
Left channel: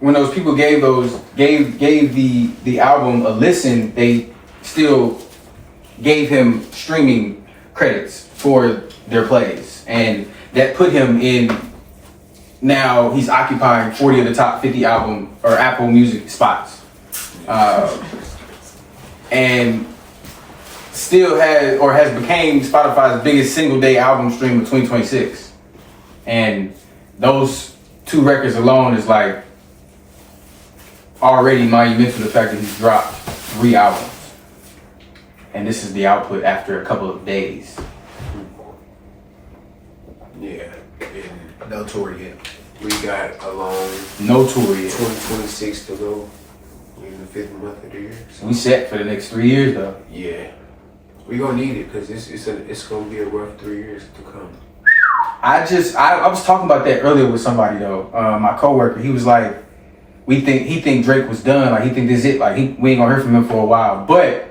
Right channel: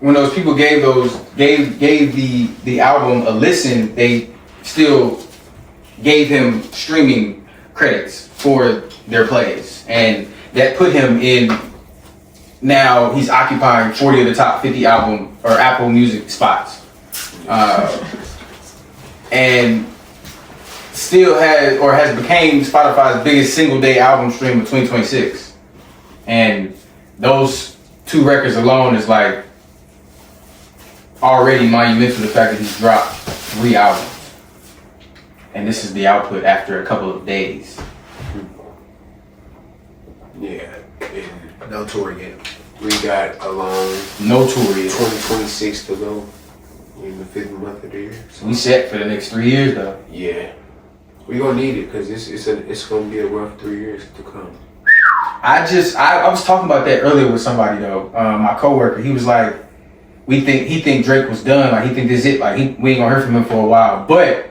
When those people gave the album a listen, they still gave him streaming credits for their plays, and that put him in. Now he's occupying 40 of the top 50 album or Apple Music spots, and still has became Spotify's biggest single day album stream of 2026. And those two records alone is like already monumental. The fact that he's dropped 3 albums, and this is the output after a couple of days. Yeah. And No tour yet. we got a long No tour yet. 2026 to go in the 5th month of the year. So We set for the next 3 years though. yeah, we gonna need it because it's gonna be a rough 3 years to come. I was talking about that earlier with somebody though. My coworker, he was like, he think Drake was done. Like he think this is it. Like we ain't gonna hear from him for a while. But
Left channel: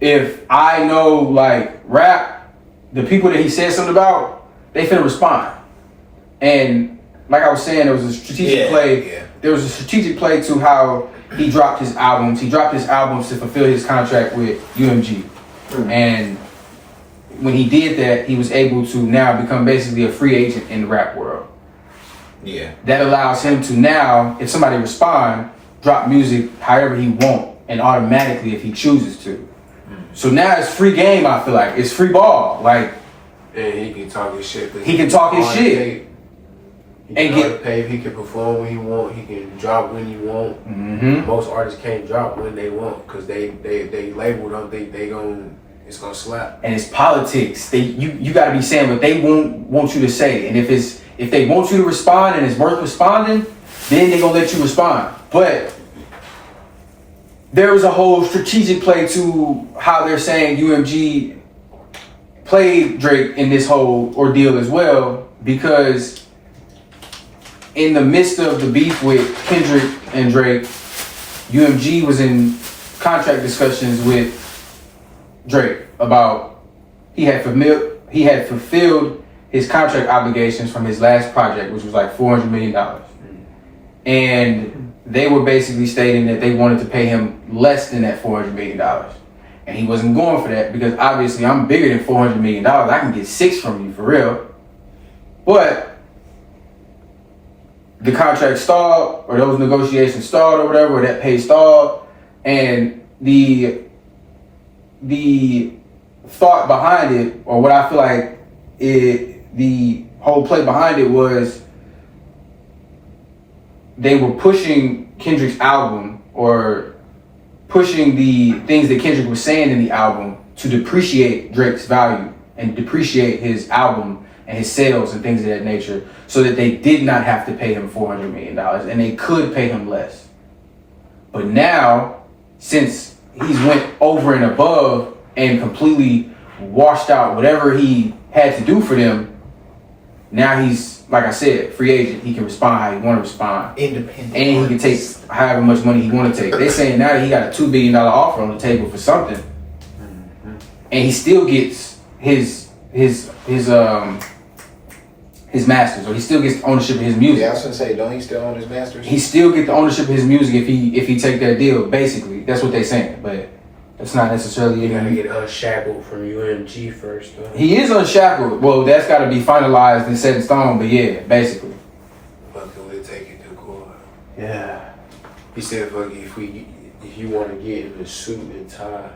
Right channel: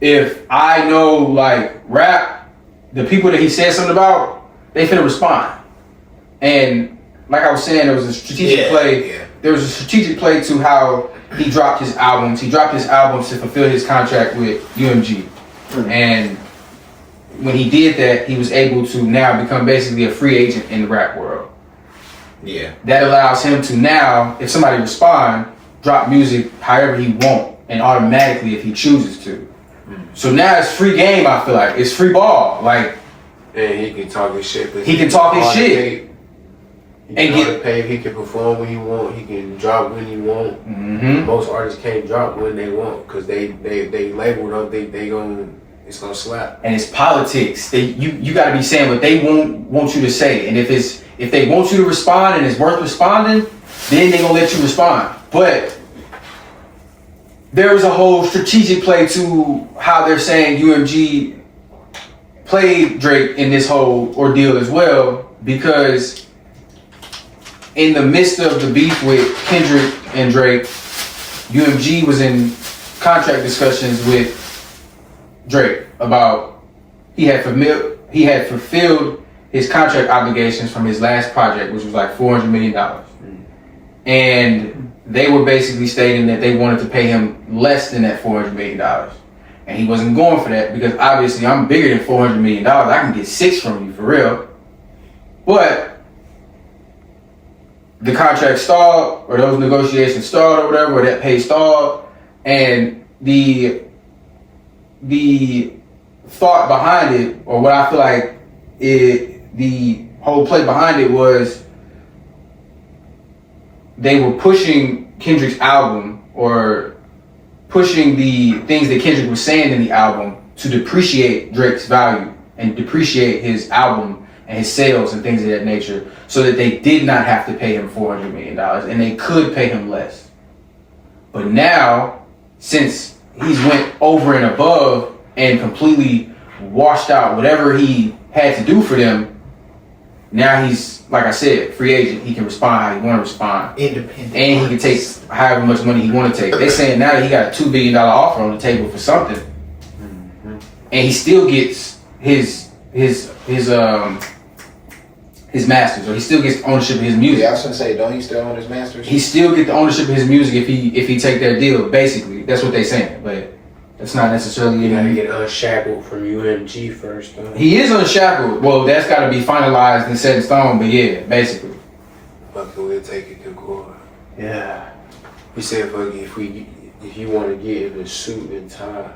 if I know like rap, the people that he said something about, they finna respond. And like I was saying, there was a strategic play. Yeah. There was a strategic play to how he dropped his albums. He dropped his albums to fulfill his contract with UMG. And when he did that, he was able to now become basically a free agent in the rap world. Yeah. That allows him to now, if somebody respond, drop music however he want, and automatically if he chooses to. So now it's free game. I feel like it's free ball. Like And he can talk his shit. He can talk his shit. He And can get- pay. He can perform when he want. He can drop when he want. Most artists can't drop when they want because they label don't think it's gonna slap. and it's politics. You got to be saying what they want you to say, and if they want you to respond and it's worth responding, then they gonna let you respond. But there was a whole strategic play to how they're saying UMG played Drake in this whole ordeal as well, because in the midst of the beef with Kendrick and Drake, UMG was in contract discussions with Drake about he had fulfilled his contract obligations from his last project, which was like $400 million. And they were basically stating that they wanted to pay him less than that $400 million. And he wasn't going for that because obviously I'm bigger than $400 million. I can get 6 from you for real. But the contract stalled, or those negotiations stalled or whatever, or that pay stalled. And the thought behind it, or what I feel like the whole play behind it was they were pushing Kendrick's album, or pushing the things that Kendrick was saying in the album to depreciate Drake's value and depreciate his album and his sales and things of that nature, so that they did not have to pay him $400 million and they could pay him less. But now, since he's went over and above and completely washed out whatever he had to do for them, now he's, like I said, free agent. He can respond how he want to respond. Independent. And he can take however much money he want to take. They're saying now that he got a $2 billion offer on the table for something, and he still gets his masters, or he still gets ownership of his music. Yeah, I was gonna say, don't he still own his masters? He still get the ownership of his music if he take that deal. Basically, that's what they're saying, but it's not necessarily. You gotta get unshackled from UMG first, though. He is unshackled. Well, that's got to be finalized and set in stone. But yeah, basically. Fuck, we'll take it to court. Yeah. He said, fuck, if you want to get in a suit and tie,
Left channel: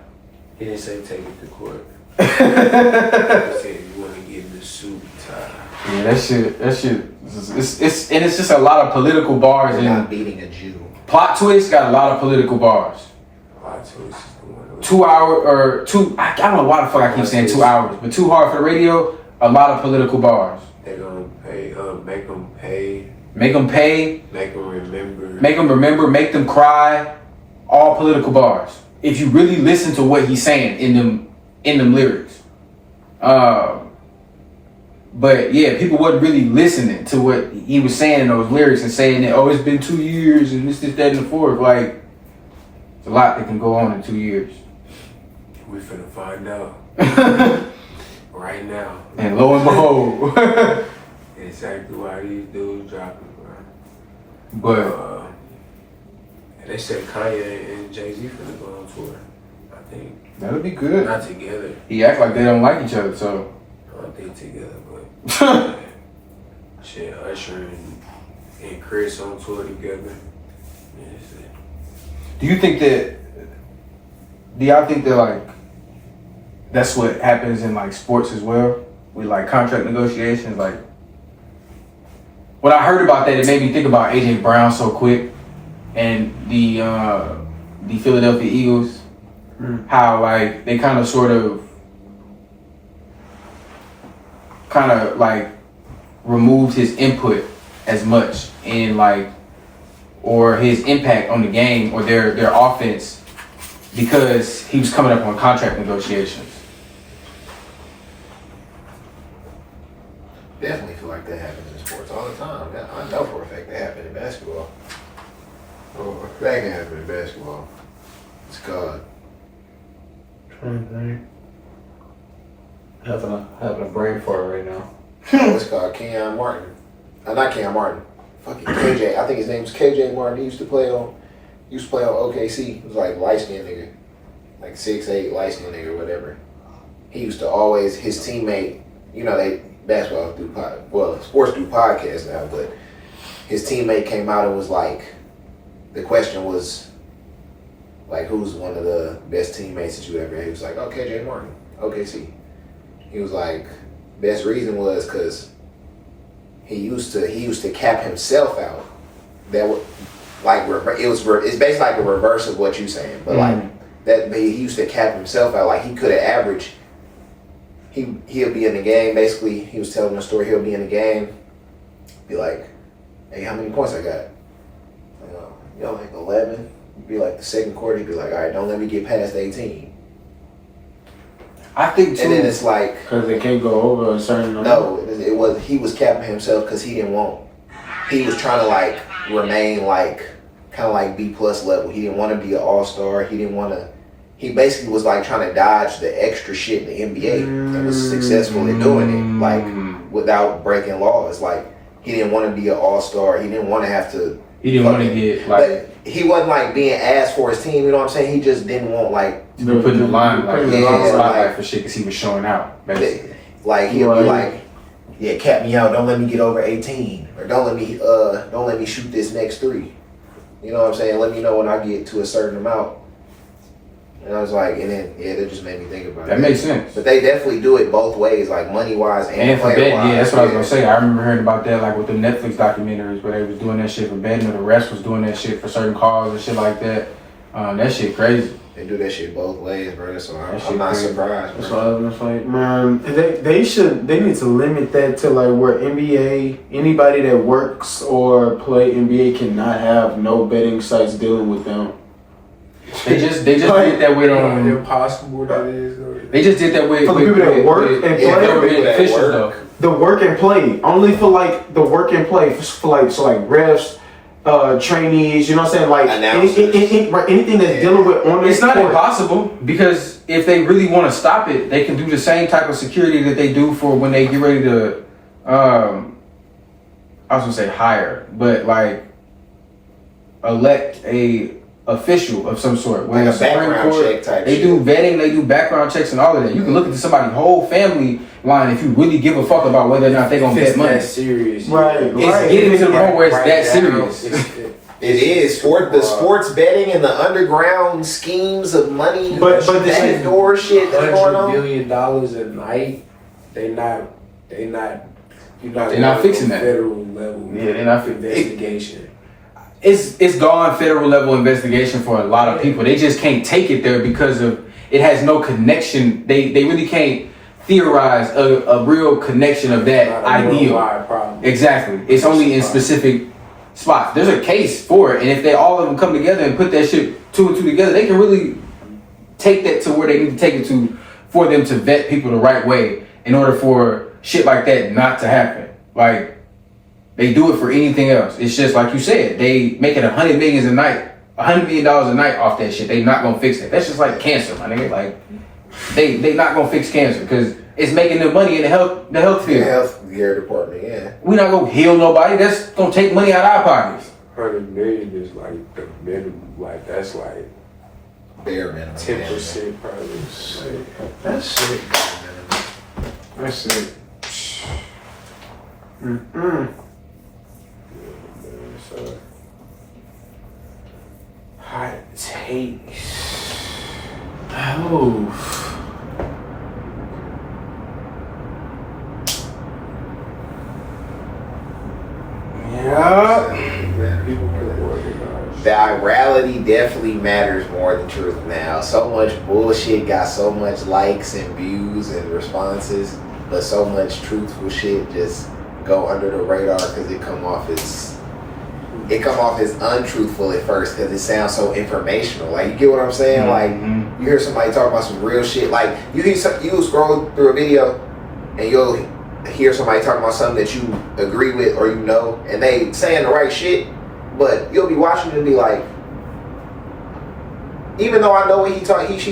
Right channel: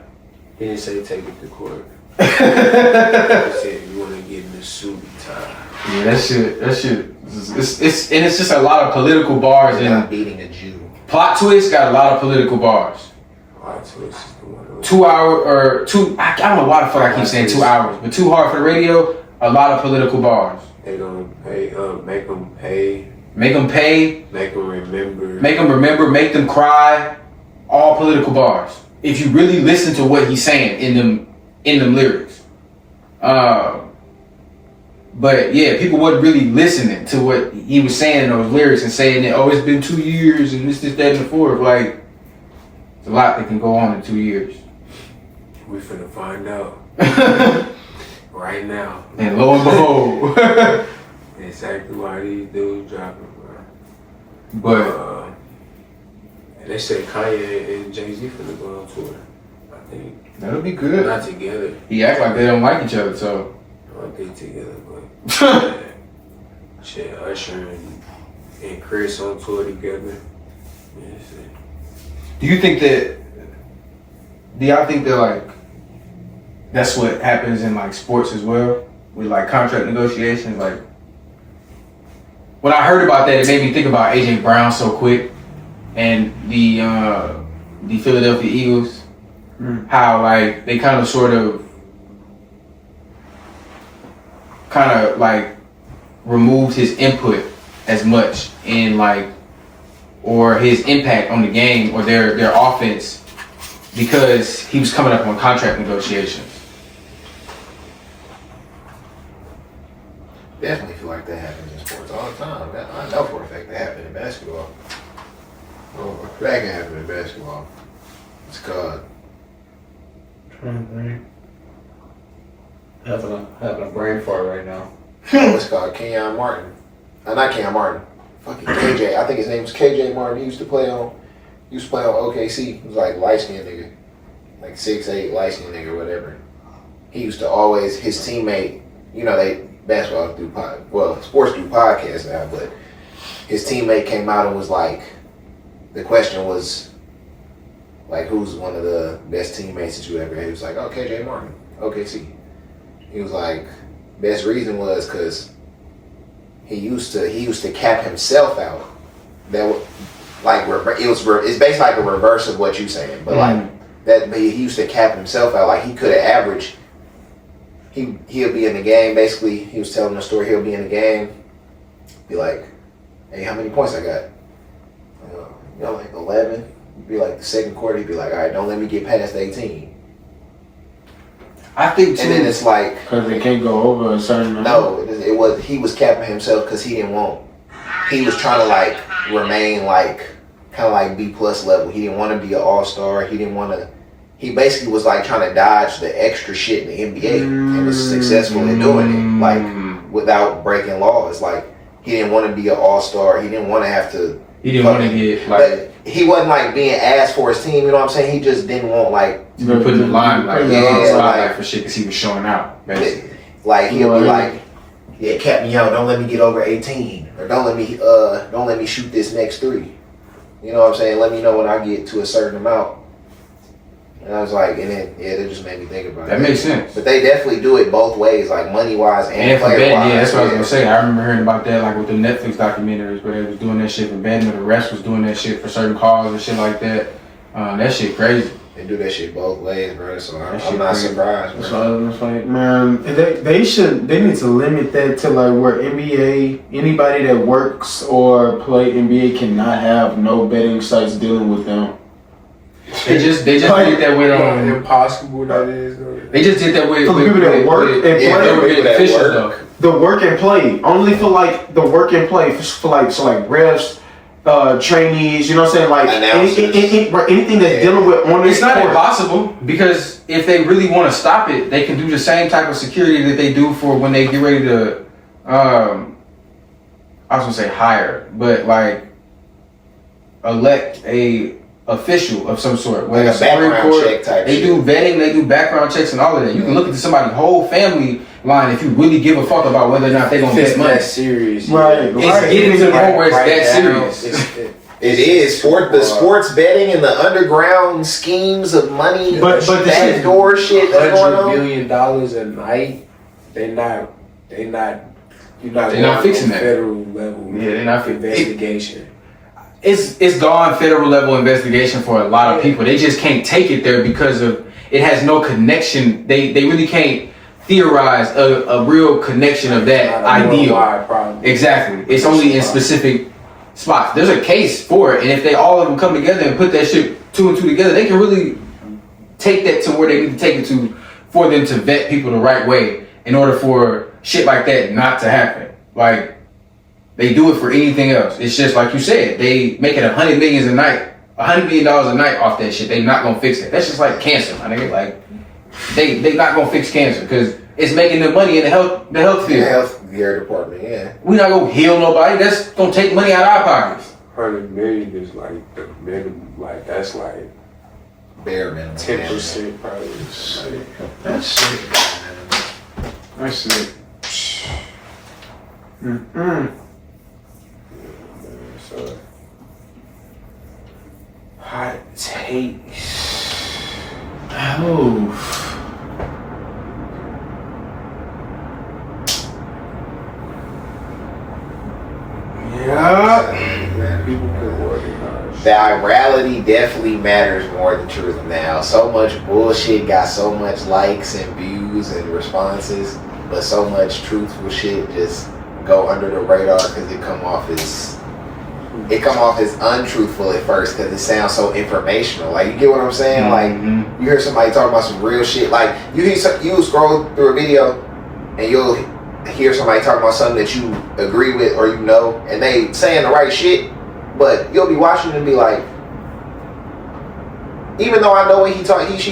he didn't say take it to court. He said you want to get in a suit and tie. Yeah, that shit. It's just a lot of political bars You're not and beating a Jew. plot twist got a lot of political bars. Plot twist is the one. 2 hour or two. I don't know why the fuck I keep saying 2 hours, but Too Hard for the Radio. A lot of political bars. They gonna pay, make them pay, Make them pay. make them remember. Make them remember. Make them cry. All political bars. If you really listen to what he's saying in them lyrics. But yeah, people wasn't really listening to what he was saying in those lyrics and saying that, oh, it's been 2 years and this, that, and the fourth. Like, it's a lot that can go on in 2 years. We finna find out right now. And lo and behold. Exactly why these dudes dropping, bro. But And they said Kanye and Jay-Z finna go on tour. I think. that'll be good. Not together. He act like they don't like each other, so. I don't think together, but shit, Usher and Chris on tour together. Yeah, shit. Do y'all think that like that's what happens in like sports as well with like contract negotiations? Like when I heard about that, it made me think about AJ Brown so quick and the Philadelphia Eagles, how like they kind of like removed his input as much in like or his impact on the game or their offense because he was coming up on contract negotiations. Definitely feel like that happens in sports all the time. I know for a fact that happened in basketball. Oh, that can happen in basketball. It's called. Having a brain fart right now. It's called Kenyon Martin. Not Kenyon Martin. Fucking KJ. I think his name was KJ Martin. He used to play on OKC. He was like light skinned nigga. Like 6'8", light skinned nigga or whatever. He used to always, his teammate, you know, basketball do sports do podcasts now, but his teammate came out and was like, the question was like, who's one of the best teammates that you ever had? He was like, oh, KJ Martin, OKC. He was like, best reason was because he used to cap himself out. That was like it's basically like a reverse of what you're saying, but like that he used to cap himself out. Like he could have averaged. He'll be in the game. Basically, he was telling the story. He'll be in the game, be like, "Hey, how many points I got? Like 11." Be like the second quarter. He'd be like, "All right, don't let me get past 18." I think too. And then it's like, Because they can't go over a certain amount. no, he was capping himself because he was trying to like remain like kind of like B+ level. He didn't want to be an all-star. He basically was like trying to dodge the extra shit in the NBA and was successful in doing it, like without breaking laws. Like he didn't want to be an all-star. He didn't want to have to. He didn't want to get like. But he wasn't like being asked for his team. You know what I'm saying? He just didn't want like. You been putting the line like Yeah, spotlight for shit because he was showing out. Basically. Like he'll be like, yeah, cap me out. Don't let me get over 18, or don't let me shoot this next 3. You know what I'm saying? Let me know when I get to a certain amount. And I was like, and then that just made me think about it. That makes sense. But they definitely do it both ways, like money wise and for player betting, wise. yeah, that's what I was gonna say. I remember hearing about that, like with the Netflix documentaries, where they was doing that shit for betting, or the rest was doing that shit for certain calls and shit like that. That shit crazy. They do that shit both ways, bro. So That I'm shit not crazy. surprised, That's bro. why I was like, man, they need to limit that to like where NBA, anybody that works or play NBA cannot have no betting sites dealing with them. They just did that with impossible that is. They just did that with For the people that work and play. they were being That officials work. though. The work and play only for like the work and play for like refs, trainees. You know what I'm saying? Like Announcers. anything that's dealing with on this It's not court. impossible because if they really want to stop it, they can do the same type of security that they do for when they get ready to, I was gonna say hire, but like elect a official of some sort. Like a the Supreme background check type They shit. do vetting, they do background checks and all of that. You can look into somebody's whole family line if you really give a fuck about whether or not they're gonna It's bet money. that serious. Right. It's getting to the point where it's that serious. It is the sports betting and the underground schemes of money, But the shit- backdoor shit that's going $100 on. million a night. You're not They're not fixing that. federal level. Yeah, they're not fixing investigation. It's gone federal level investigation for a lot of people. They just can't take it there because of it has no connection. They really can't theorize a real connection of that ideal. Problem. Exactly. It's only in specific spots. There's a case for it, and if they all of them come together and put that shit 2 and 2 together, they can really take that to where they need to take it to for them to vet people the right way in order for shit like that not to happen. Like they do it for anything else. It's just like you said, they make it $100 million a night off that shit. They not gonna fix it. That's just like cancer, my nigga. Like they not gonna fix cancer because it's making them money in the health field. The health care department, yeah. We not gonna heal nobody. That's gonna take money out of our pockets. 100 million is like the minimum. Like that's like Bare minimum. 10% probably. That's it. That's it. Mm-mm. So hot take. Oh. Yeah. People could organize. The virality definitely matters more than truth now. So much bullshit got so much likes and views and responses, but so much truthful shit just go under the radar because it come off as untruthful at first because it sounds so informational. Like, you get what I'm saying? Mhm. Like, you hear somebody talk about some real shit. Like, you scroll through a video and you'll hear somebody talking about something that you agree with or you know, and they saying the right shit, but you'll be watching and be like, even though I know what she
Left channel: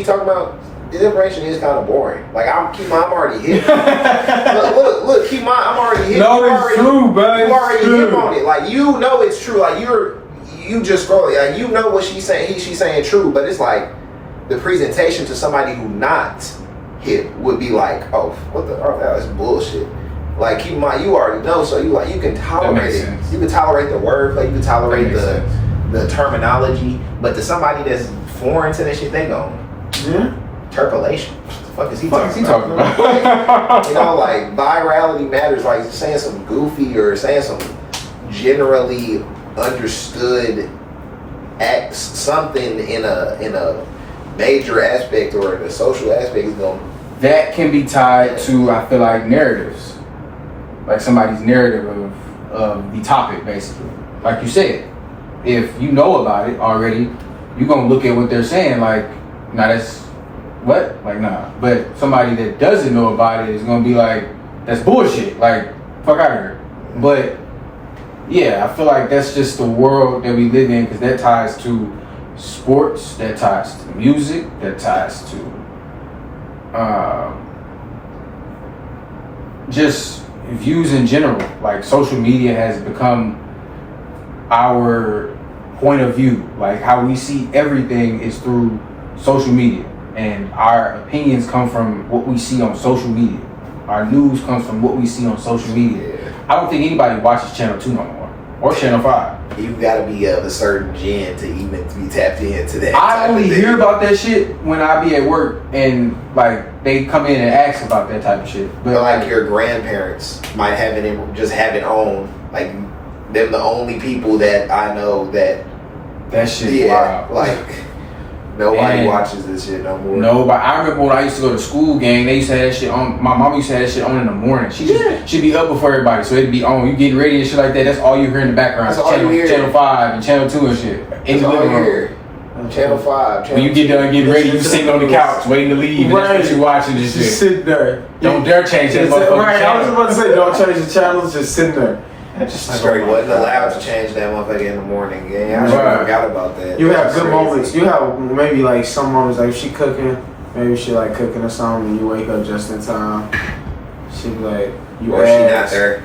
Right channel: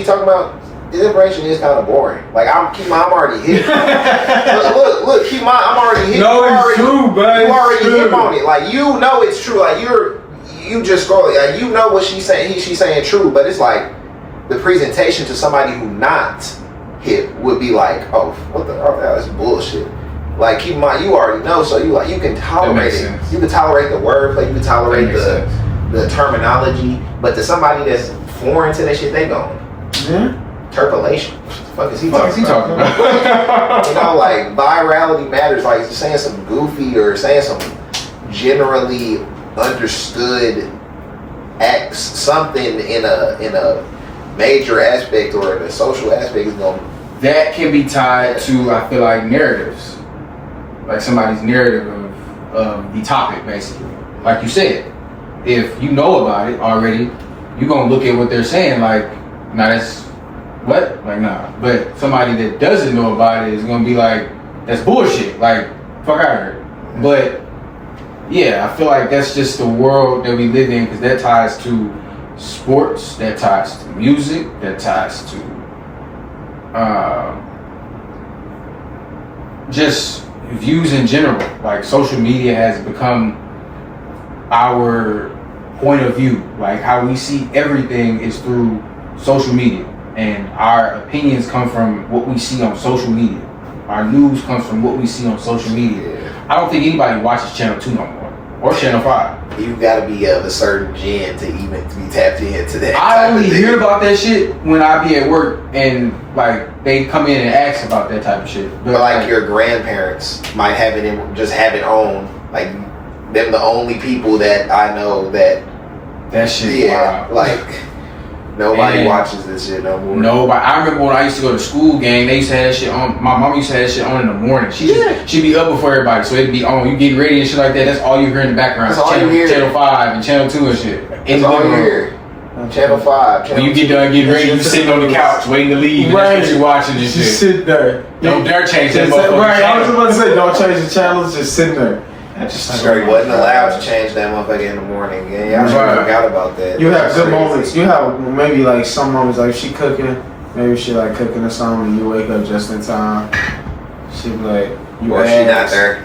talking about, this information is kind of boring. Like, I'm already hit. look, keep in mind, I'm already hit. No, it's true, bro. You already hit on it. Like, you know it's true. Like, you just scrolling. Like, you know what she's saying true, but it's like the presentation to somebody who not hip would be like, oh, what the that's bullshit. Like, keep in mind, you already know, so you can tolerate it. sense. You can tolerate the wordplay, you can tolerate That makes the terminology, but to somebody that's foreign to that shit, they go, interpolation. What the fuck is he talking about? You know, like, virality matters. Like, saying some goofy or saying some generally understood something in a major aspect or in a social aspect is going. That can be tied to, I feel like, narratives. Like somebody's narrative of the topic, basically. Like you said, if you know about it already, you're going to look at what they're saying like, nah, that's what? Like, nah. But somebody that doesn't know about it is going to be like, that's bullshit. Like, fuck out of here. But, yeah, I feel like that's just the world that we live in because that ties to sports, that ties to music, that ties to just views in general. Like, social media has become our point of view. Like, how we see everything is through social media, and our opinions come from what we see on social media. Our news comes from what we see on social media. I don't think anybody watches Channel 2 no more, or Channel 5. You gotta be of a certain gen to even be tapped into that. I only hear about that shit when I be at work and like they come in and ask about that type of shit. But like your grandparents might have it on. Like, them the only people that I know that shit. yeah, Wow. like Nobody And watches this shit no more. No, but I remember when I used to go to school gang, they used to have that shit on. My mom used to have that shit on in the morning. She'd be up before everybody, so it'd be on. You getting ready and shit like that. That's all you hear in the background. That's all you hear. Channel 5 and Channel 2 and shit. That's all you hear. Channel 5. When you get done getting ready, you sitting on the couch waiting to leave. And that's what you watching this shit. Just sit there. Don't dare change that motherfucker. Right, I was about to say, don't change the channels, just sit there. Straight wasn't allowed to change that motherfucker in the morning. Yeah, I Right. forgot about that. You have That's good crazy. moments. You have maybe like some moments like she cooking, maybe she like cooking or something, and you wake up just in time. She be like, you Or if she not ask. there.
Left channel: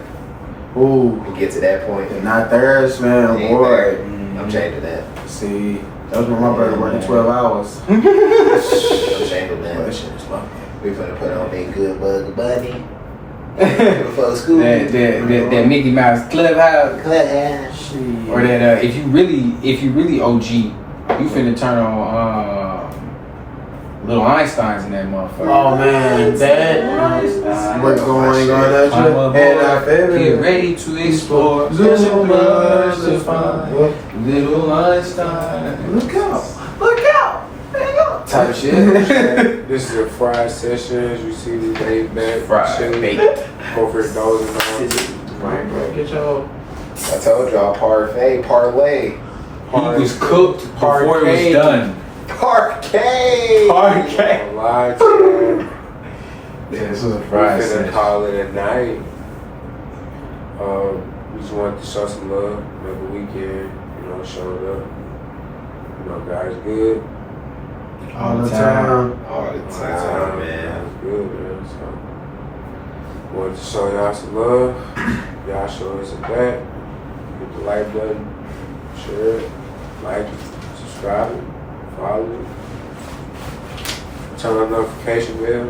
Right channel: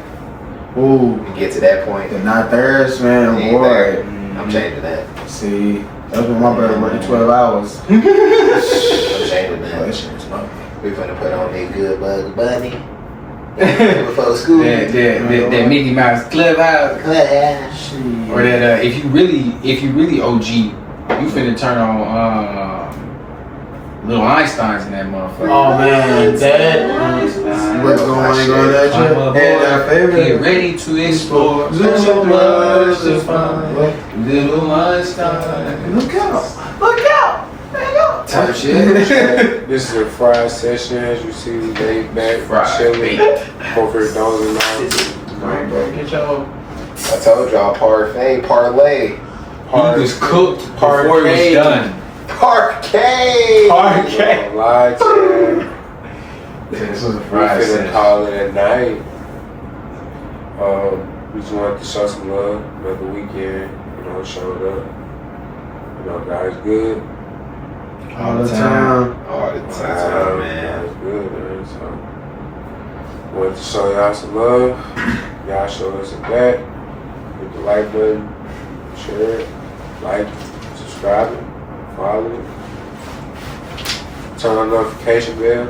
Ooh, We get to that point. they're not theirs, man. They ain't there. Boy, I'm changing that. see, that was when my brother worked 12 hours. I'm changing But that. that shit is lovely. We finna put on that good bug bunny. Before school. That Mickey Mouse Clubhouse. Or that if you really OG, you finna turn on Little Einstein's in that motherfucker. Oh man, that what's going on that I'm a shit? And our boy, get favorite. ready to explore. Little much to words find. Little Einstein. Look out! Look out! Type shit. This is a fried session, as you see, laid back, Fried chilling, bait. $400 a Right, night. bro, get your I told y'all parlay. He was cooked before he was done. Parquet. Don't lie to you. This was a We fried finna session. call it a night. We just wanted to show some love. Another weekend, showed up. God's good. all the time. All the time, man. God's good, man. So, wanted to show y'all some love. Y'all show us some back. Hit the like button, share it, like, subscribe it, follow it. Turn on notification bell.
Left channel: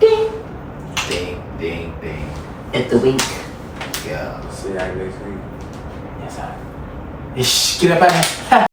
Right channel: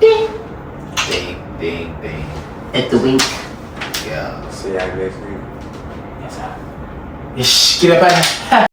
Ding, ding, ding. At the wink. Yeah. See y'all next week. Get up out of here.